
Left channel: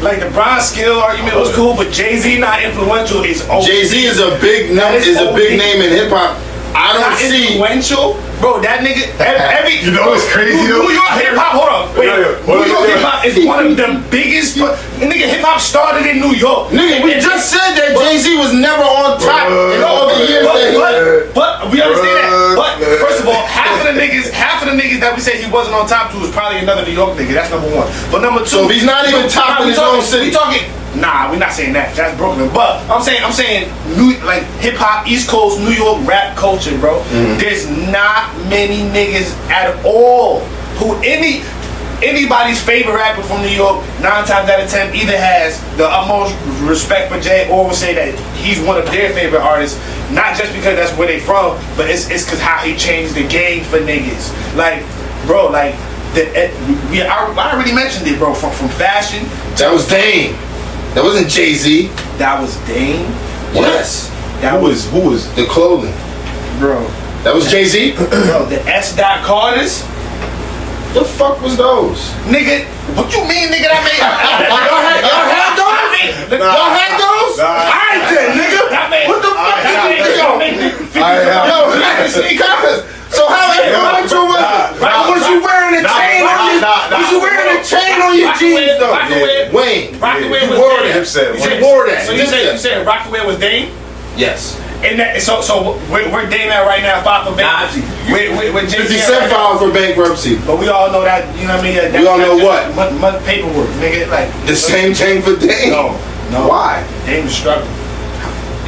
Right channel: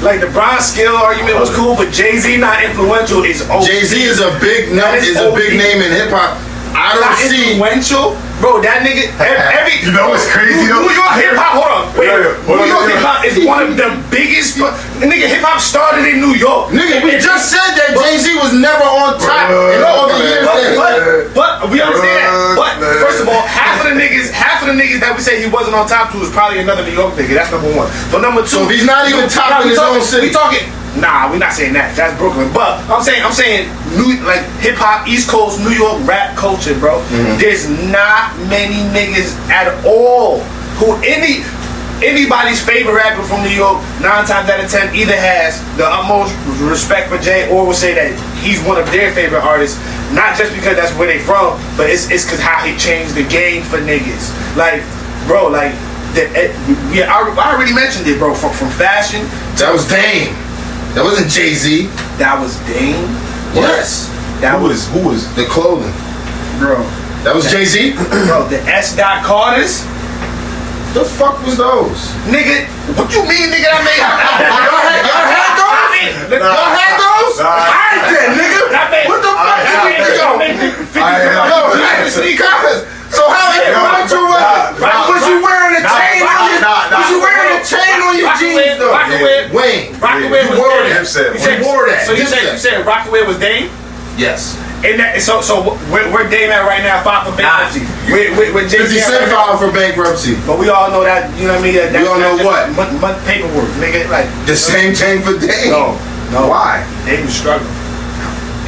Like the Bron skill argument was cool, but Jay-Z not influential is OD. Jay-Z is a big name in hip hop. I don't not see influential, bro. That nigga, every you know what's crazy though? New York hip hop. Hold on, wait. New York hip hop is one of the biggest. Nigga, hip hop started in New York. Nigga, we just said that Jay-Z was never on top in all the years. But we understand that. But first of all, half of the niggas that we say he wasn't on top to is probably another New York nigga. That's number one. But number two, so if he's not even top in his own city. We talking. Nah, we're not saying that. That's Brooklyn. But I'm saying like hip hop, East Coast, New York rap culture, bro. Mm-hmm. There's not many niggas at all who anybody's favorite rapper from New York, 9 times out of 10, either has the utmost respect for Jay or will say that he's one of their favorite artists. Not just because that's where they from, but it's because how he changed the game for niggas. Like, bro, like I already mentioned it, bro. From fashion. That was Dame. That wasn't Jay-Z. That was Dame. Yes. Who was the clothing, bro? That was Jay-Z. Bro, the S. Carters. The fuck was those? Nigga, what you mean, nigga? I made. Y'all had those? Y'all had those? I did, nigga. What the fuck? So how influential was it? Was you wearing a chain on your? Was you wearing a chain on your jeans though? Wayne. Rockaway was Dame. You wore that. So you said Rockaway was Dame? Yes. And that, so where Dame at right now? Filed for bankruptcy. With Jay-Z 50 Cent filed for bankruptcy. But we all know that, you know what I mean? We all know what? Month paperwork, nigga. Like the same thing for Dame. No. Why? Dame's struggling.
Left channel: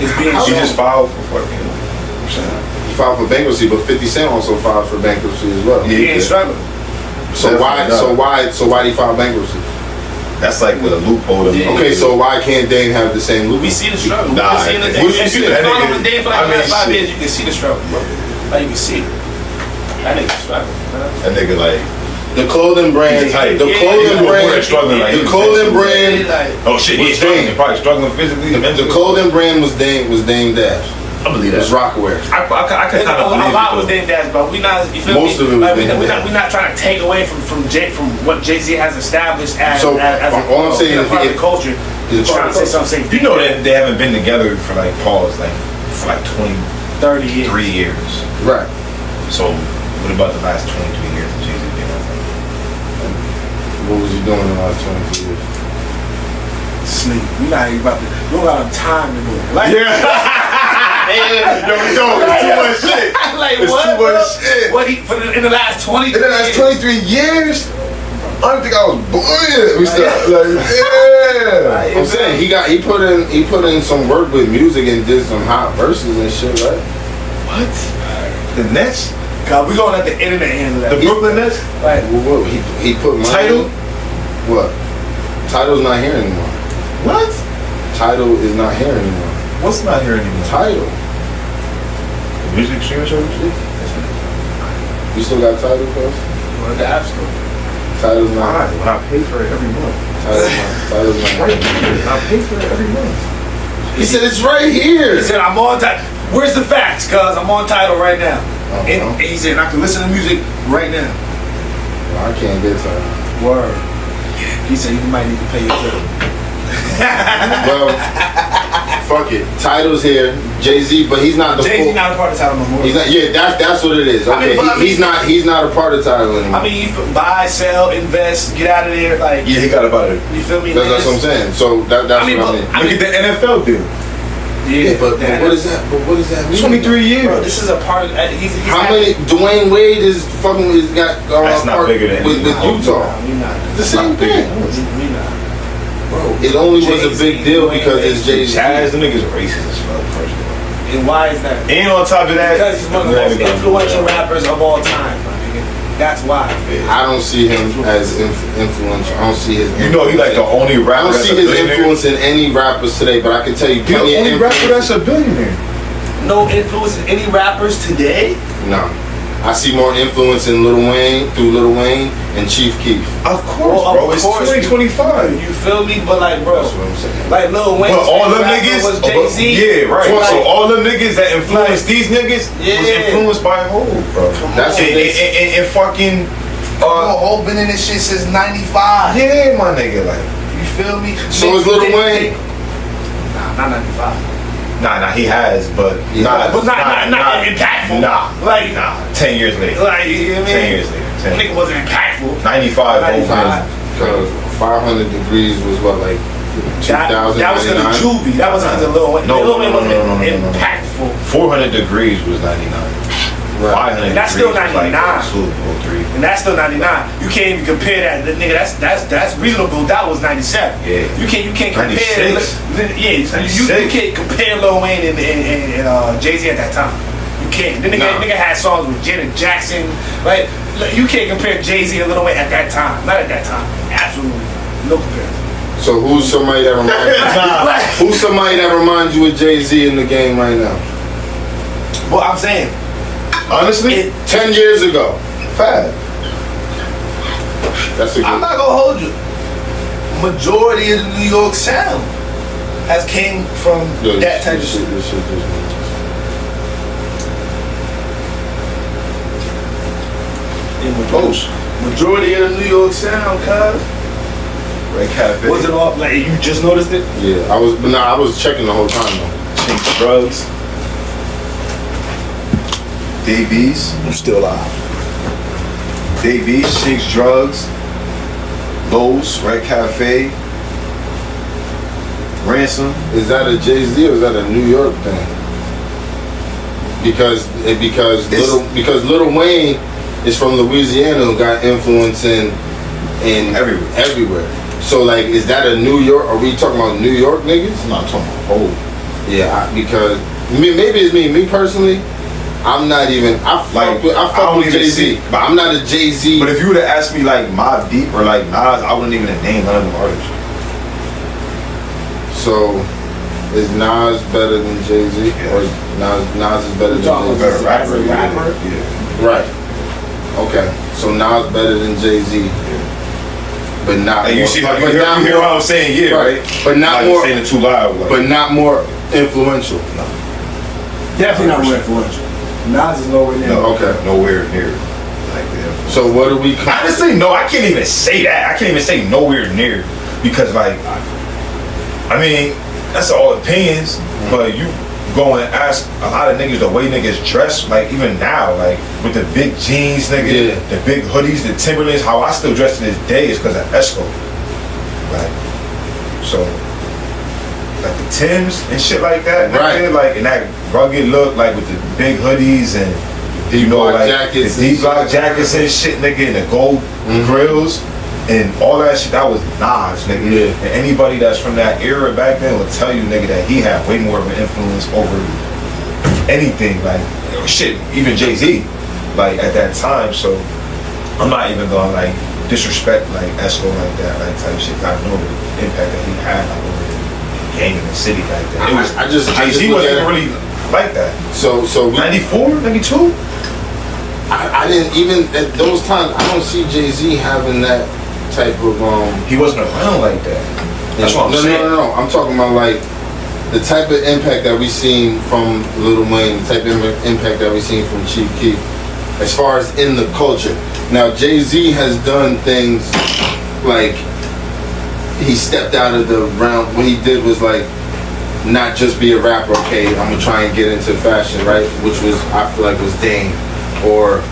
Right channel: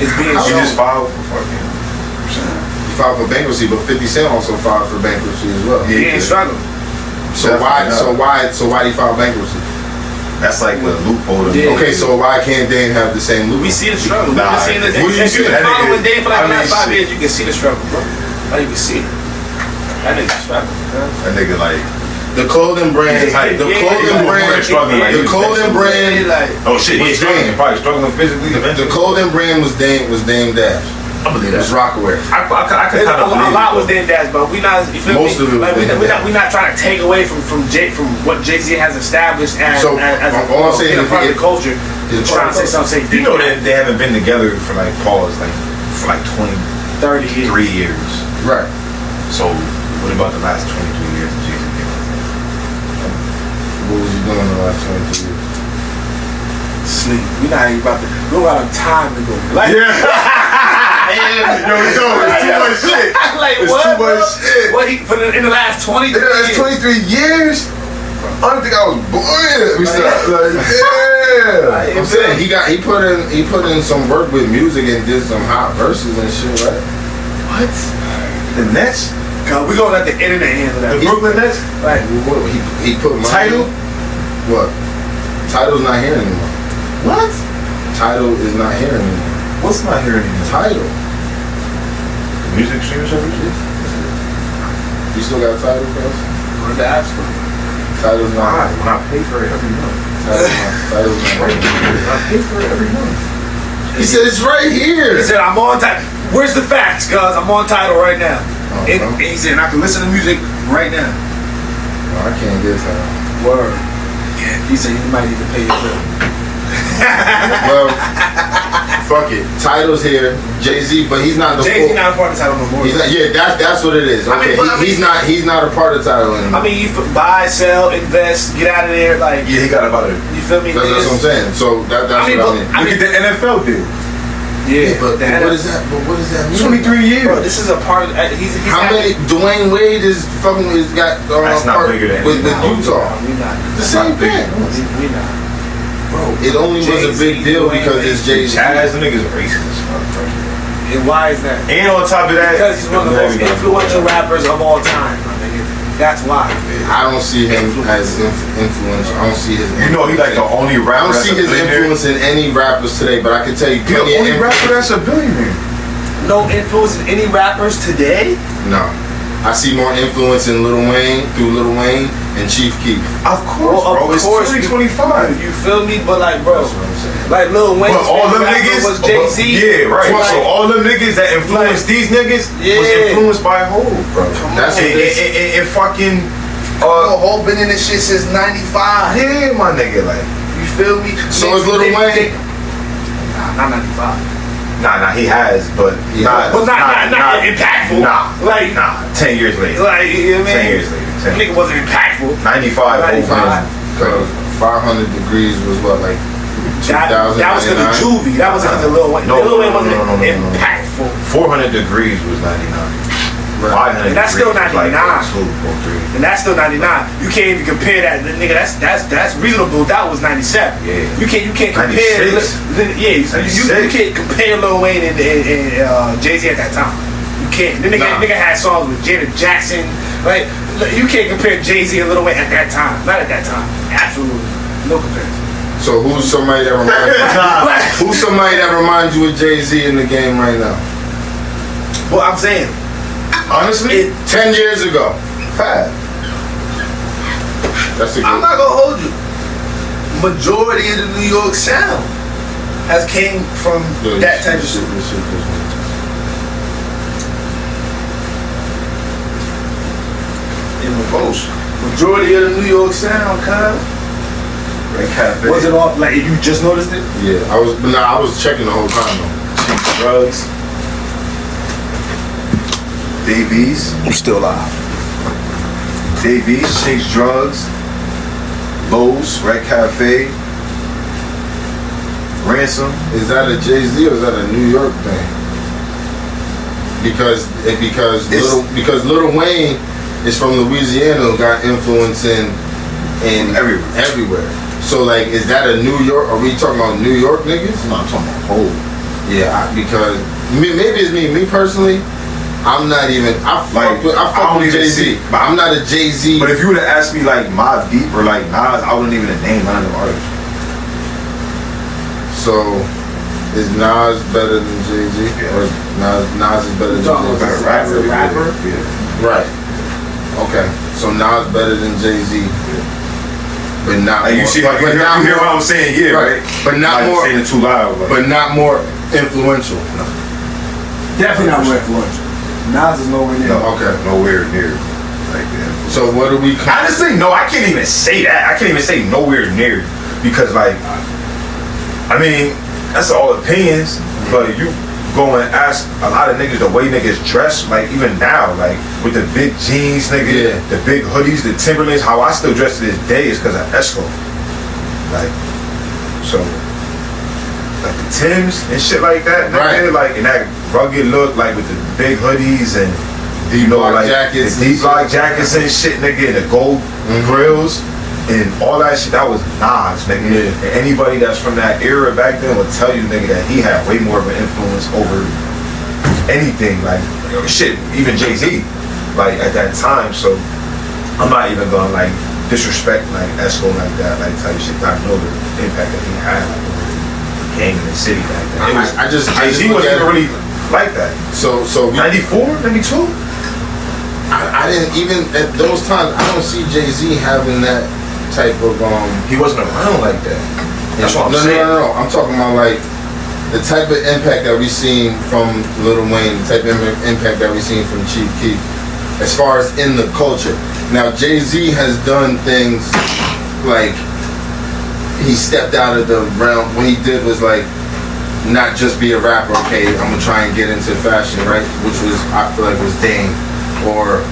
It's being shown. He just filed for He filed for bankruptcy, but 50 Cent also filed for bankruptcy as well. Yeah, he ain't struggling. So why he file bankruptcy? That's like the loophole. Okay, so why can't Dame have the same loophole? We see the struggle. If you've been following Dame for like the last 5 years, you can see the struggle, bro. Like you can see it. That nigga struggling, bro. That nigga like the clothing brand. The clothing brand. Oh shit, he's struggling. Probably struggling physically. The clothing brand was Dame Dash. I believe that. It was Rockaway. I could kind of believe a lot was Dame Dash, but we not. You feel Most me? of it was like, Dame Dash. we're not trying to take away from what Jay-Z has established as all I'm saying is part of the culture. He's trying to say something. You know that they haven't been together for like 20, 30 years. 3 years. Right. So what about the last 23 years of Jay-Z being like that? What was he doing in the last 23 years? Sleep. We not even about to. We don't got time to go. Like, it's too much shit. Like it's what? Too much shit. What in the last 23 in the last 23 years? I don't think I was born. We started like, I'm saying he put in some work with music and did some hot verses and shit, right? What? The Nets? God, we gonna let the internet handle that. The Brooklyn Nets? Right. What he put money Title? What? Title's not here anymore. What? Title is not here anymore. What's not here anymore? Title. The music streaming service? You still got Title, bro? We're in the App Store. Title's not. I pay for it every month. Title's not. Right here. I pay for it every month. He said it's right here. He said I'm on Title. Where's the facts? Cause I'm on Title right now. And he said I can listen to music right now. I can't get Tidal. Word. Yeah. He said you might need to pay your bill. Well, fuck it. Tidal's here. Jay-Z, but he's not the Jay-Z full. not a part of Tidal no more. He's not, yeah, that's what it is. Okay, he's not a part of Tidal anymore. I mean, you buy, sell, invest, get out of there. Like, Yeah, he got about it. you feel me? That's what I'm saying. So that's what I mean. Look at the NFL dude. Yeah, but what is that? But what does that mean? 23 years. Bro, this is a part of. He's How many? Dwayne Wade is fucking is got. That's not part bigger than with Utah. We not. The same thing. We not. Bro, it only was a big deal because it's Jay-Z. Chaz, them niggas racist as fuck, first of all. And why is that? And on top of that, Because he's one of the most influential rappers of all time. My nigga. That's why. I don't see him as influential. I don't see his. you know, he like the only I rapper. don't that's see a his billionaire. influence in any rappers today, but I can tell you, He the plenty of only rapper influence- that's a billionaire. No influence in any rappers today? No, I see more influence in Lil Wayne through Lil Wayne and Chief Keef. Of course, Well, bro. of It's course, 2025. You feel me? But like, bro, That's what I'm saying. like Lil Wayne. But all them niggas was Jay-Z. Yeah, right. Like, So all them niggas that influenced these niggas was Yeah. influenced by Hov, bro. That's and, what this- and fucking Hov been in this shit since '95. yeah, my nigga, like You feel me? So is Lil Wayne. Nah, not '95. nah, he has, but Yeah. not, But not impactful. Nah, Like, 10 years later. like you know what I 10 mean? years later. 10. Nigga wasn't impactful. 95, Hov 95. Because 500 degrees was what, like 2000? That was because of Juvie. That wasn't because of Lil Wayne. No, Lil Wayne wasn't no. impactful. 400 degrees was 99. Right. 500 And that's still degrees was 99. Like 02, 03. And that's still 99. You can't even compare that. Nigga, that's reasonable. That was 97. Yeah. You can't compare. 96. Yeah, you can't compare Lil Wayne and Jay-Z at that time. You can't. The nigga had songs with Janet Jackson. Like, you can't compare Jay-Z and Lil Wayne at that time. Not at that time. Absolutely not. No comparison. So who's somebody that reminds you of Jay-Z in the game right now? Well, I'm saying, Honestly, 10 years ago. fat. That's a I'm good. not gonna hold you. Majority of the New York sound has came from that type of shit. In the post, majority of the New York sound, cuz. Red Cafe. Was it all like you just noticed it? Yeah, I was checking the whole time though. Chinks Drugs. Davies. I'm still alive. Davies. Chinks Drugs. Lowe's. Red Cafe. Ransom. Is that a Jay-Z or is that a New York thing? Because Lil Wayne is from Louisiana, got influence in everywhere. So like, is that a New York? Are we talking about New York niggas? I'm not talking about whole. Yeah, because maybe it's me. Me personally, I'm not even. I fuck don't with even Jay-Z, see- but I'm not a Jay-Z. But if you would have asked me like Mobb Deep or like Nas, I wouldn't even name none of them artists. So, is Nas better than Jay-Z? Yeah. Or Nas is better than talking Jay-Z? Better rapper. Rapper? Yeah. Right. Okay. So Nas better than Jay-Z, but not. Like more, you see, like, but you not hear more- what I'm saying? Yeah, right. But not Like more. saying it too loud. Like, But not more influential. Definitely not more influential. Nas is nowhere near. no, Okay. nowhere near. Like that. So what do we? Honestly, no, I can't even say that. I can't even say nowhere near because, like, I mean, that's all opinions. But you go and ask a lot of niggas the way niggas dress, like even now, like with the big jeans, nigga, Yeah. the big hoodies, the Timberlands. How I still dress to this day is because of Esco. Like, so, like the Timbs and shit like that, nigga, Right. like in that rugged look, like with the big hoodies and. Deep block like jackets the and deep block shit. jackets and shit, nigga, and the gold grills and all that shit. That was Nas, nigga. Yeah. And anybody that's from that era back then will tell you, nigga, that he had way more of an influence over anything, like shit, even Jay-Z, like at that time. So I'm not even gonna like disrespect like Esco like that, like type shit. I know the impact that he had like over the game in the city back then. It was I just Jay-Z look wasn't at even it- really like that. So we, 94, 92. I didn't even at those times. I don't see Jay-Z having that type of He wasn't around like that. That's what I'm no, saying. No. I'm talking about like the type of impact that we seen from Lil Wayne, the type of impact that we seen from Chief Keef. as far as in the culture. Now Jay-Z has done things like he stepped out of the realm. What he did was like not just be a rapper. Okay, I'm gonna try and get into fashion, right? Which was I feel like was Dame, or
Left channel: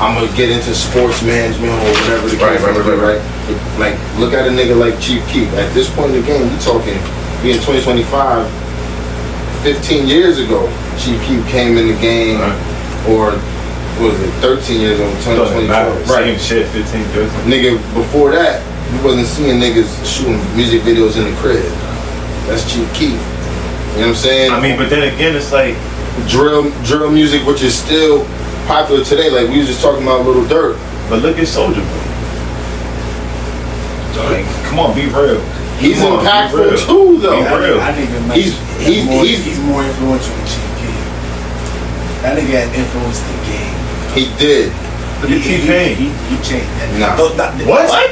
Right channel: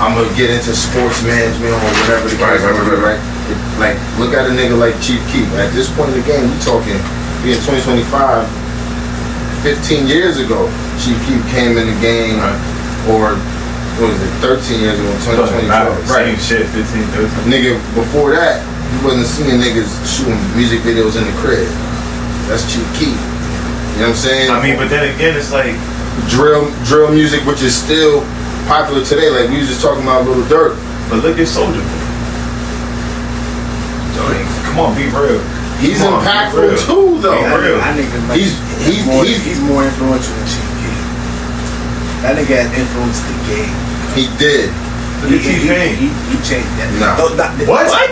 I'm gonna get into sports management or whatever the case may be, right? Like look at a nigga like Chief Keef. At this point in the game, we talking being 2025, 15 years ago, Chief Keef came in the game, or what was it, 13 years ago, 2022, right? Same shit, 15, 13. Nigga, before that, you wasn't seeing niggas shooting music videos in the crib. That's Chief Keef. You know what I'm saying? I mean, but then again, it's like drill music, which is still popular today. Like we was just talking about Little Durk. but look at Soulja Boy. Like, come on, be real. He's Come on, be impactful real. too, though. Be real. That nigga, like, He's more influential than Chief Keef. That nigga has influenced the game. he did. Look at T-Pain. He changed that. Nah. What?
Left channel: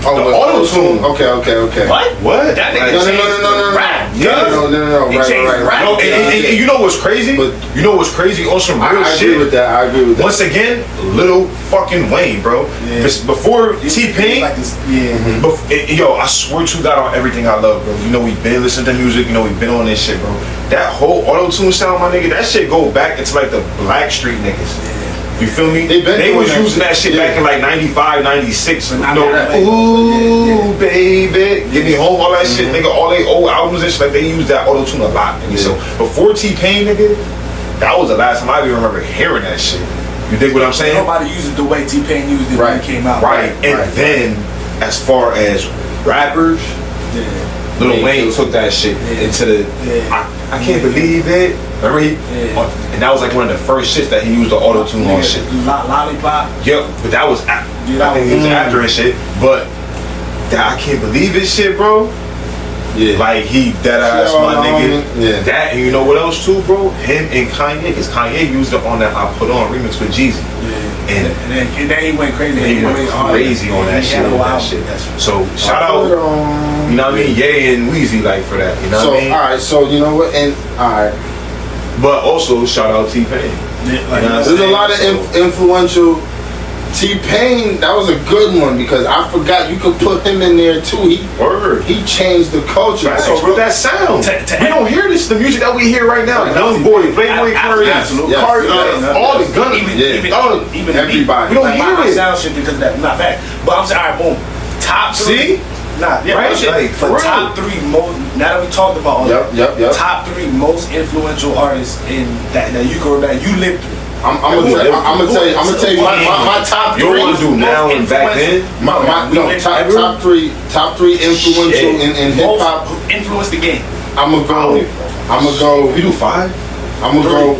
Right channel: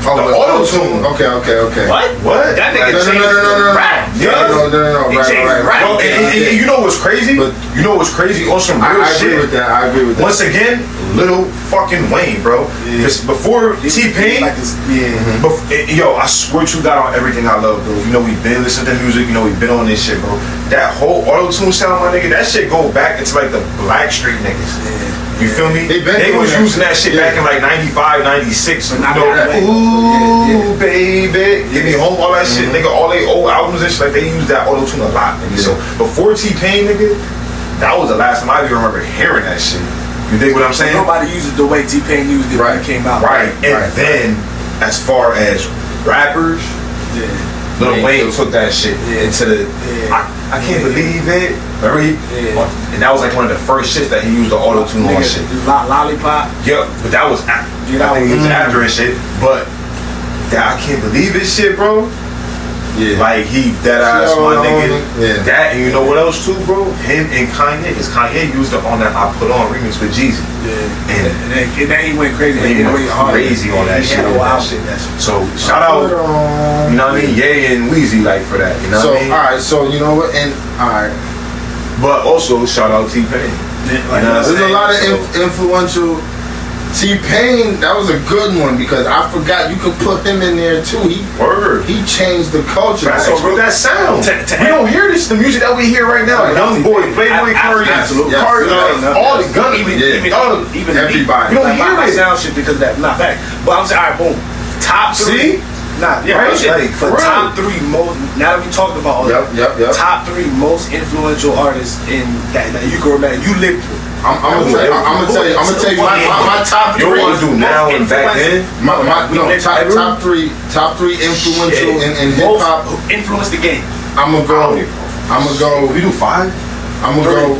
Oh, The but auto-tune. Okay. What? That nigga No, changed no. rap. Yeah. No. He changed rap. Bro, and you know what's crazy? But- You know what's crazy? On some real I shit. agree with that. Once again, Little fucking Wayne, bro. Yeah. This, before T-Pain, Like this, yeah. yo, I swear to God on everything I love, bro. You know we've been listening to music. You know we've been on this shit, bro. That whole auto-tune sound, my nigga, that shit go back into like the Black Street niggas. You feel me? They been was doing using that that shit shit. back in like 95, 96. You But know, not that. ooh, baby, give me home, all that shit, nigga. All they old albums and shit, like they use that auto-tune a lot, nigga. So before T-Pain, nigga, that was the last time I even remember hearing that shit. You dig what I'm saying? Nobody used it the way T-Pain used it when he came out. Right. And then, as far as rappers, Yeah. Lil Yeah, Wayne he took that shit into the. Yeah. I can't believe it. Remember he? Yeah. And that was like one of the first shits that he used the auto tune on shit. Lollipop. Yep, but that was. I think he was after and shit. But that I can't believe it shit, bro. Yeah. Like he dead ass my nigga. Yeah. That and you know what else too, bro? Him and Kanye, because Kanye used it on that I Put On remix with Jeezy. Yeah. And then he went crazy. he went crazy on that He shit. had a With wild that shit. shit. So shout out, you know what I mean? Ye and Weezy like for that. You know So what I mean? alright, so you know what? And alright, But also shout out T-Pain. Like, You know what I'm there's a saying? lot of influential. T-Pain, that was a good one because I forgot you could put him in there too. Word. He changed the culture. So bro, that sound. We don't hear this. The music that we hear right now. Young Boy, Playboy Cardi, Absolutely. Cardi, all the gun. Even Everybody. We don't Like, hear my it. Sound shit because of that. Not fact. But I'm saying, all right, boom. Top three. See? Nah, yeah, Right? right. Like, for real. top three most. Now that we talked about all Yep, that, yep. top three most influential artists in that you can remember. You lived through. I'm gonna tell you my top You three. want to do now and back then? Top three influential in hip hop. Influenced the game. I'm gonna go. We do 5. I'm gonna go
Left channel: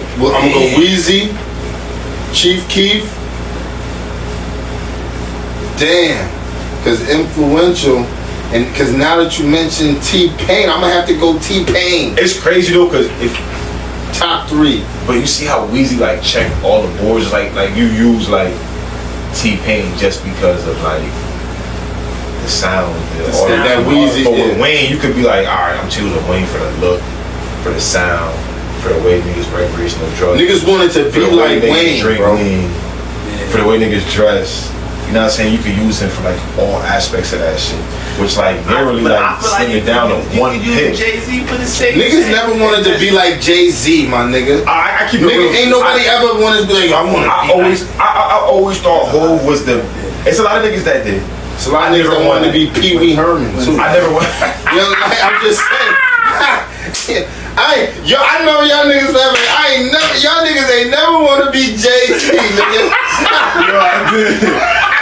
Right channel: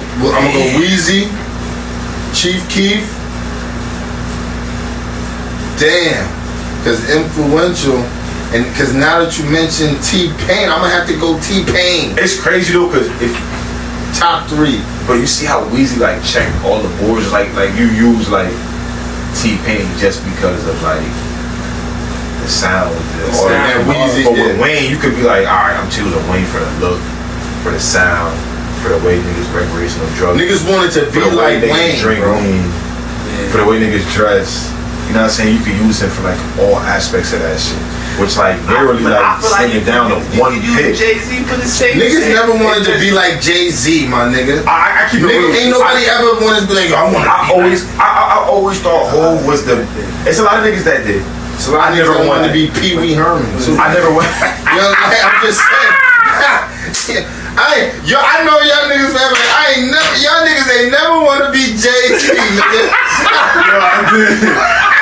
Weezy, Chief Keef. Damn, because influential, and because now that you mentioned T-Pain, I'm gonna have to go T-Pain. It's crazy though, cause if Top three. but you see how Weezy like checked all the boards, like you use like T-Pain just because of like the sound, all sound, that Weezy, But with yeah. Wayne, you could be like, all right, I'm choosing Wayne for the look, for the sound, for the way niggas recreational drugs. Niggas wanted to For be the way like niggas Wayne, drink bro. lean, for the way niggas dress. You know what I'm saying? You could use him for like all aspects of that shit. Which like literally like slim it down to one hit. Jay-Z for the same Niggas shit. never wanted to be like Jay-Z, my nigga. I keep it Nigga, real. ain't nobody ever wanted to be like, I want to I always thought Hov was the. It's a lot of niggas that did. It's a lot of niggas that wanted to be Pee Wee Herman, too. I never went. You know, like, I'm just saying. I know y'all niggas y'all niggas ain't never want to be Jay-Z, nigga.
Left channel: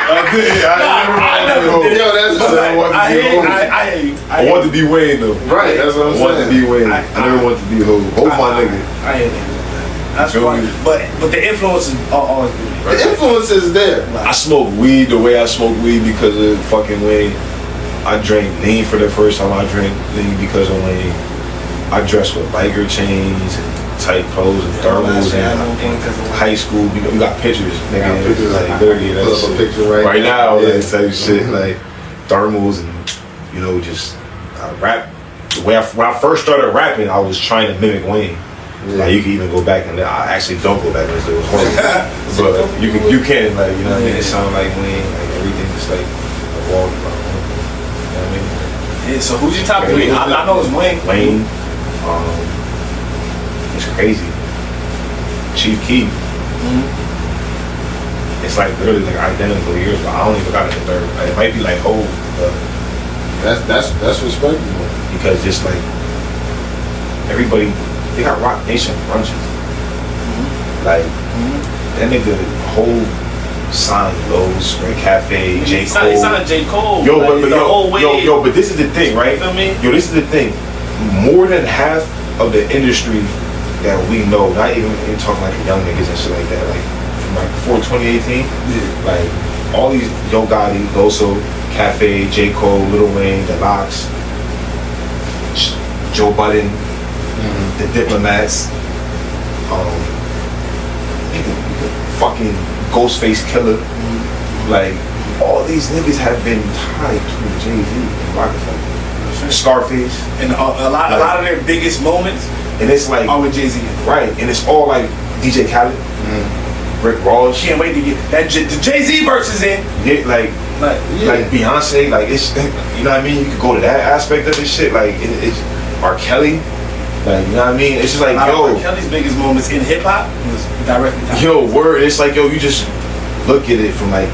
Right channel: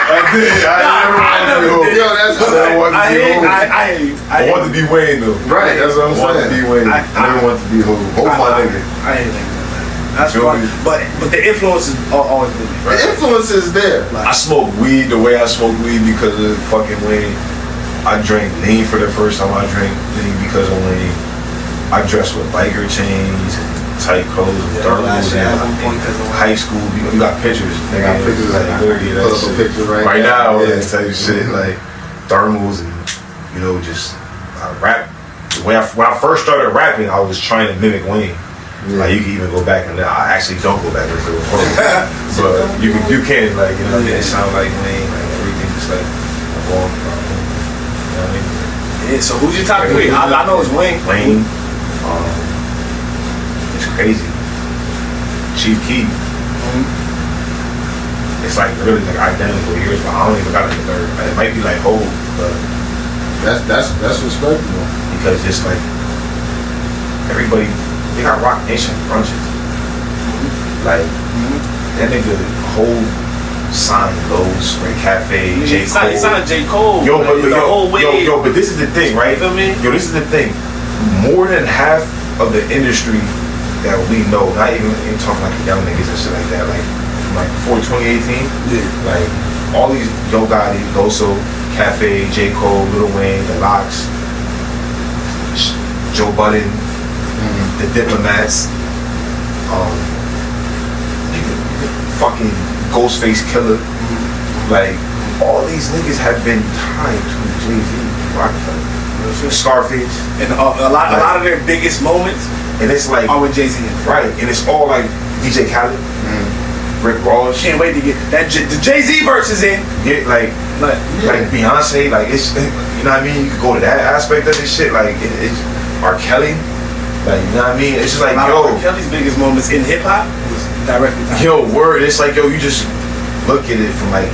I did. I never wanted to be Hov. Yo, that's I never wanted to be Hov. I wanted to be Wayne though. Right, that's what I'm I wanted to saying. be Wayne. I never wanted to be Hov. Hov my nigga. I ain't nigga. That's Feel fun. me? But the influences are always good. The influence is there. I smoke weed the way I smoke weed because of fucking Wayne. I drank lean for the first time. I drank lean because of Wayne. I dress with biker chains and tight clothes and thermals in high school. You got pictures. They got pictures like literally pull up a picture right now. Yeah. Type shit like thermals and just I rap. When I first started rapping, I was trying to mimic Wayne. Like you can even go back and I actually don't go back and listen to it. Horrible. But you can, like, you know what I mean? It sounds like Wayne, like everything just like evolved about him. You know what I mean? Yeah, so who's your top 3? I know it's Wayne. Wayne, it's crazy. Chief Keef. It's like literally like identical years, but I don't even got like a third. It might be like Hov, but that's respectable. because just like everybody, they got Rock Nation brunches. Like that nigga whole signed Lowe's, Spring Cafe, J. Cole. He signed J. Cole. Yo, but this is the thing, right? You feel me? Yo, this is the thing. More than half of the industry that we know, not even talking like young niggas and shit like that, like from like before 2018, like all these Yo Gotti, Loso, Cafe, J. Cole, Lil Wayne, The Lox, Joe Budden, The Diplomats, fucking Ghostface Killer, like all these niggas have been tied to Jay-Z and Rockefeller. Scarface, and a lot of their biggest moments, and it's like are with Jay-Z. Right, and it's all like DJ Khaled, Rick Ross. Can't wait to get that the Jay-Z verses in. Yeah, like Beyonce, like it's, you know what I mean. You could go to that aspect of this shit, like it's R. Kelly, like you know what I mean. It's just like yo, R. Kelly's biggest moments in hip hop was directly. Yo, word. It's like yo, you just look at it from like.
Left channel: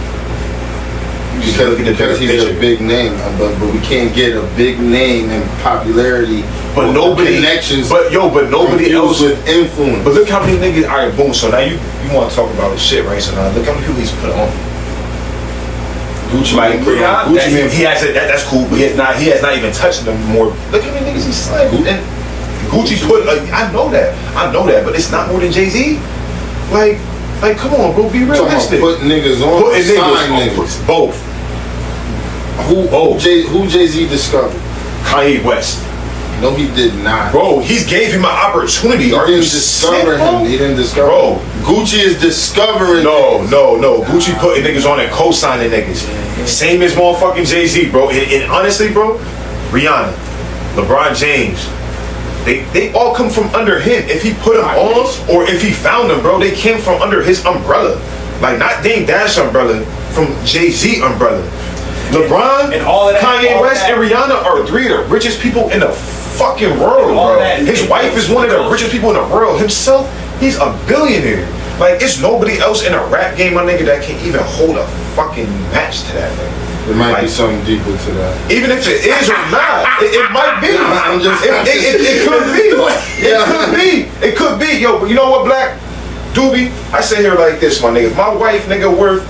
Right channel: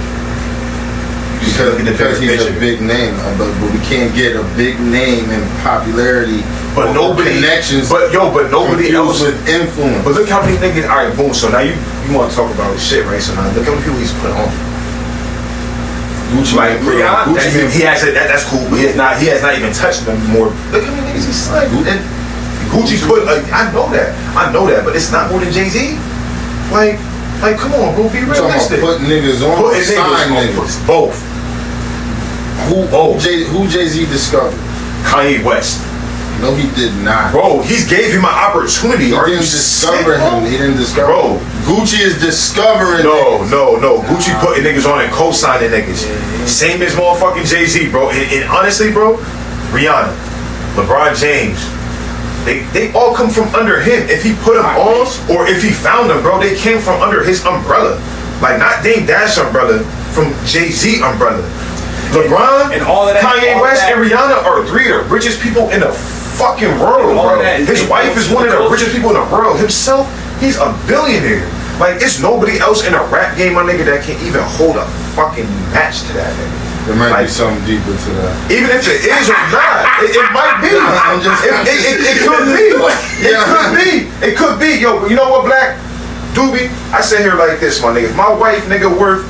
Because he's a big name, but we can't get a big name and popularity, but nobody connections. But nobody else with influence. But look how many niggas. All right, boom. So now you want to talk about his shit, right? So now look how many people he's put on. Gucci, like Gucci, he has it. That's cool. But he has not even touched them more. Look how many niggas he signed. And Gucci put. I know that, but it's not more than Jay-Z. Like come on, bro. Be realistic. Put niggas on. Put niggas. Both. Who Jay-Z discovered? Kanye West. No, he did not. Bro, he gave him an opportunity. He didn't discover him. He didn't discover him. Gucci is discovering No. Gucci putting niggas on and co-signing niggas. Same as motherfucking Jay-Z, bro. And honestly, bro, Rihanna, LeBron James, they all come from under him. If he put them on or if he found them, bro, they came from under his umbrella. Like not Dame Dash umbrella, from Jay-Z umbrella. LeBron, and all of that, Kanye West, and Rihanna are 3 of the richest people in the fucking world, bro. His wife is one of the richest people in the world. Himself, he's a billionaire. Like, it's nobody else in a rap game, my nigga, that can even hold a fucking match to that, nigga. There might be something deeper to that. Even if it is or not, it might be. It could be. It could be. Yo, but you know what, Black? Doobie, I sit here like this, my nigga. If my wife, nigga, worth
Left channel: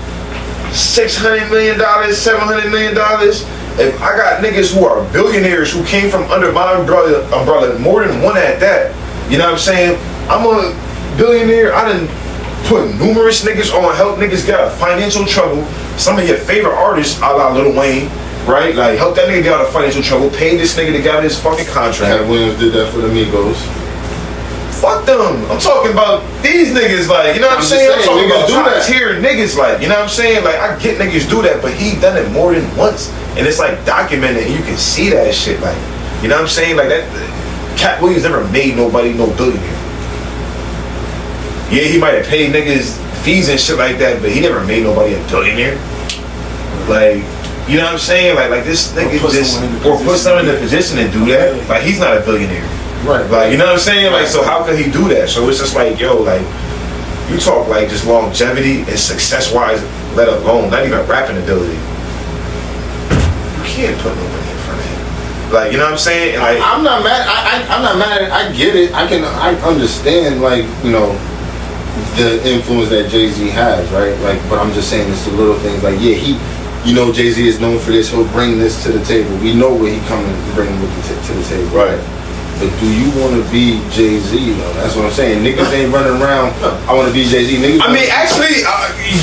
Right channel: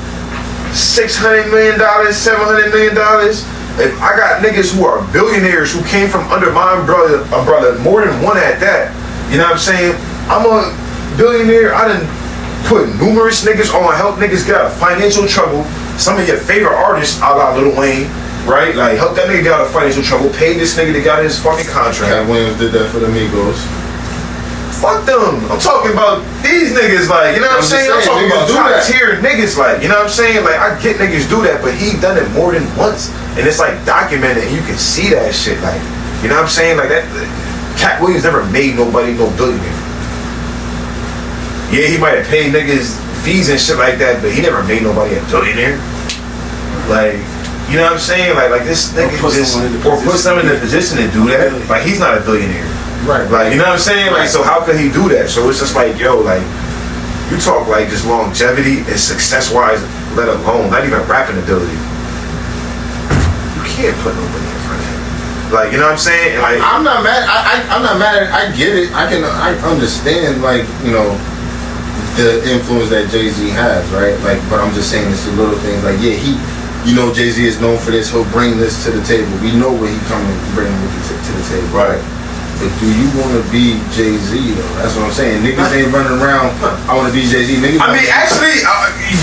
$600 million, $700 million. If I got niggas who are billionaires who came from under my umbrella, more than one at that, you know what I'm saying? I'm a billionaire. I done put numerous niggas on, help niggas get out of financial trouble. Some of your favorite artists, a la Lil Wayne, right? Like, help that nigga get out of financial trouble, pay this nigga to get out of his fucking contract. Cat Williams did that for the Migos. Fuck them. I'm talking about these niggas, like, you know what I'm saying? I'm talking about top tier niggas, like, you know what I'm saying? Like, I get niggas do that, but he done it more than once. And it's like documented, and you can see that shit, like, you know what I'm saying? Like, that Cat Williams never made nobody no billionaire. Yeah, he might have paid niggas fees and shit like that, but he never made nobody a billionaire. Like, you know what I'm saying? Like this nigga just, or put someone in a position to do that. Like, he's not a billionaire. Right. Like, you know what I'm saying? Like, so how can he do that? So it's just like, yo, like, you talk like just longevity and success-wise, let alone, not even rapping ability. You can't put nobody in front of him. Like, you know what I'm saying? Like, I'm not mad. I'm not mad. I get it. I understand, like, you know, the influence that Jay-Z has, right? Like, but I'm just saying it's the little things. Like, yeah, you know, Jay-Z is known for this. He'll bring this to the table. We know what he coming to bring to the table, right? But do you want to be Jay-Z though? That's what I'm saying. Niggas ain't running around. I want to be Jay-Z. Niggas. I mean, actually,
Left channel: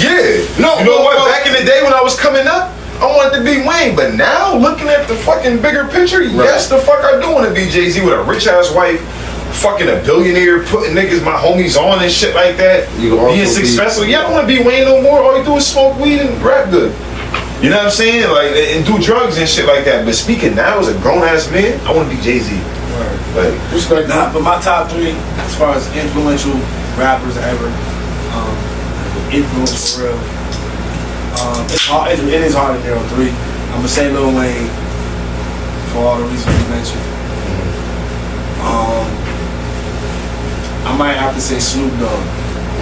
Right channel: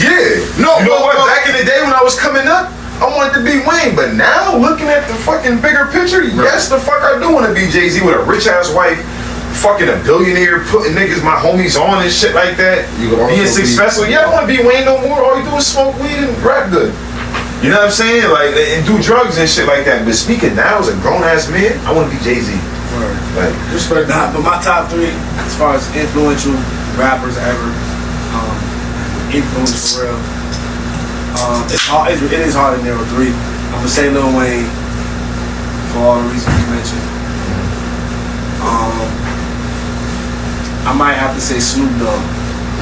yeah. No, you know what? Back in the day when I was coming up, I wanted to be Wayne. But now, looking at the fucking bigger picture, yes, the fuck I do want to be Jay-Z with a rich ass wife, fucking a billionaire, putting niggas, my homies on and shit like that. Being successful. Yeah, I don't want to be Wayne no more. All you do is smoke weed and rap good. You know what I'm saying? Like, and do drugs and shit like that. But speaking now as a grown ass man, I want to be Jay-Z. Like, Respect that. But my top 3, as far as influential rappers ever, influence for real. It's hard. It is hard to narrow 3. I'm gonna say Lil Wayne for all the reasons you mentioned. I might have to say Snoop Dogg.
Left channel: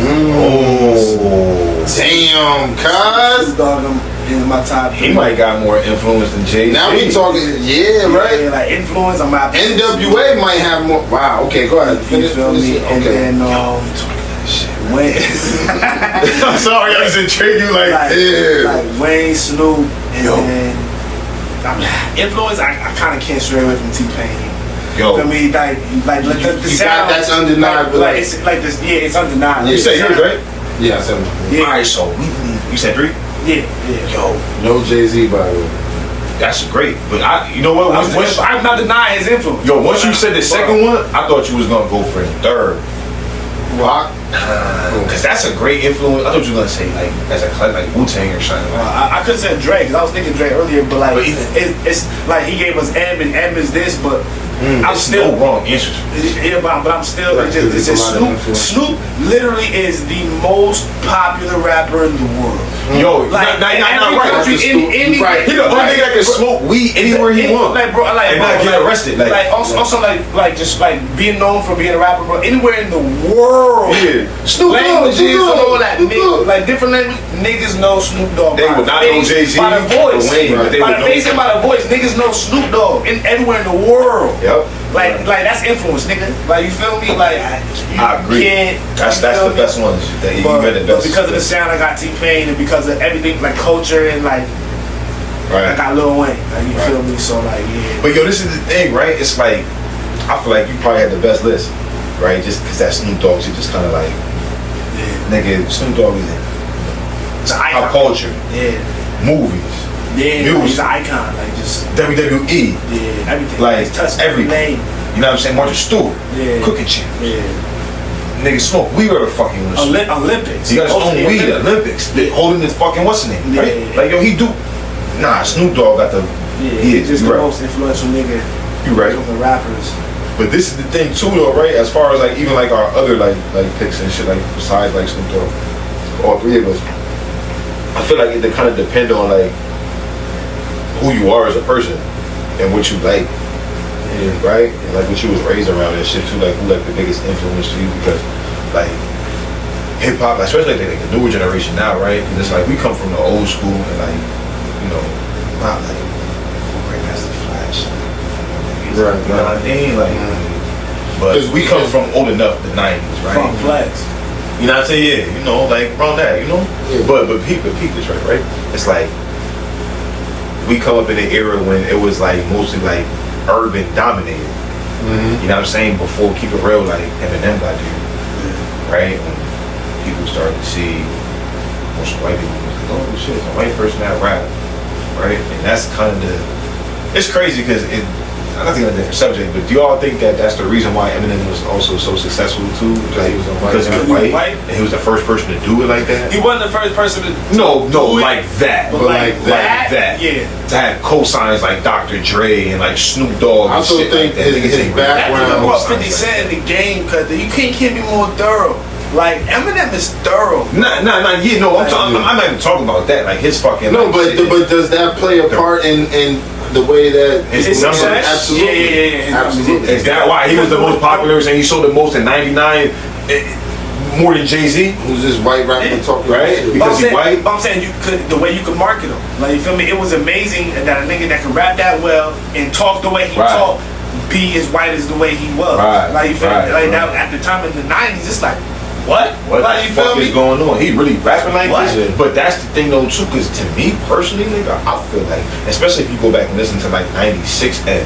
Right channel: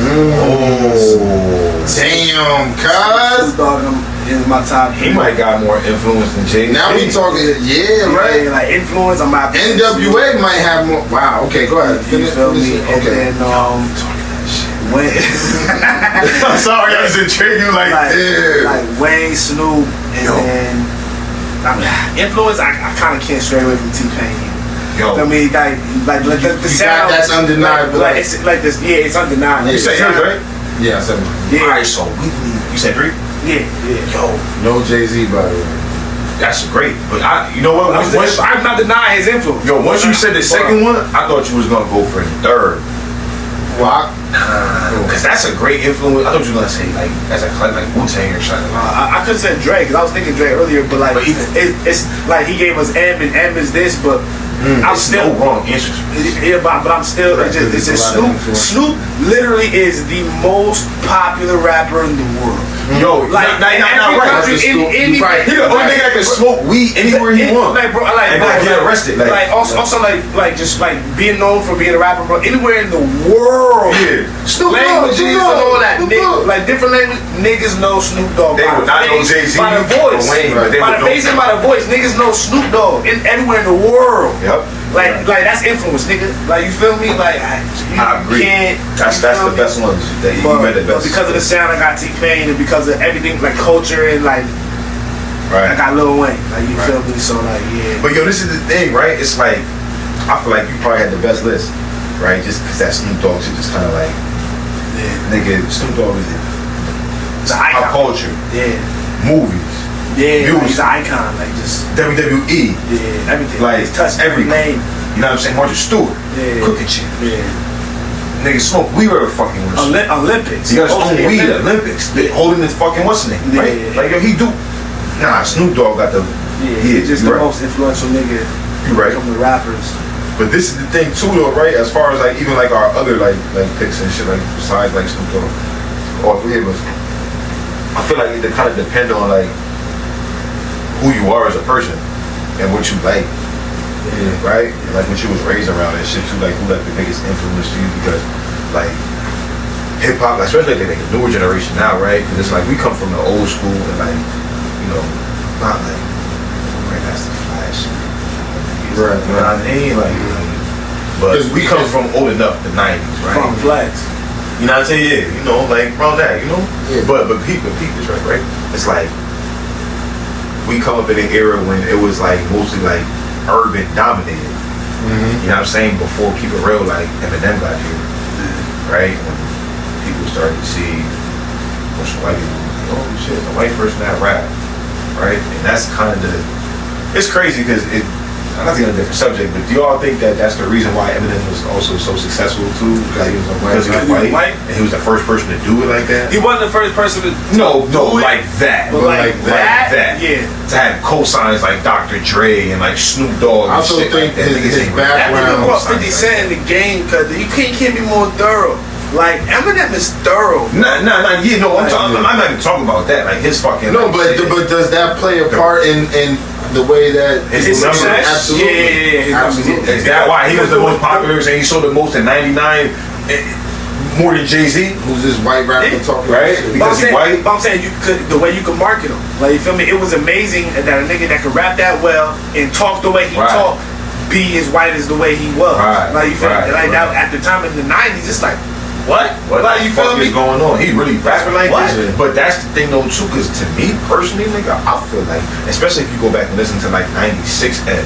Oh, damn, cuz. Snoop Dogg is my top 3. he might got more influence than Jay. Now we talking, yeah, right? Yeah, like influence. I'm not. NWA might have more. Wow. Okay, go ahead. You feel me? And Okay. then Wayne. I'm sorry, I was intrigued. Like, Yeah. Like Wayne, Snoop, and then influence. I kind of can't stray away from T-Pain. yo, I mean, like the sound. That's undeniable. Like it's like this. Yeah, it's undeniable. you said yours, right? Yeah, so Yeah. All right, so you said 3. Yeah. Yo, no Jay-Z, by the way. that's great. But you know what? Once, I'm not denying his influence. yo, once you said the second one, I thought you was gonna go for the third. Rock. Cause that's a great influence. I thought you were gonna say like as a like Wu-Tang or something. I could have said Drake, because I was thinking Drake earlier, but like But even- it's like he gave us M, and M is this, but I'm It's still no wrong answers. Yeah, but I'm still. Right, It's just there's a lot of Snoop. influence. Snoop literally is the most popular rapper in the world. Yo, Like not in every right. country, in Right. He the only nigga that can smoke weed anywhere he wants Like bro, like and bro, not get arrested. Like, also like just like being known for being a rapper, bro. Anywhere in the world, yeah, Snoop Dogg, languages Snoop and Dogg, all that, Snoop Dogg. like different languages, niggas know Snoop Dogg. They by would the not know face, Jay-Z by the or voice, Wayne, but they by would the know. face and by the voice. Niggas know Snoop Dogg in everywhere in the world. Yep. Like that's influence, nigga. Like you feel me? Like you I agree. Can't, That's you feel the me? best ones that you But read the best. because of the sound, I got T-Pain, and because of everything, like culture and like I right. got Lil Wayne. Like you feel me? So like yeah. But yo, this is the thing, right? It's like I feel like you probably had the best list, right? Just because that Snoop Dogg shit just kind of like nigga. Snoop Dogg is in It's an pop icon. culture, Yeah, movies, yeah. Like, Music. he's an icon. Like just WWE. yeah, everything. Like, He's touched every- every name. You know what I'm saying? Martha Stewart, Yeah. cooking champ. Yeah. Nigga smoke weed wherever fucking was. Olympics. He got his own Ultimate weed, Olympics. Olympics. They holding his fucking what's his name, right? Yeah. Like yo, he do. Nah, Snoop Dogg got the. Yeah, Yeah, he's just you the right. most influential nigga You right. from the rappers. But this is the thing too, though, right? As far as like even like our other like picks and shit, like besides like Snoop Dogg, all 3 of us, I feel like it kind of depend on like who you are as a person and what you like, right? And like what you was raised around and shit too. Like who like the biggest influence to you because like hip hop, like, especially like the newer generation now, right? And it's like we come from the old school and like you know not like Grandmaster Flash. Right, You know what I mean? Like, but we come from old enough, the 90s, right? From Flex. You know what I'm saying? Yeah, you know, like around that, you know? Yeah. But peep this right? It's like, we come up in an era when it was like mostly like urban dominated. You know what I'm saying? Before Keep It Real, like Eminem got here, right? When people started to see what's white people, oh shit, it's a white person that rap, right? And that's kind of it's crazy because I don't think on a different subject, but do y'all think that that's the reason why Eminem was also so successful too? Because he was white, and he was the first person to do it like that? He wasn't the first person to No, do it, like that. but like that, yeah. To have cosigns like Dr. Dre and like Snoop Dogg I and also shit think like that. his Niggas ain't really That background- nigga brought cosigns 50 like Cent in the game because you can't be more thorough. Like Eminem is thorough. Nah, yeah, no, I'm not even talking about that. Like his fucking. No, like, but shit. does that play a part in the way that His numbers? Absolutely. Yeah. His Absolutely. numbers, Is that why he was the most popular? And he sold the most in '99, more than Jay-Z, Who's this white rapper talking right? about shit? Because he white. But I'm saying you could the way you could market him. Like you feel me? It was amazing that a nigga that could rap that well and talk the way he Right. talked, be as white as the way he was. Right, Like you feel right, me? Like right. that at the time in the '90s, it's like what? What Like the you feel fuck is me? going on? He really rapping like What? this? But that's the thing though too, because to me personally, nigga, I feel like, especially if you go back and listen to like '96 Ed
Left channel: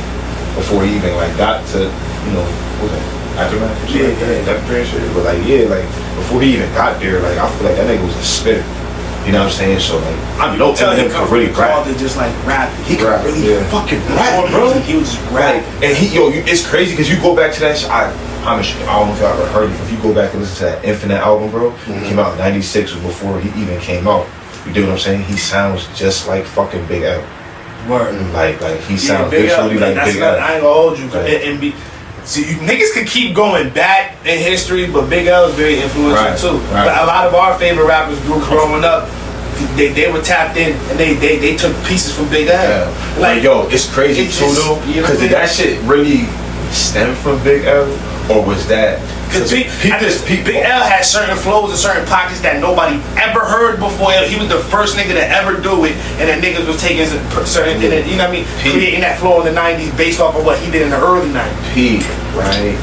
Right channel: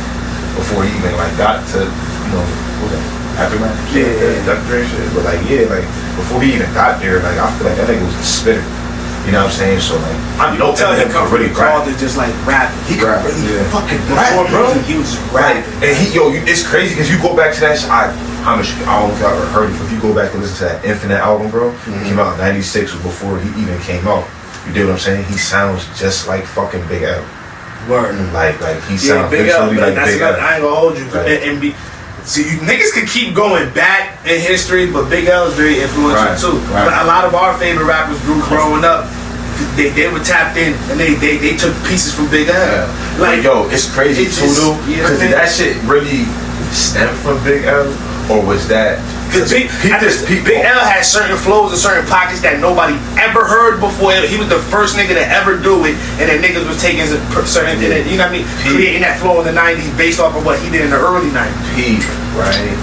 before he even like got to, you know, what was that? Aftermath or something like that, Dr. Dre and shit. But like, yeah, like before he even got there, like I feel like that nigga was a spitter. You know what I'm saying? So like, I know Tell him Eminem come could really called rap. to just like rapping. He could Rap, really yeah. fucking Before rap, bro. he was just Right, rapping. and it's crazy because you go back to that shit. I don't know if y'all ever heard it. If you go back and listen to that Infinite album, bro, it came out in '96 before he even came out. You dig what I'm saying? He sounds just like fucking Big L. Word. Like he Yeah, sounds Big L. literally like That's Big not, L. I ain't gonna hold you. Right. And be See, niggas could keep going back in history, but Big L is very influential too. Right. But a lot of our favorite rappers growing up, they were tapped in and they took pieces from Big L. Yeah. Like, yo, it's crazy too, though, because did that shit really stem from Big L, or was that? Because Big L had certain flows and certain pockets that nobody ever heard before. He was the first nigga to ever do it, and then niggas was taking certain, you know what I mean, creating that flow in the '90s based off of what he did in the early '90s. Pete, right?